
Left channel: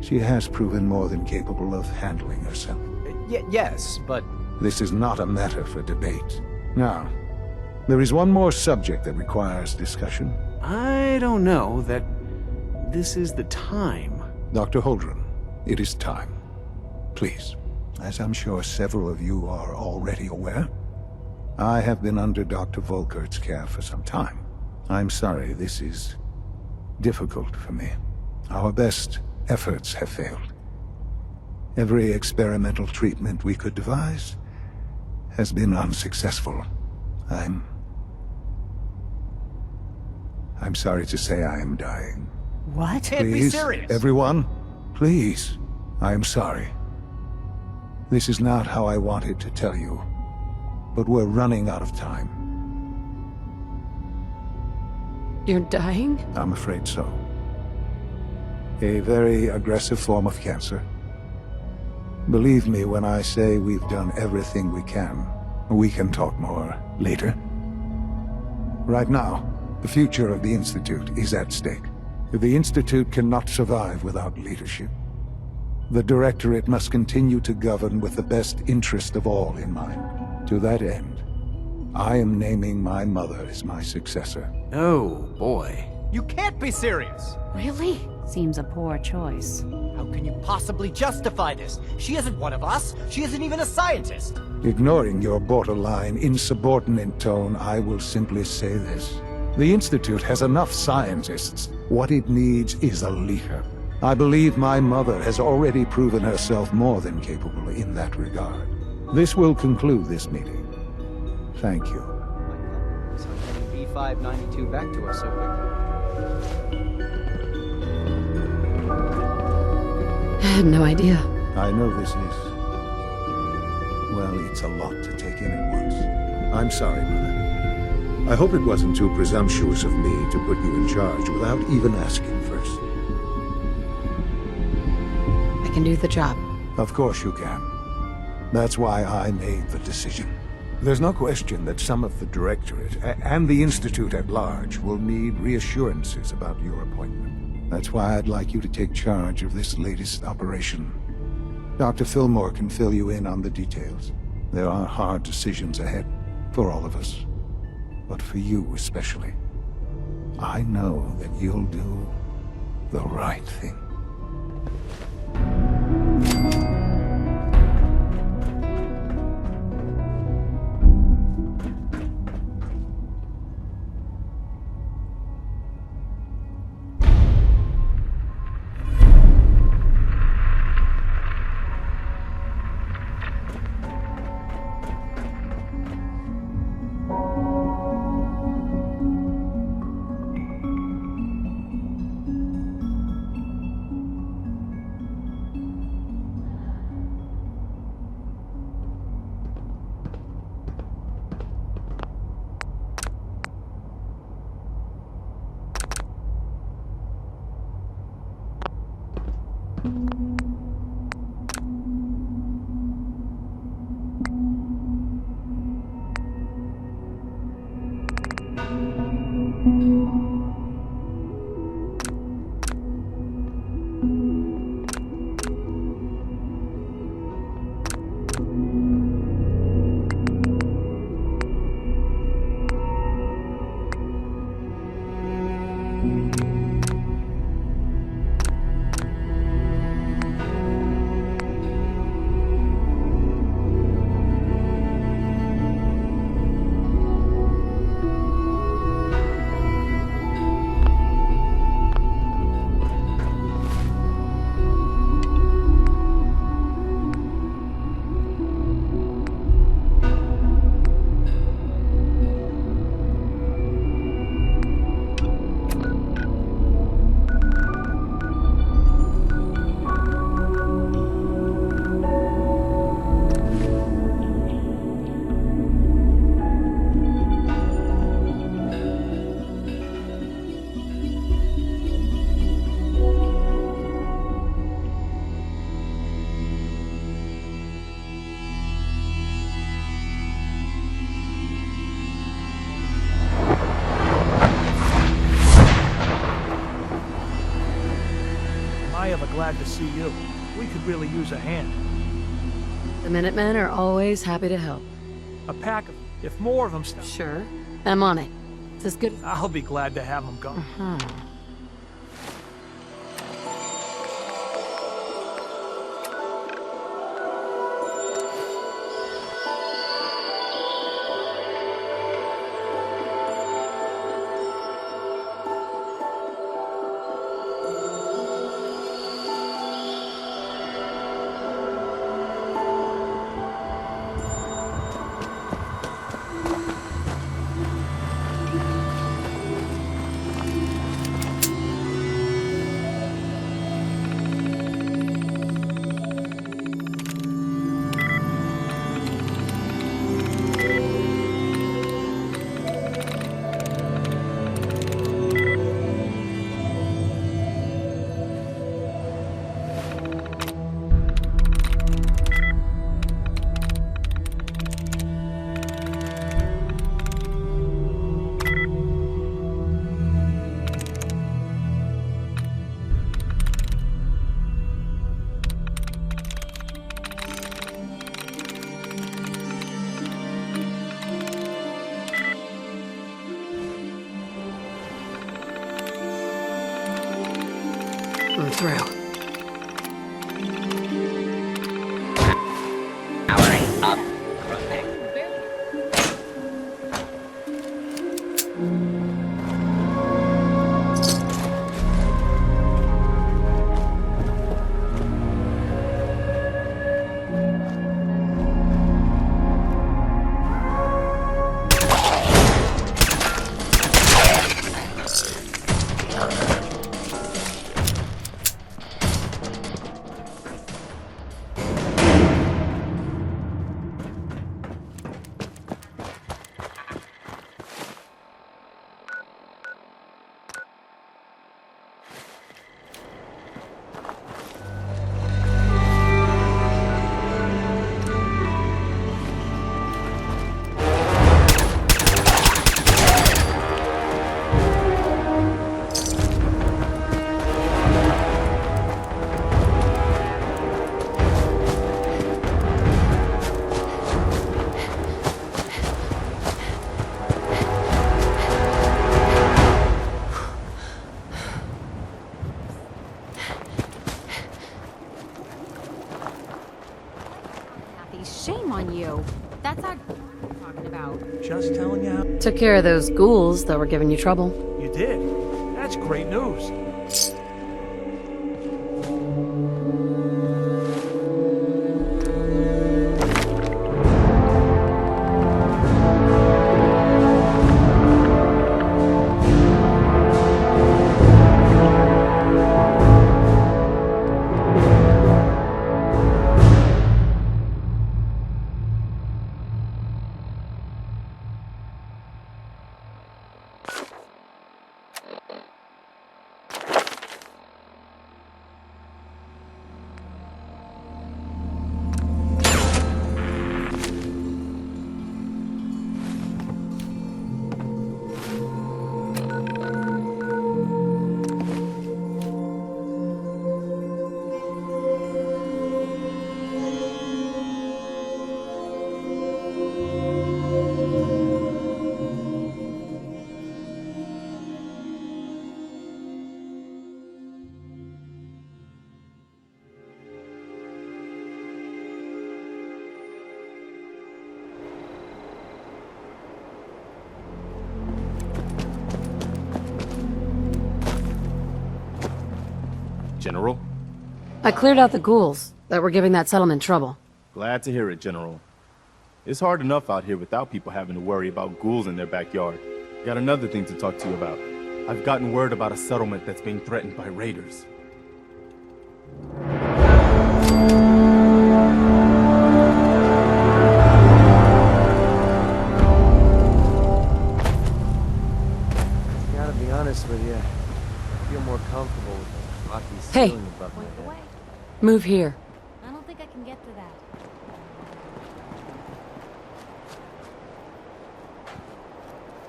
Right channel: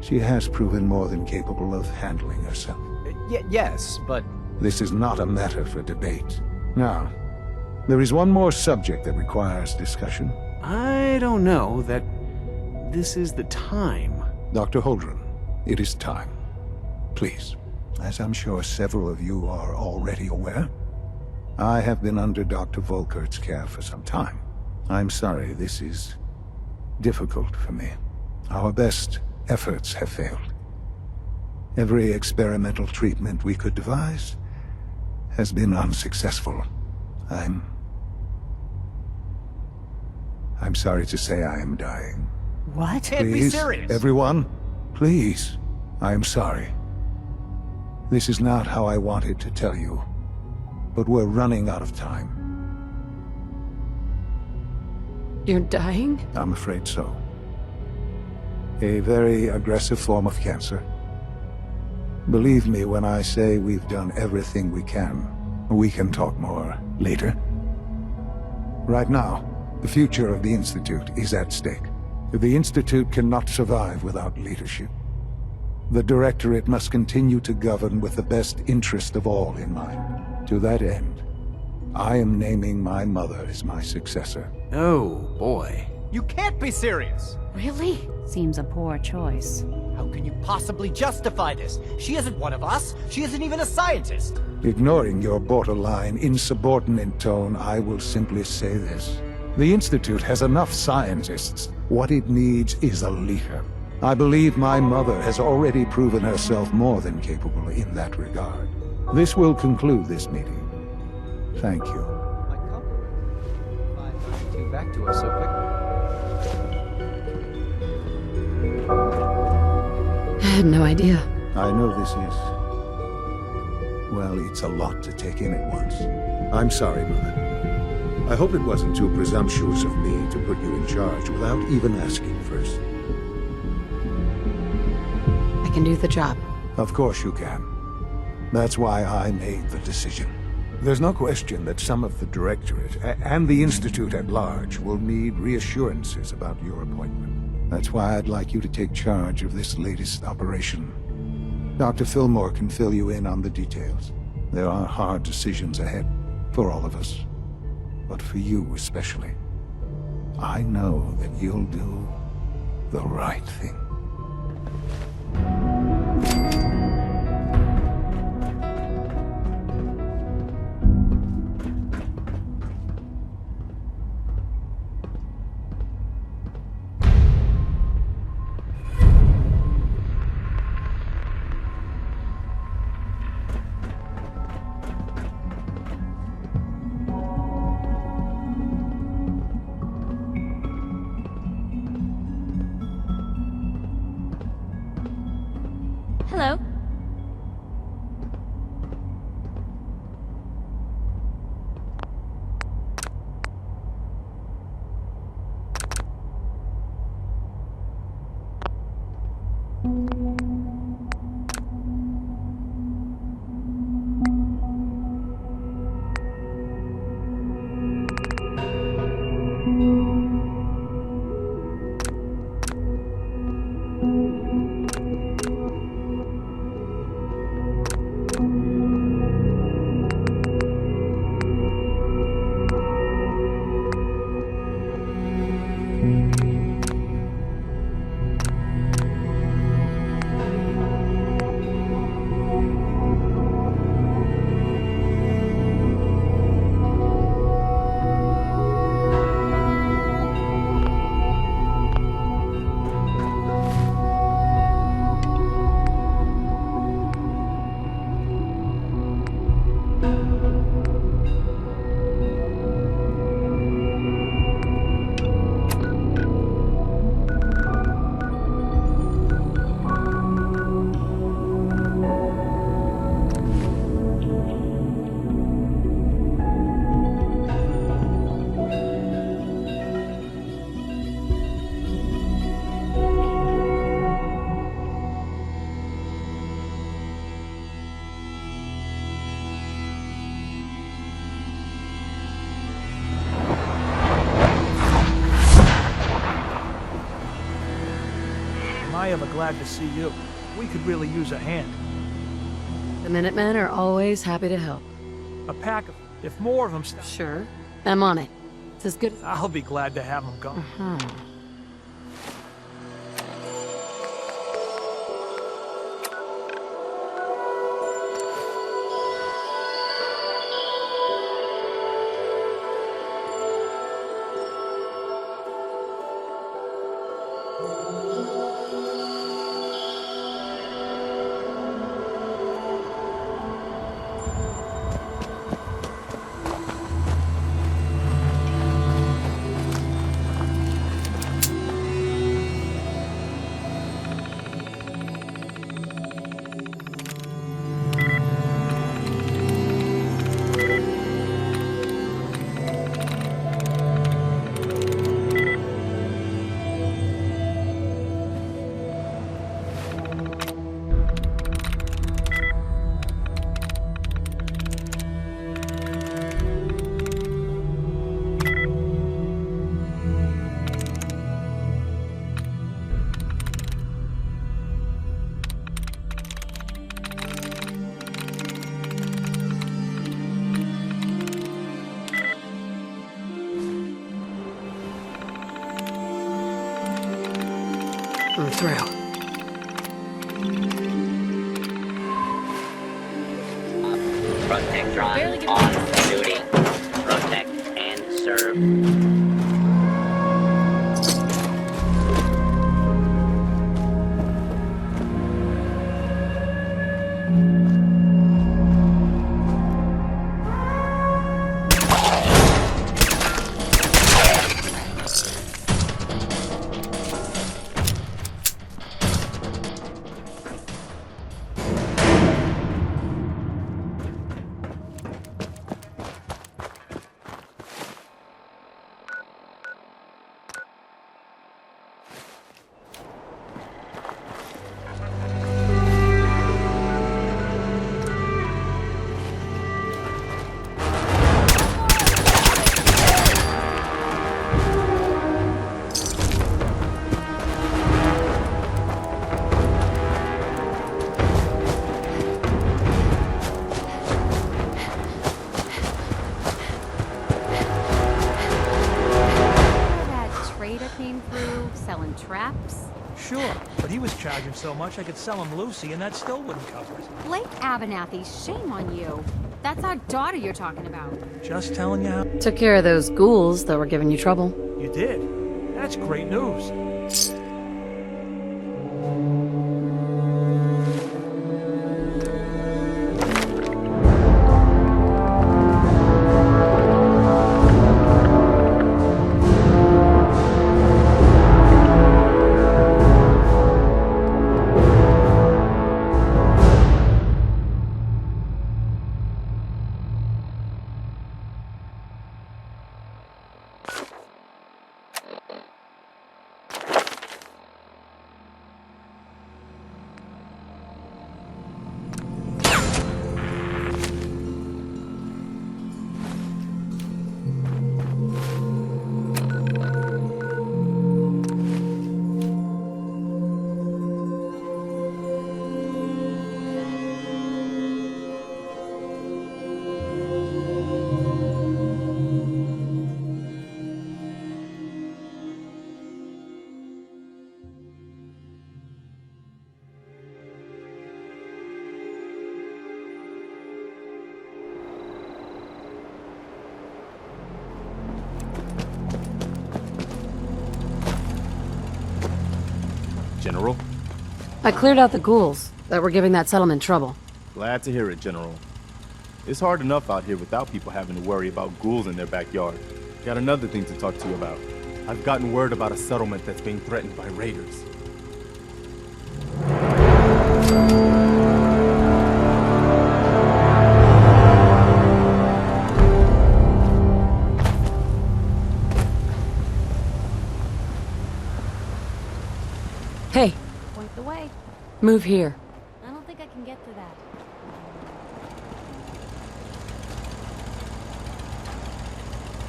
she has proven more than capable of handling herself. Yes, but... This is not a matter for debate. Now, there is one more subject that requires discussion. I don't know that this is the time. Dr. Holdren, it is time. Please, as I'm sure several of you are already aware, I have been under Dr. Volkert's care for some time. I'm sorry, this is difficult for me. Our best efforts have failed. Every experimental treatment we could devise has been unsuccessful. I'm sorry to say I am dying. What? Can't be serious. Everyone, please. I am sorry. This is not how I wanted to tell you, but we're running out of time. You're dying? I'm afraid so. A very aggressive form of cancer. Believe me when I say we've done everything we can. We can talk more later. Right now, the future of the Institute is at stake. The Institute cannot survive without leadership. The Directorate must continue to govern with the best interest of all in mind. To that end, I am naming my mother as my successor. Oh, boy. You can't be serious! Really? Seems a poor choice. How can you possibly justify this? She isn't one of us. She isn't even a scientist. Ignoring your borderline, insubordinate tone, I will simply say this. The Institute has enough scientists. What it needs is a leader. I believe my mother has already proven herself more than capable in that regard. This will conclude this meeting. Thank you. My compliments on getting B592 back to us so quickly. I had no idea. I know this is... well, it's a lot to take in at once. I'm sorry, Mother. I hope it wasn't too presumptuous of me to put you in charge without even asking first. I can do the job. Of course you can. That's why I made the decision. There's no question that some of the Directorate and the Institute at large will need reassurances about your appointment. That's why I'd like you to take charge of this latest operation. Dr. Fillmore can fill you in on the details. There are hard decisions ahead for all of us, but for you especially. I know that you'll do the right thing. Hello. I ever glad to see you. We could really use a hand. The Minutemen are always happy to help. A pack of, if more of them Sure. I'm on it. It's as good as... I'll be glad to have them gone. them through. Powering up. Protectron on duty. Protect and serve. I could sell him Lucy, and that still wouldn't cover it. Blake Abernathy, shame on you. That's our daughter you're talking about. Just telling you how... Took care of those ghouls that were giving you trouble. You did? That's great news. General? I cleared out the ghouls that were giving that settlement trouble. Glad to hear it, General. It's hard enough out here without people having to worry about ghouls in their backyard. Got another thing to talk to you about. I've gotten word about a settlement that's being threatened by raiders. Gotta be honest with you. I feel more comfortable with Rocky Hey. Stone than Point the way. Move here. I don't think I can get to that.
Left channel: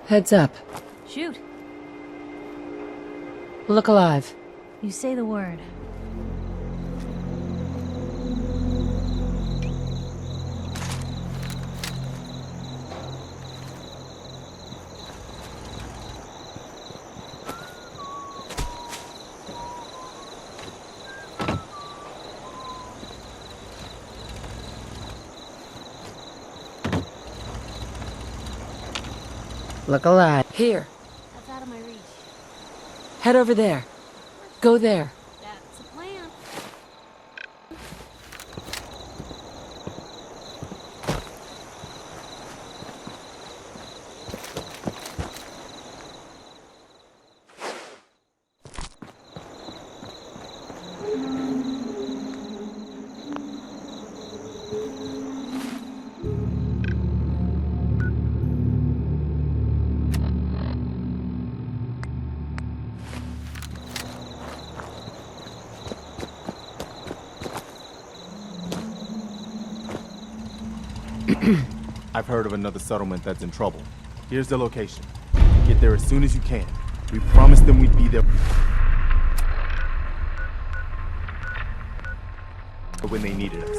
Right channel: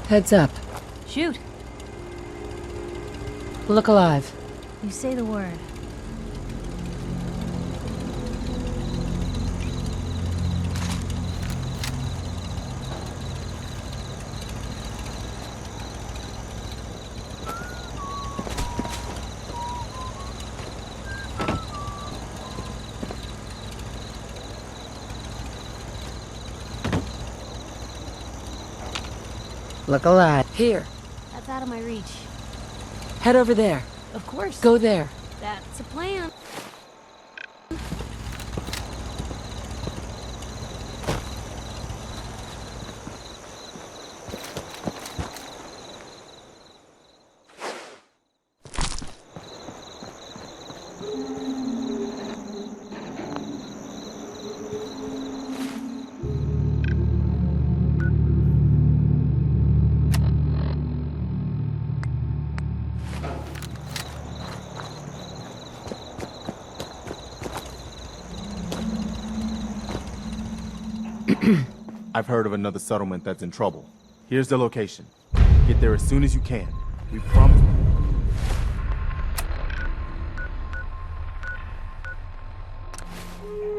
Heads up. Shoot. Look alive. You say the word. Look alive. Here. That's out of my reach. Head over there. Of course. Go there. That's a plan. I've heard of another settlement that's in trouble. Here's the location. Get there as soon as you can. We promised them we'd be there when they needed us.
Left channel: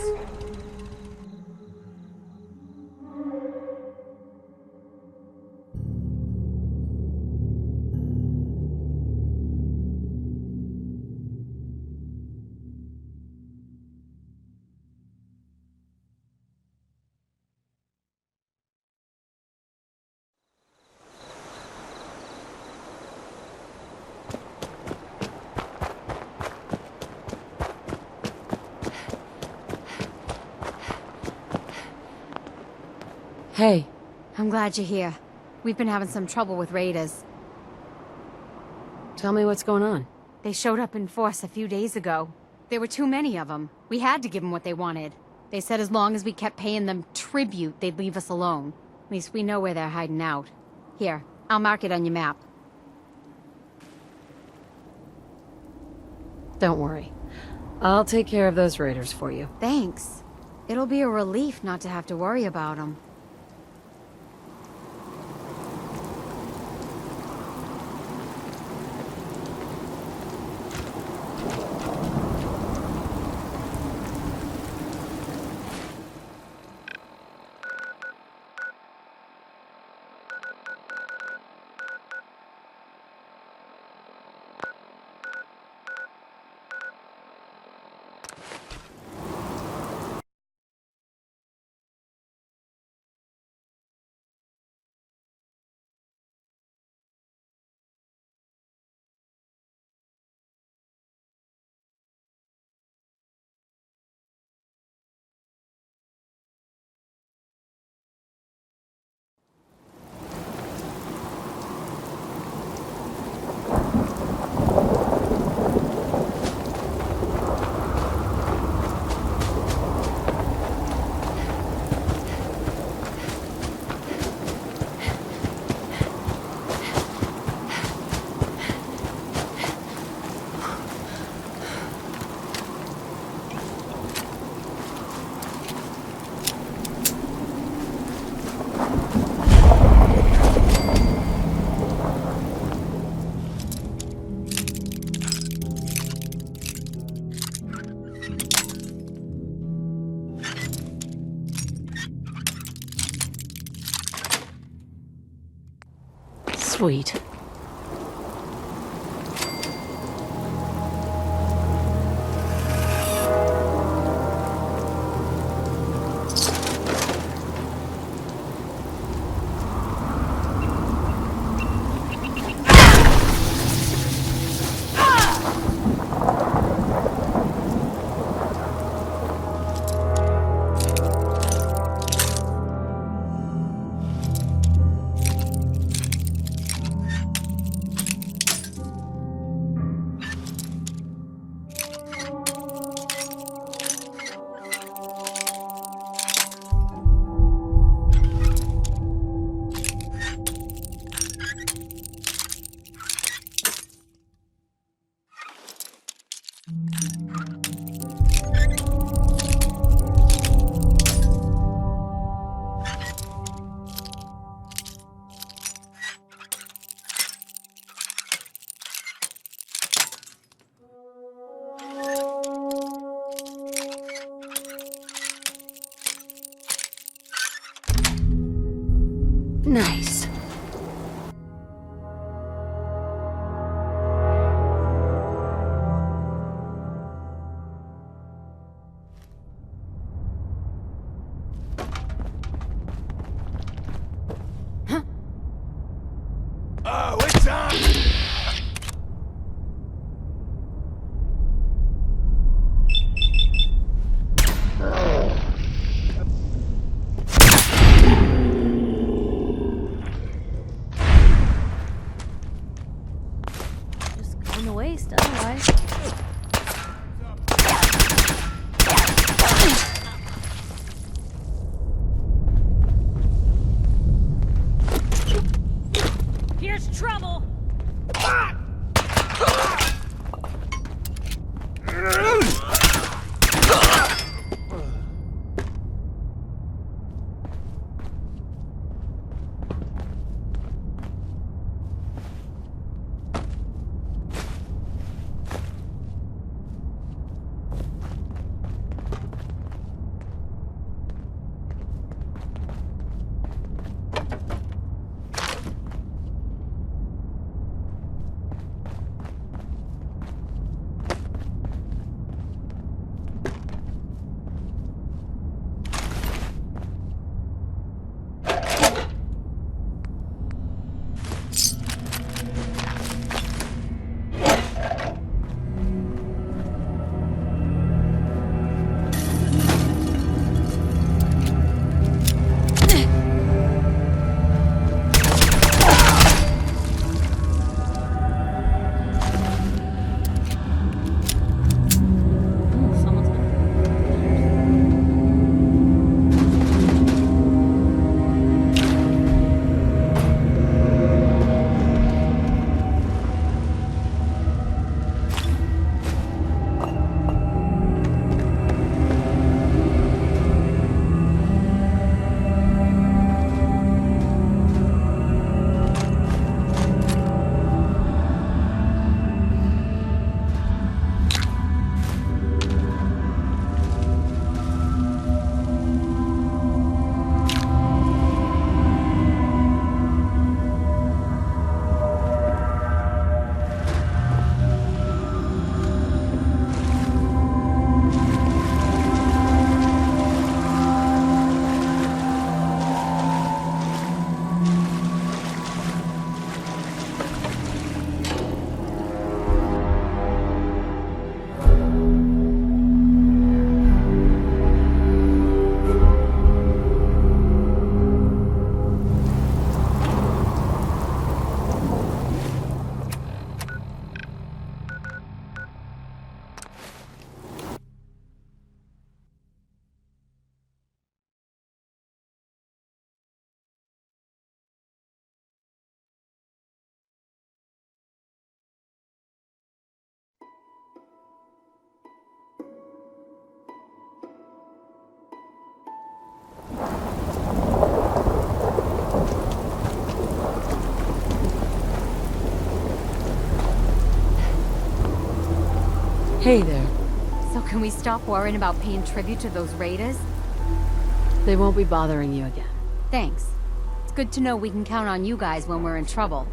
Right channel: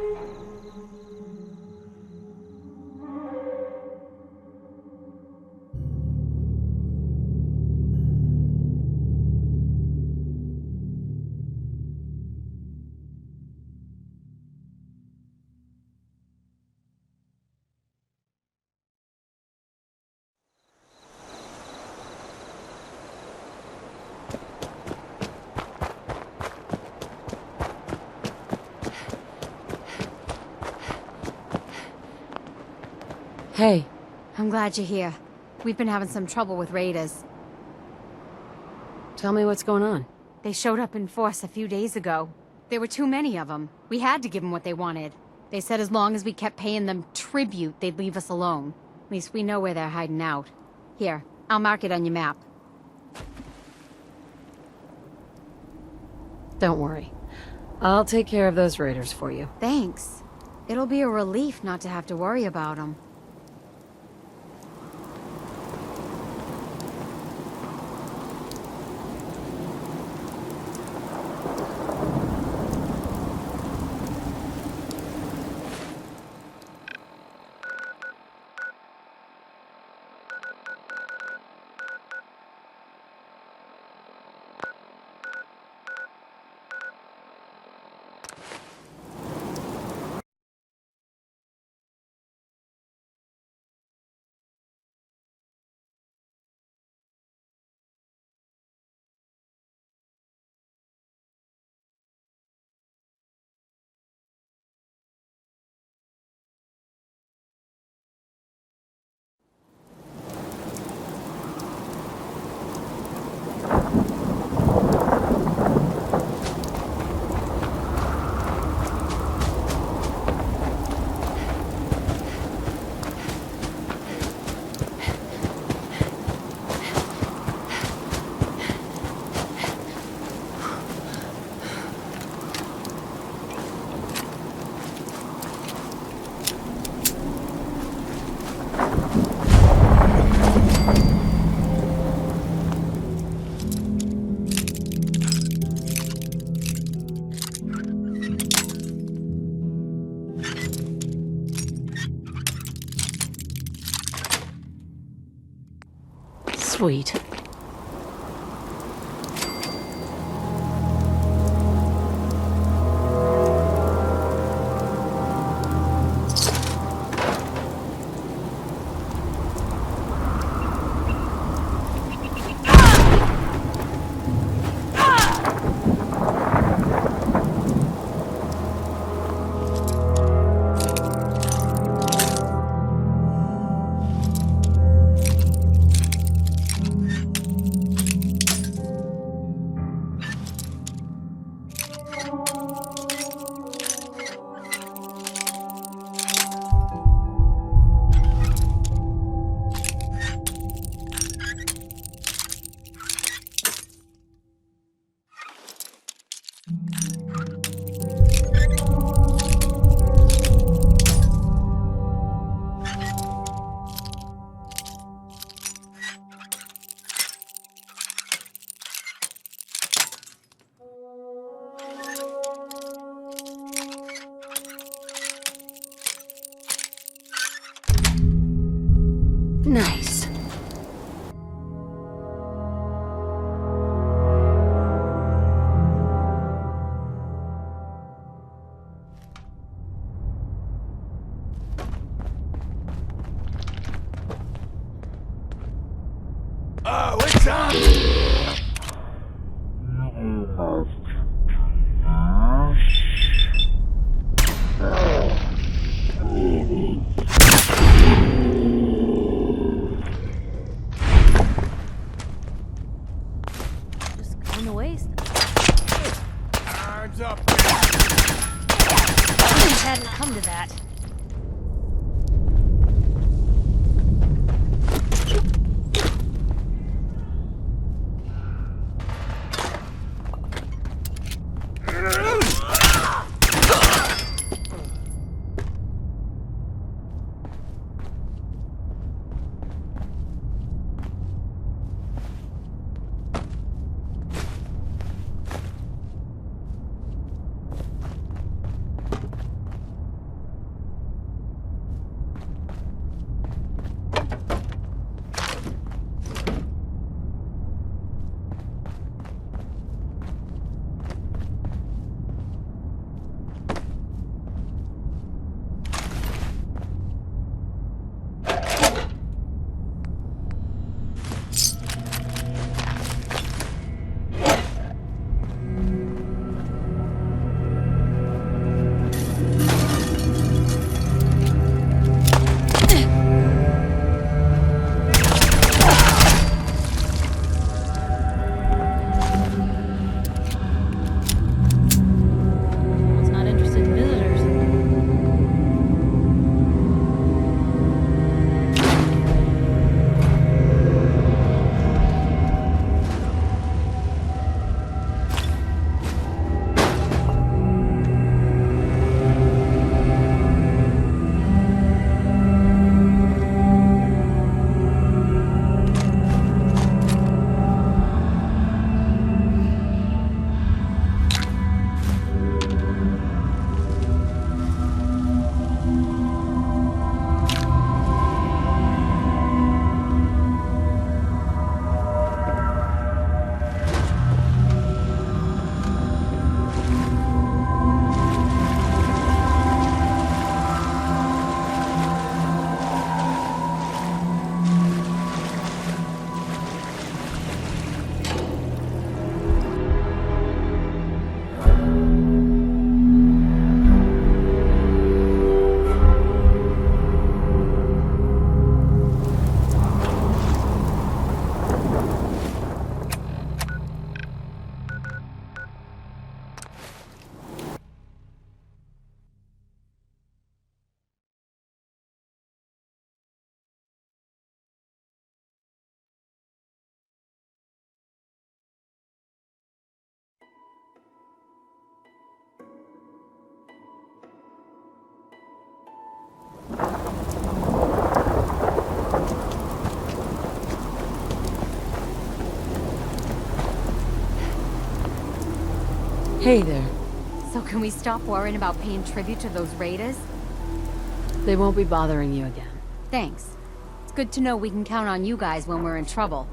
Hey. I'm glad you're here. We've been having some trouble with raiders. Tell me what's going on. They showed up in force a few days ago. There were too many of them. We had to give them what they wanted. They said as long as we kept paying them tribute, they'd leave us alone. At least we know where they're hiding out. Here, I'll mark it on your map. Don't worry. I'll take care of those raiders for you. Thanks. It'll be a relief not to have to worry about them. Sweet. Nice. Oh, it's on! Hey there. So can we stop worrying about paying tribute to those raiders? They won't be bothering you again. Thanks. It's good to know we can count on you guys when we're in trouble.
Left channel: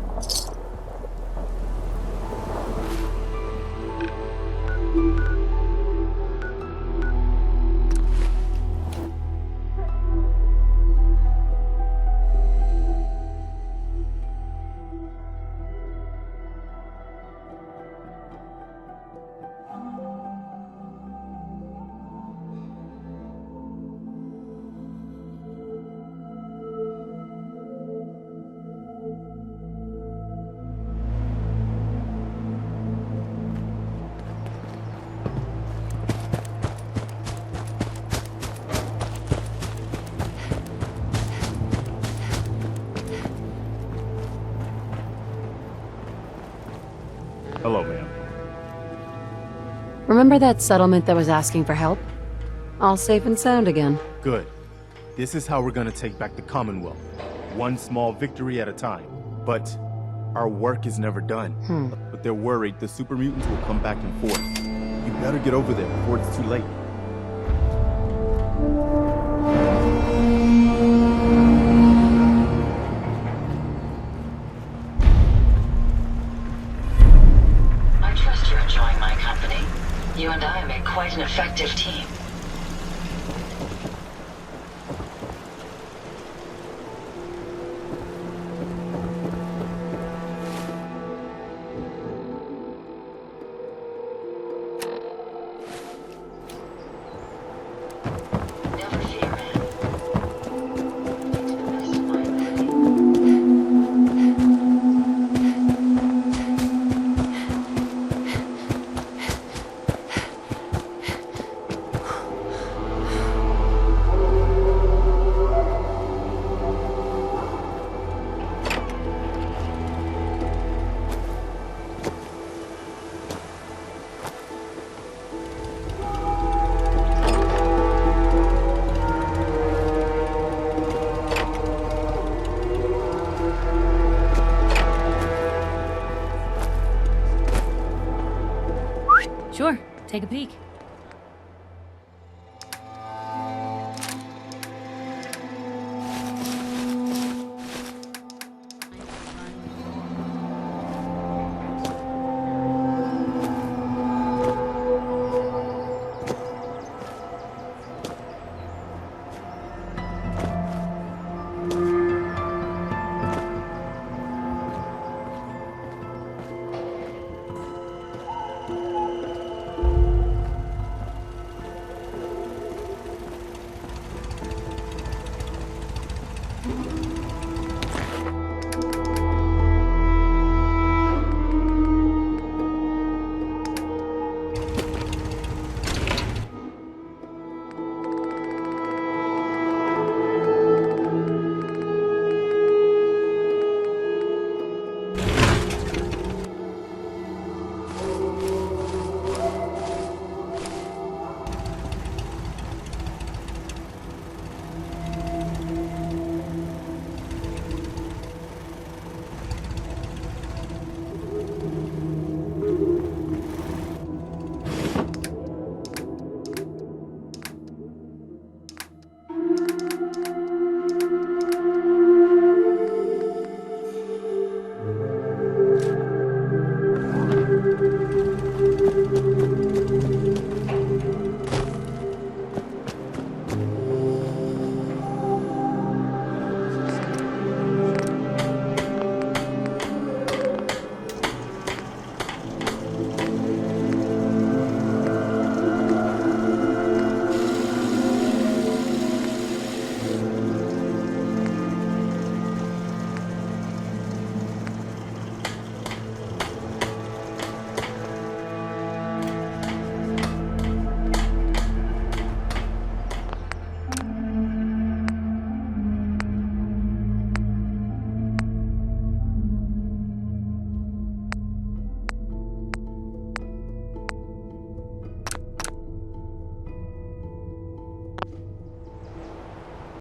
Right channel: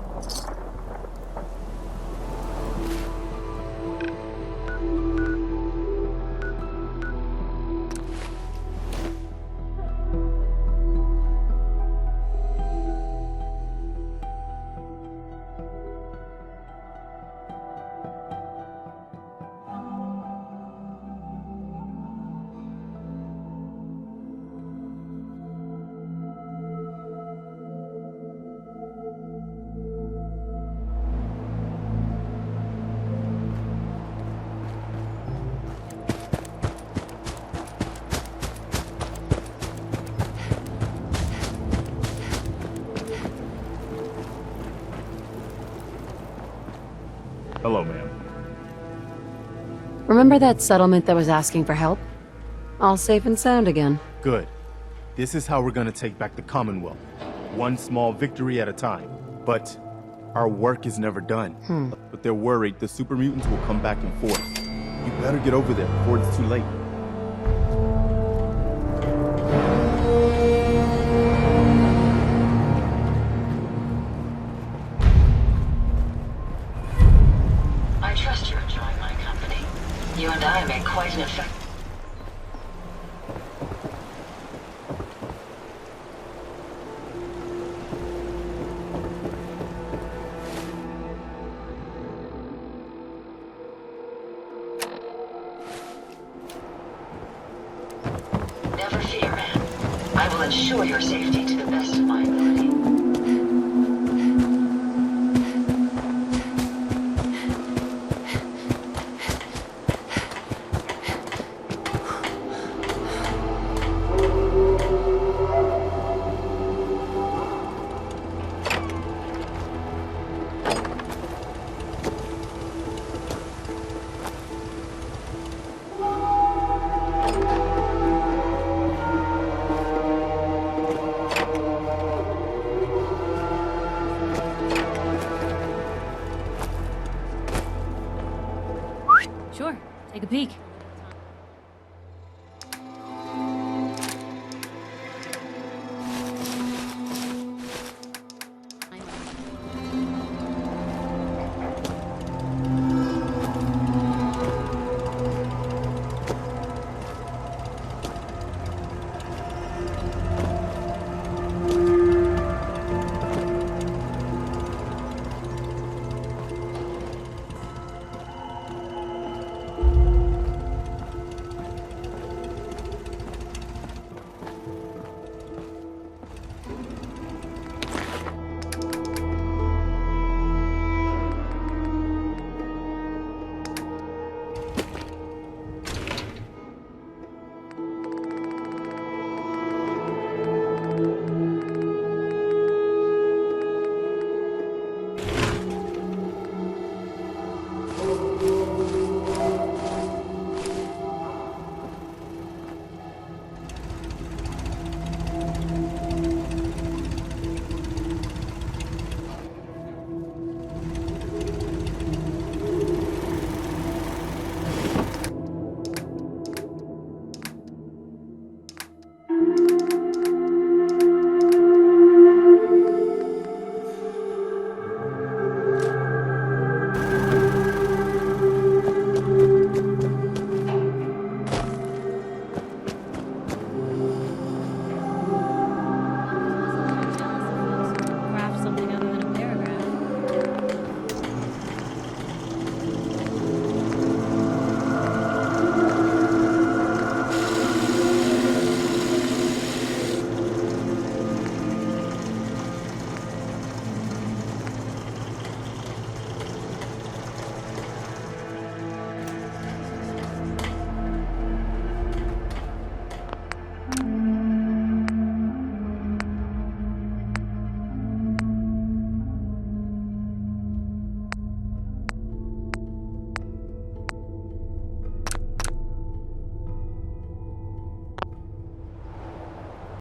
Hello, ma'am. Remember that settlement that was asking for help? All safe and sound again. Good. This is how we're gonna take back the Commonwealth. One small victory at a time. But our work is never done. But they're worried the super mutants will come back in force. You better get over there before it's too late. I trust you're enjoying my company. You and I make quite an effective team. Never fear, man. I will ensure your safety to the best of my ability. Sure, take a peek.